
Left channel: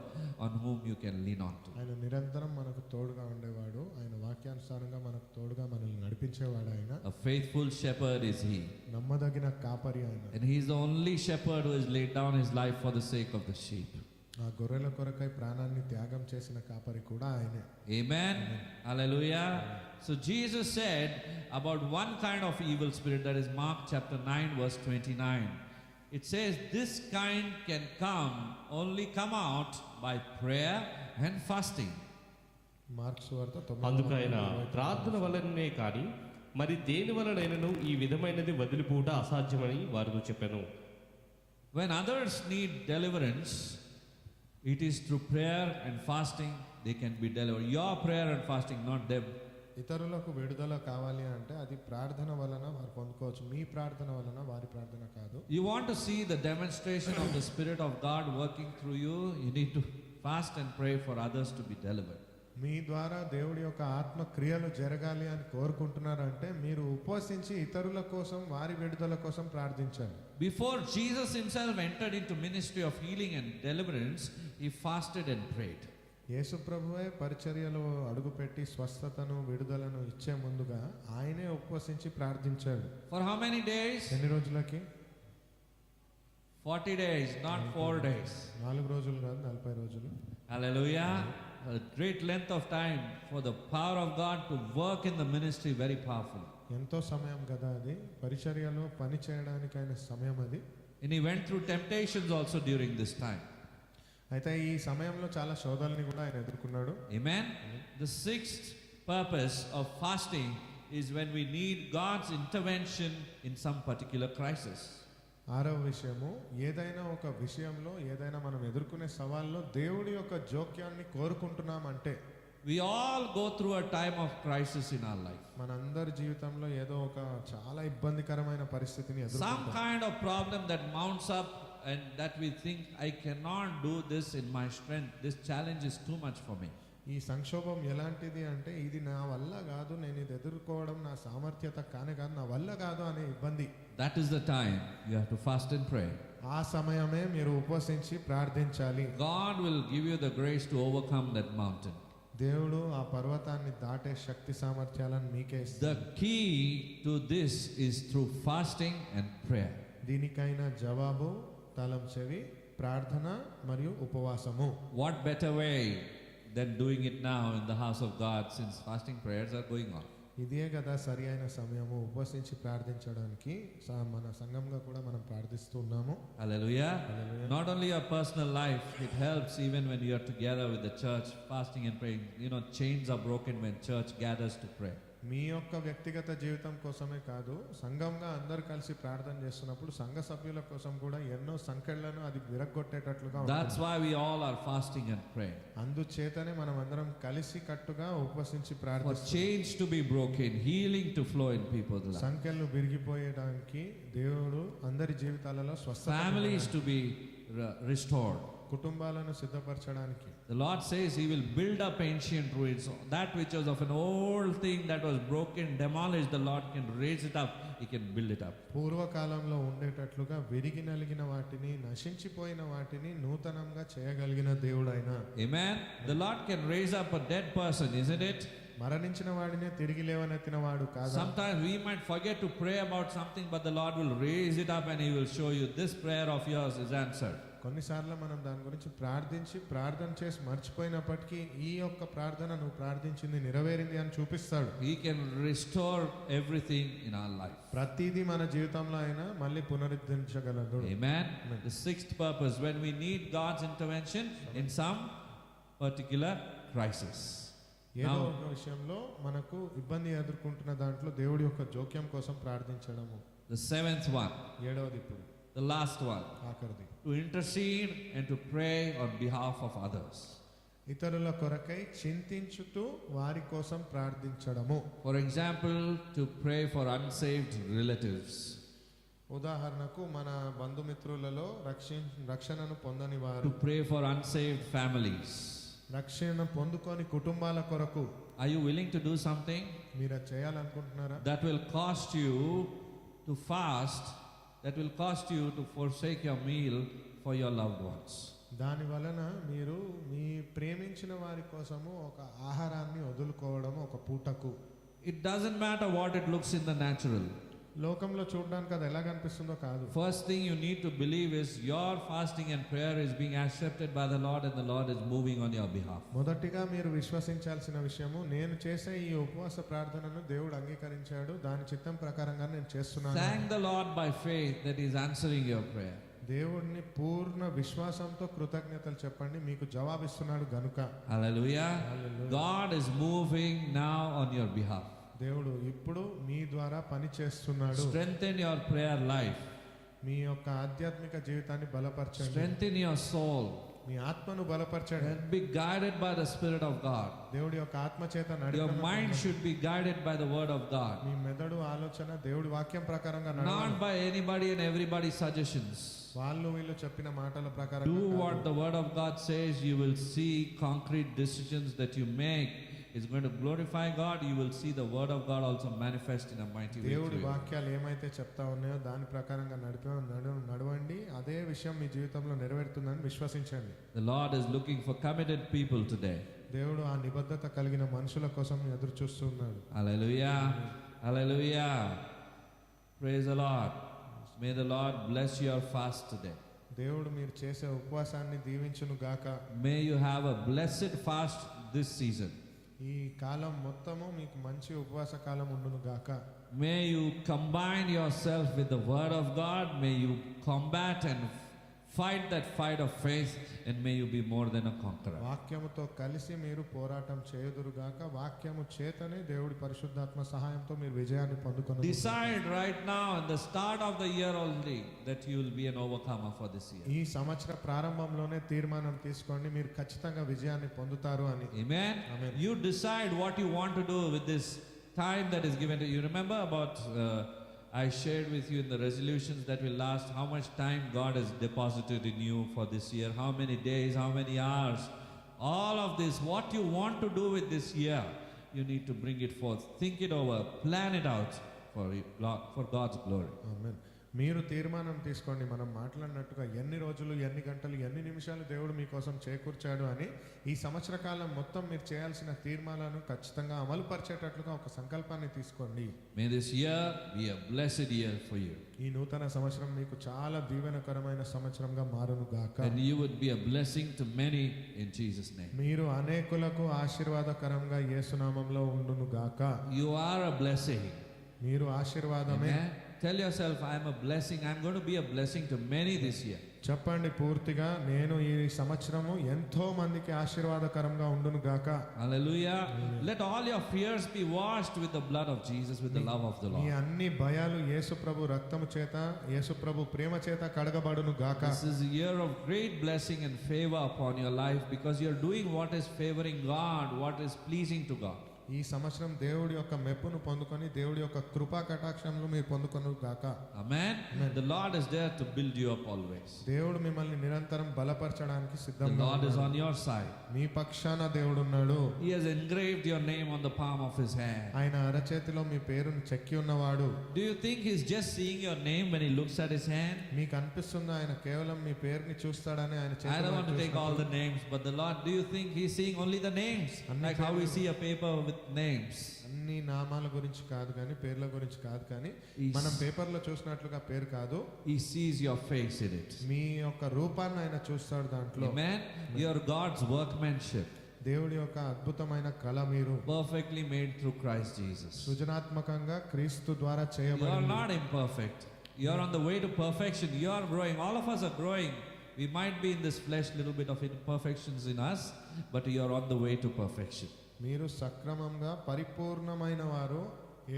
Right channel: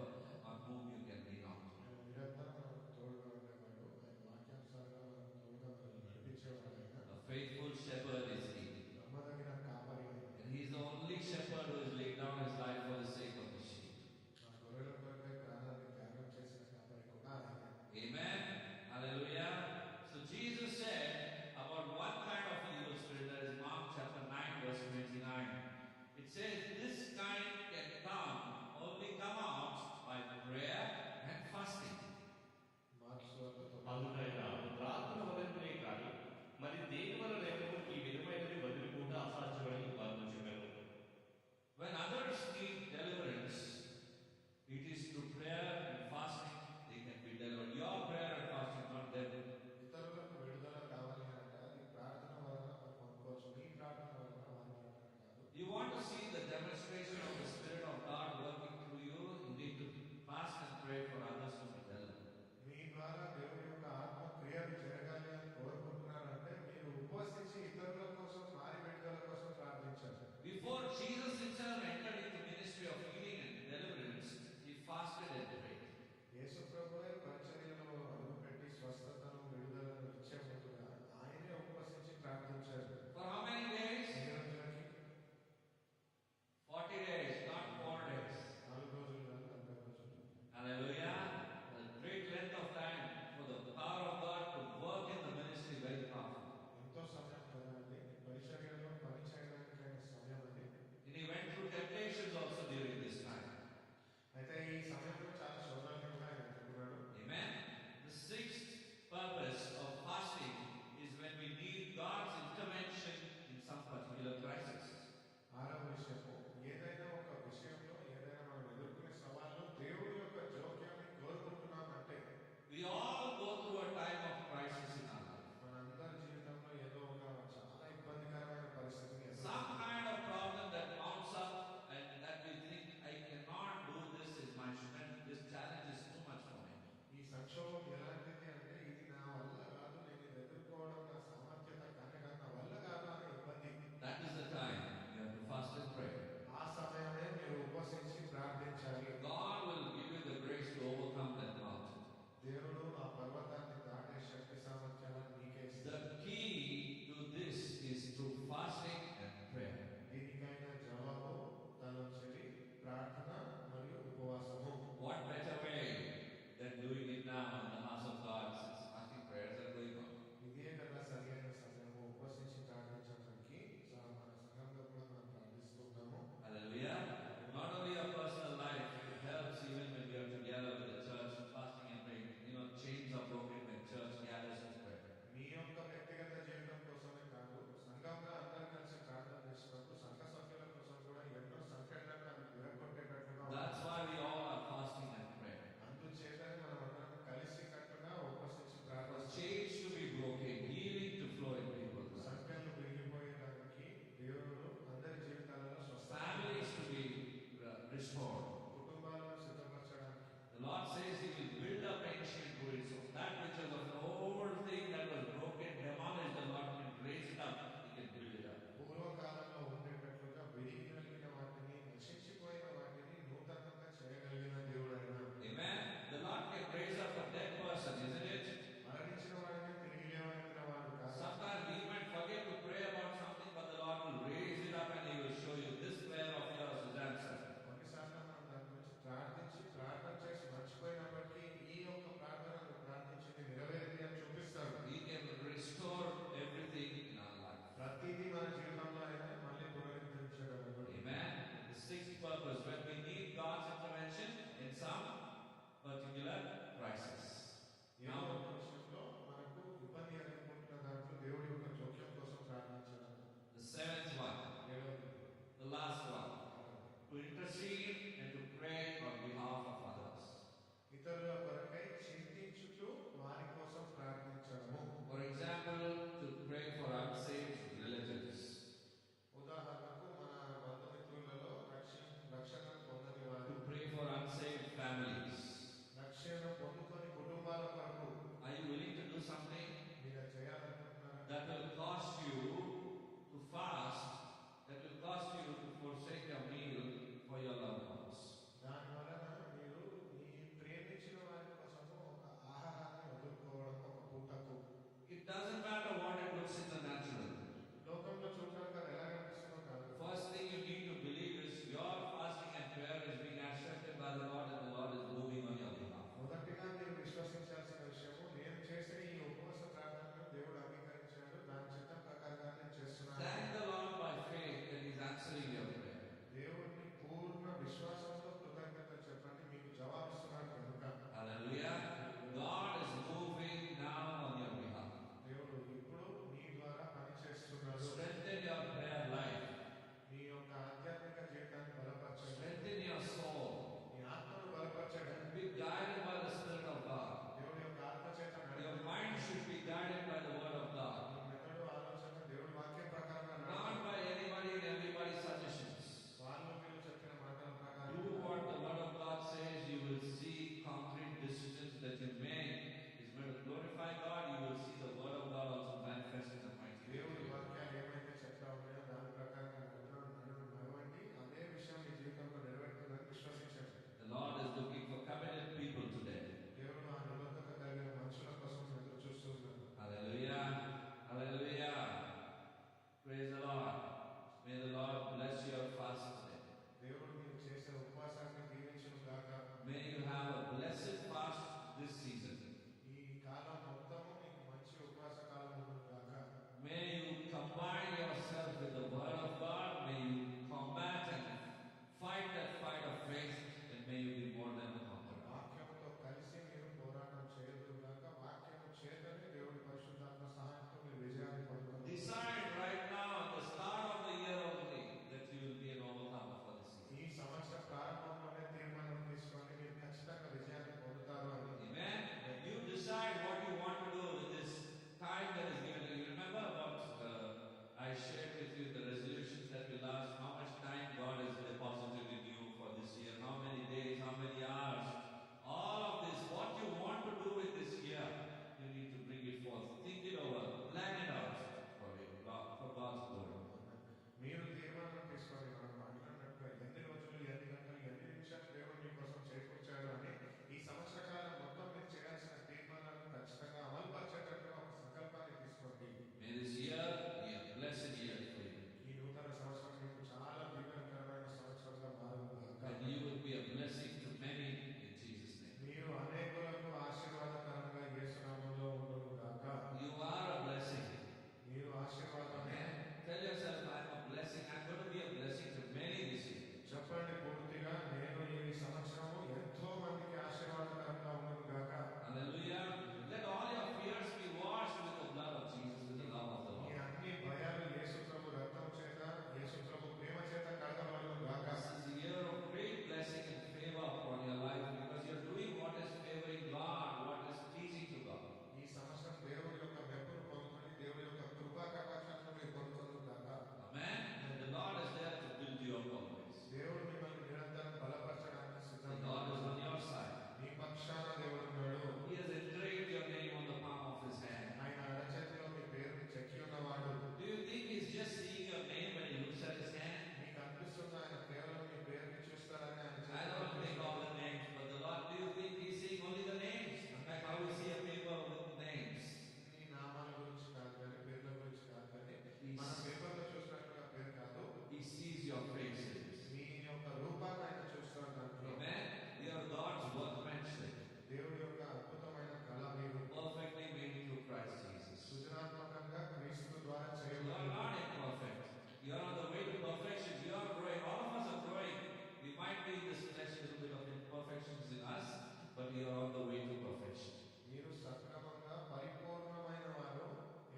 on whom you can lean on to. ఆయన నిరంతరం మనకు తోడుగా ఉండేవాడు. ఆయన వాక్యానుసారంగా మనకు తోడుగా మనల్ని నడిపించేవాడు. ఆయన A faithful shepherd is He. నమ్మదగిన కాపరి ఆయన. And He is the only shepherd who has laid down His life for the sake of the sheep. ఆ గొర్రెల కొరకై ప్రాణాన్ని త్యాగం చేసిన కాపరి కూడా ఆయనే. Amen. Hallelujah. So Jesus said about one kind of evil spirit, that is Mark chapter 9 verse 29. It says this kind can come out by prayer and fasting. Marks వార్త 9. అందుకైన ప్రార్థన వలననే కానీ మరి దేని వలనైనను ఈ విధమైనది వదిలిపోవుట అసాధ్యమని వారితో చెప్పాను. When others need deliverance, it is through prayer and fasting they can be delivered. Your prayer and fasting, not them. ఇతరులకు విడుదల కావాలి అంటే అది ప్రార్థన వలన వారు పొందుకోవచ్చు. మీ ప్రార్థన వలన వారి ప్రార్థన కాదు. You want to see the demonstration of the Spirit of God working through you, you need to fast and pray for others to be delivered. మీ ద్వారా దేవుడి యొక్క ఆత్మ క్రియలు జరగాలి అని కోరుకుంటున్నారంటే మీరు ఉపవసించి ఇతరుల కోసం, వారి విడుదల కోసం ప్రార్థించాలి. Before Jesus himself entered into ministry of healing and deliverance, he fasted and prayed. యేసు ప్రభువే పరిచర్యలో అడుగుపెట్టి స్వస్థతను, విడుదలను ఇచ్చే ముందుగా ఆయనే ఉపవసించి ప్రార్థించాడు. For how many days? ఎన్ని రోజులకి? 40 days, not 4 days. 4 రోజులు కాదు, 40 రోజులు. Hallelujah. A great length of time for the power of God to work in the ministry very powerfully. ఎంతో సమయం కదా అది, పరిచర్యలో పని చేయడానికైన సమయం అది. And he went through temptations also during this time. అయితే ఈ సమయంలో చాలా శోధనల్ని కూడా ఆయన ఎదుర్కొన్నాడు. Amen. The 6th purpose of fasting is when we need God's intervention in some particular crisis. 6వ విషయము, ఏదైనా ఒక విషయంలో, ఏదైనా మనం ఎదుర్కొనే సవాల్లో దేవుడి యొక్క జోక్యాన్ని కోరుకుంటున్నామంటే. We all go through a time of crisis in our life. మనందరి జీవితంలో ఏదో ఒక చాలా ఇబ్బందికరమైన పరిస్థితిని Some ఎదుర్కొంటాం. kind of problem that mounts up and that we think, I cannot do this in my strength. This challenge is too much for me. ఈ సంక్షోభం ఎలాంటిది అంటే ఇది నా వల్ల కాదు, నేను ఇది ఎదుర్కోవడం నా సామర్థ్యత కానే కాదు, నా వల్ల కాదు అనే ఇబ్బంది. That is the time you have to fast and pray. ఆ సమయమే మీరు ఉపవసించి ప్రార్థించాలి. God will give you the grace to overcome that mountain. దేవుడు ఆ పర్వతాన్ని దాటే శక్తి సామర్థ్యాలను మీకే ఇస్తాడు. The key to this is through fasting and prayer. దీనికైనా జవాబు తాళం చెవి, ప్రార్థన మరియు ఉపవాసము. What better way than doing it now in the house of God, since fasting prayers are going on? ఇదే కదా సరి అయిన సమయము ఉపవసించి ప్రార్థించడానికి. మన సంఘంగా కూడా మనం ప్రార్థిస్తూ ఉన్నాము. Hallelujah. Not only your personal life, it helps even when you are together with the church, fasting and praying. You know, chains are broken when church gathers to pray. మీ యొక్క వ్యక్తిగత జీవితం కోసమే కాదు, సంఘంగా అందరు కలిసి ప్రార్థన చేస్తున్నప్పుడు సంఘ సభ్యుల కోసం కూడా ఎన్నో సంఖ్యలను అది విరగొట్టేటట్లుగా ఉంటుంది. That's why we all are fasting and praying. అందుచేతనే మనం అందరం కలిసి కట్టుగా ఉపవసించి For ప్రార్థిస్తాం. chains to be broken, healing to flow in people's lives, సంఖ్యలు విరిగిపోయడానికి దేవుడు అందరి జీవితాలలో స్వస్థత, families to be restored. కుటుంబాలను సిద్ధపరచడానికి. The Lord says He will build up ancient ruins. That which was of an old thing that was broken, demolished, the Lord can raise it up. He can build it up. పూర్వకాలంలో ఉండేటట్లుగా విరిగి నలిగిన వాటిని, నశించిపోయిన వాటిని నూతనంగా చేయగలిగిన దేవుడైన. Amen. The Lord can raise up a dead person, isn't it? మరణించిన వాడినే తిరిగి లేవనెత్తిన వాడు కాదు. Sometimes we might forget to pray about something, but the Lord will raise it up and He will show you this prayer of yours is answered. కొన్నిసార్లు మనం దాని గురించి ప్రార్థన చేసి మర్చిపోయినప్పటికీ ఈ యొక్క ప్రార్థన నువ్వు ప్రార్థించింది నెరవేరింది అని చూపిస్తాడు. He can restore everything in our life. ప్రతిదీ మన జీవితంలో అయినా మళ్ళీ పునరుద్ధరించగలడు. Amen. The sixth purpose, when we need God's intervention in some particular crisis. ఏదో ఒక విషయంలో మనకు ఇబ్బంది ఎదుర్కొంటున్న దాంట్లో దేవుడి యొక్క జోక్యం కోసం ప్రార్థించడము. The seventh one, ఏడవది ఇప్పుడు the last one, ఆఖరిది, to intercede and to pray on behalf of others. ఇతరుల కొరకై చింతించుతూ వారి కోసం ప్రార్థించడము. For example, to pray for unsaved relatives. ఉదాహరణకు మన బంధుమిత్రులలో రక్షణను పొందని వారు, To pray for unsaved families. రక్షణ పొందుకొని కుటుంబాల కొరకు. Are you willing to do something మీరు అది చేయాలనుకుంటున్నారా? that will cost you to fast, that will cost you to forsake your meal for your loved ones? దాని వలన మీరు మీ ప్రేమించిన వారి కోసము ఒక ఆహారాన్ని వదులుకోవడం ఒక పూటకు. It doesn't matter what it looks in the natural. లోకంలో చూడడానికి అది ఎలా కనిపిస్తుందో కాదు. First thing you need to believe is your fasting and prayer is being accepted by the Lord and the Lord is moving on your behalf. మొదటిగా మీరు విశ్వసించాల్సిన విషయము, నేను చేసే ఈ ఉపవాస ప్రార్థనను దేవుడు అంగీకరించాడు, దాని చిత్తం ప్రకారంగా నేను చేస్తున్నాను. Thank the Lord by faith that He is answering your prayer. దేవుడిని పూర్ణ విశ్వాసంతో కృతజ్ఞతలు చెప్పండి, మీకు జవాబిస్తున్నాడు గనుక. Hallelujah. God is moving now on your behalf. దేవుడు ఇప్పుడు మీ ద్వారా పని చేస్తున్నాడు. Strengthen your prayer life. మీ యొక్క ఆధ్యాత్మిక జీవితాన్ని బలపరచండి. Strengthen your soul. మీ ఆత్మను బలపరచండి. And be guided by the Spirit of God. దేవుడి యొక్క ఆత్మ చేత Your నడిపించండి. mind should be guided by the Word of God. మీ మెదడు ఆలోచన దేవుడి వాక్యం ప్రకారంగా Not నడవాలి. by anybody and everybody's suggestions. వాళ్ళు వీళ్ళు చెప్పిన మాటల ప్రకారం Do what the Word of God says. You will see concrete decisions that you make is going to glorify God. You will see the Word of God also manifest in a mighty way. దేవుడి through you. వాక్యాలు ఏమైతే చెప్తా ఉన్నాయో దాని ప్రకారంగా నడవండి. అదే విషయం మీ జీవితంలో నెరవేరుతుందని విశ్వసించండి. The Lord is looking for committed people today. దేవుడు ఆ నిబద్ధత కలిగిన మనుషుల కోసం ఎదురు చూస్తున్నాడు. Hallelujah. Hallelujah. Praise the Lord. May the Lord bless your fast today. దేవుడు మీరు చేసే ఉపవాసాన్ని దీవించును గాక. May you have a blessed fast this season. ఈ కాలం మొత్తము మీకు మంచి ఉపవాస కాలం ఉండును గాక. May you combine yourself with the Word of God. May you combat and fight that fight of faith, and may you be more than a conqueror. వాక్యముతో కలిసి మీరు పోరాటం చేయుదురు గాక. వాక్యము చేతనే దేవుడి పరిశుద్ధాత్మ సహాయంతో మీరు విజయాన్ని పొందుకొనుదురు. Decide right now in the start of the year only that you will be an overcomer for this year. ఈ సంవత్సర ప్రారంభంలోనే తీర్మానం తీసుకోండి, మీరు ఖచ్చితంగా విజయాన్ని పొందుతారు అని. Amen. Amen. You decide what you want to do with this time that is given to you. Remember about I shared with you in the resolutions that will last how much time God has deposited in you for this year, how many days, how many hours All of this, what you want to do with this year, you need to bring it forth. Think it over, plan it out for God's glory. ఆమేన్. మీరు తీర్మానం తీసుకోండి. మనం మాట్లాడినట్టుగా ఎన్ని రోజులు, ఎన్ని గంటలు, ఎన్ని నిమిషాలు దేవుడు మీకోసం చేకూర్చాడు అని ఈ సంవత్సర కాలం మొత్తం మీరు చేయాల్సిన తీర్మానాలను ఖచ్చితంగా అమలు పరిచేటట్లుగా ఒక సంకల్పాన్ని తీసుకోండి. May this year be a blessed year for you. ఈ నూతన సంవత్సరం మీకు చాలా దీవెనకరమైన సంవత్సరంగా మారును గాక. And you would be a blessing to many in Jesus' name. మీరు అనేకులకు ఆశీర్వాదకరంగా యేసు నామములో ఉండును గాక. You are a blessing. మీరు ఆశీర్వాదమే. Amen. Tell yourself, I am a blessing. I am going to be a blessing to many this year. చెప్పండి పూర్తిగా, నేను ఈ సంవత్సరము ఎంతో మందికి ఆశీర్వాదకరంగా ఉండును గాక. Hallelujah. Let all your fears be washed with the blood of Jesus, with the love of the me Lord. అన్ని భయాలు యేసు ప్రభు రక్తము చేత, యేసు ప్రభు ప్రేమ చేత కడగబడును గాక. This is a year of great blessing and favor upon your life because you are doing what is favoring God, what is pleasing to God. ఈ సంవత్సరం దేవుడి యొక్క మెప్పును పొందుకొని, దేవుడి యొక్క కృపా కటాక్షములు మీరు పొందుకొను గాక. Amen. The Lord is there to build you up always. దేవుడు మిమ్మల్ని నిరంతరం బలపరచడానికి The సిద్ధంగా Lord is ఉన్నాడు. on your side. మీ పక్షాన దేవుడు ఉన్నాడు. He has engraved your name on the palm of his hand. ఆయన అరచేతిలో మీ పేరును చెక్కి ఉన్నవాడు. Do you think he's just seeing your name when he looks at his hand? మీకు అనిపిస్తుందా ఆయన కేవలం మీ పేరుని చూస్తాడని? ఆయన I don't want to take all the names, but the Lord, do you think he's seeing only the names? Like how we see a paper with names. అన్ని నామాల గురించి కాదు కానీ, పేర్ల గురించి కాదు కానీ, He's- మనం పేపర్లో చూసినట్లుగా పేరు కాదు, He sees your face in it. మీ యొక్క రూపాన్ని ఆయన చూస్తాడు దాంట్లో. Amen. You are God's workmanship, దేవుడి యొక్క అద్భుతమైన కళ మీరు, perfectly made through Christ Jesus. సృజనాత్మకంగా క్రీస్తు ద్వారా You are చేయబడి. not imperfect. You are on the way to perfection. You are growing. All of us are growing. We might be in this flesh, little bit of imperfections in us, but you are on the way to perfection. మీరు సక్రమంగా పరిపూర్ణమైన వారు,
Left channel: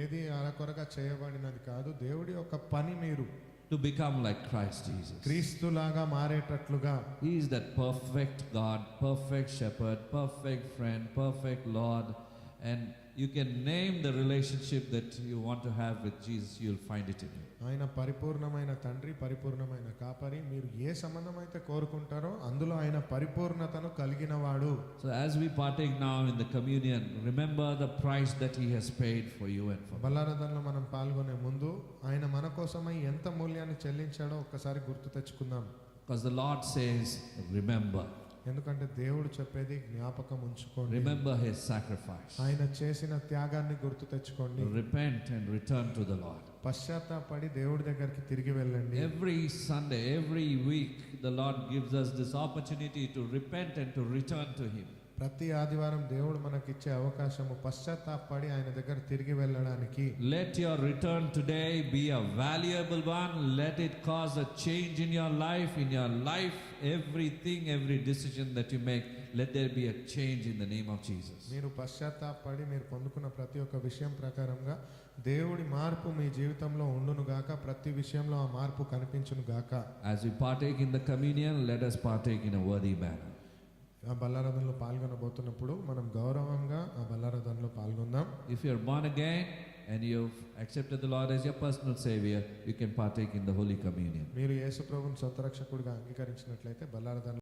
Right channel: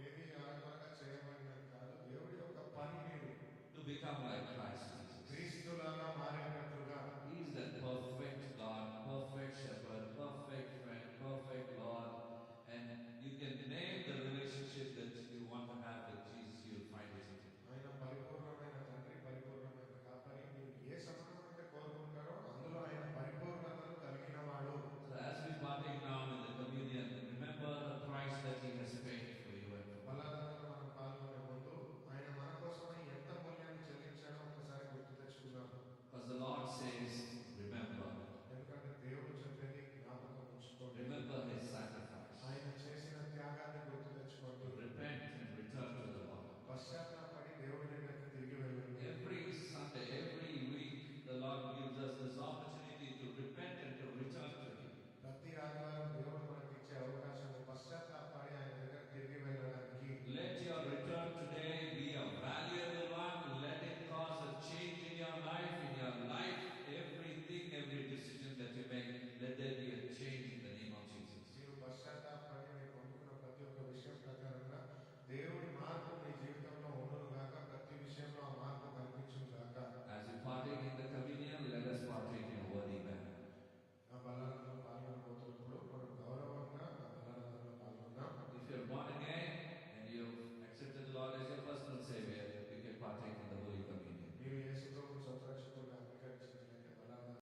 ఏది అరకొరగా చేయబడినది కాదు. దేవుడి యొక్క పని మీరు To become like Christ Jesus. క్రీస్తులాగా మారేటట్లుగా. He is that perfect God, perfect shepherd, perfect friend, perfect Lord. And you can name the relationship that you want to have with Jesus, you'll find it in him. ఆయన పరిపూర్ణమైన తండ్రి, పరిపూర్ణమైన కాపరి. మీరు ఏ సంబంధం అయితే కోరుకుంటారో అందులో ఆయన పరిపూర్ణతను కలిగిన వాడు. So as we partake now in the communion, remember the price that he has paid for you and for me. బల్లారదంలో మనం పాల్గొనే ముందు ఆయన మన కోసమై ఎంత మూల్యాన్ని చెల్లించాడో ఒక్కసారి గుర్తు తెచ్చుకుందాం. Because the Lord says, remember. ఎందుకంటే దేవుడు చెప్పేది జ్ఞాపకం ఉంచుకోండి. Remember his sacrifice. ఆయన చేసిన త్యాగాన్ని గుర్తు తెచ్చుకోండి. Repent and return to the Lord. పశ్చాత్తాపడి దేవుడి దగ్గరికి తిరిగి వెళ్ళండి. Every Sunday, every week, the Lord gives us this opportunity to repent and to return to him. ప్రతి ఆదివారం దేవుడు మనకిచ్చే అవకాశము పశ్చాత్తాపడి ఆయన దగ్గర తిరిగి వెళ్ళడానికి. Let your return today be a valuable one. Let it cause a change in your life. In your life, everything, every decision that you make, let there be a change in the name of Jesus. మీరు పశ్చాత్తాపడి మీరు పొందుకున్న ప్రతి ఒక్క విషయం ప్రకారంగా దేవుడి మార్పు మీ జీవితంలో ఉండును గాక. ప్రతి విషయంలో ఆ మార్పు కనిపించును గాక. As we partake in the communion, let us partake in a worthy manner. ఆ బల్లారథంలో పాల్గొనబోతున్నప్పుడు మనం గౌరవంగా ఆ బల్లారథంలో పాల్గొందాం. If you are born again and you've accepted the Lord as your personal Savior, you can partake in the Holy Communion. మీరు యేసు ప్రభువుని సొంత రక్షకుడిగా అంగీకరించినట్లయితే బల్లారథంలో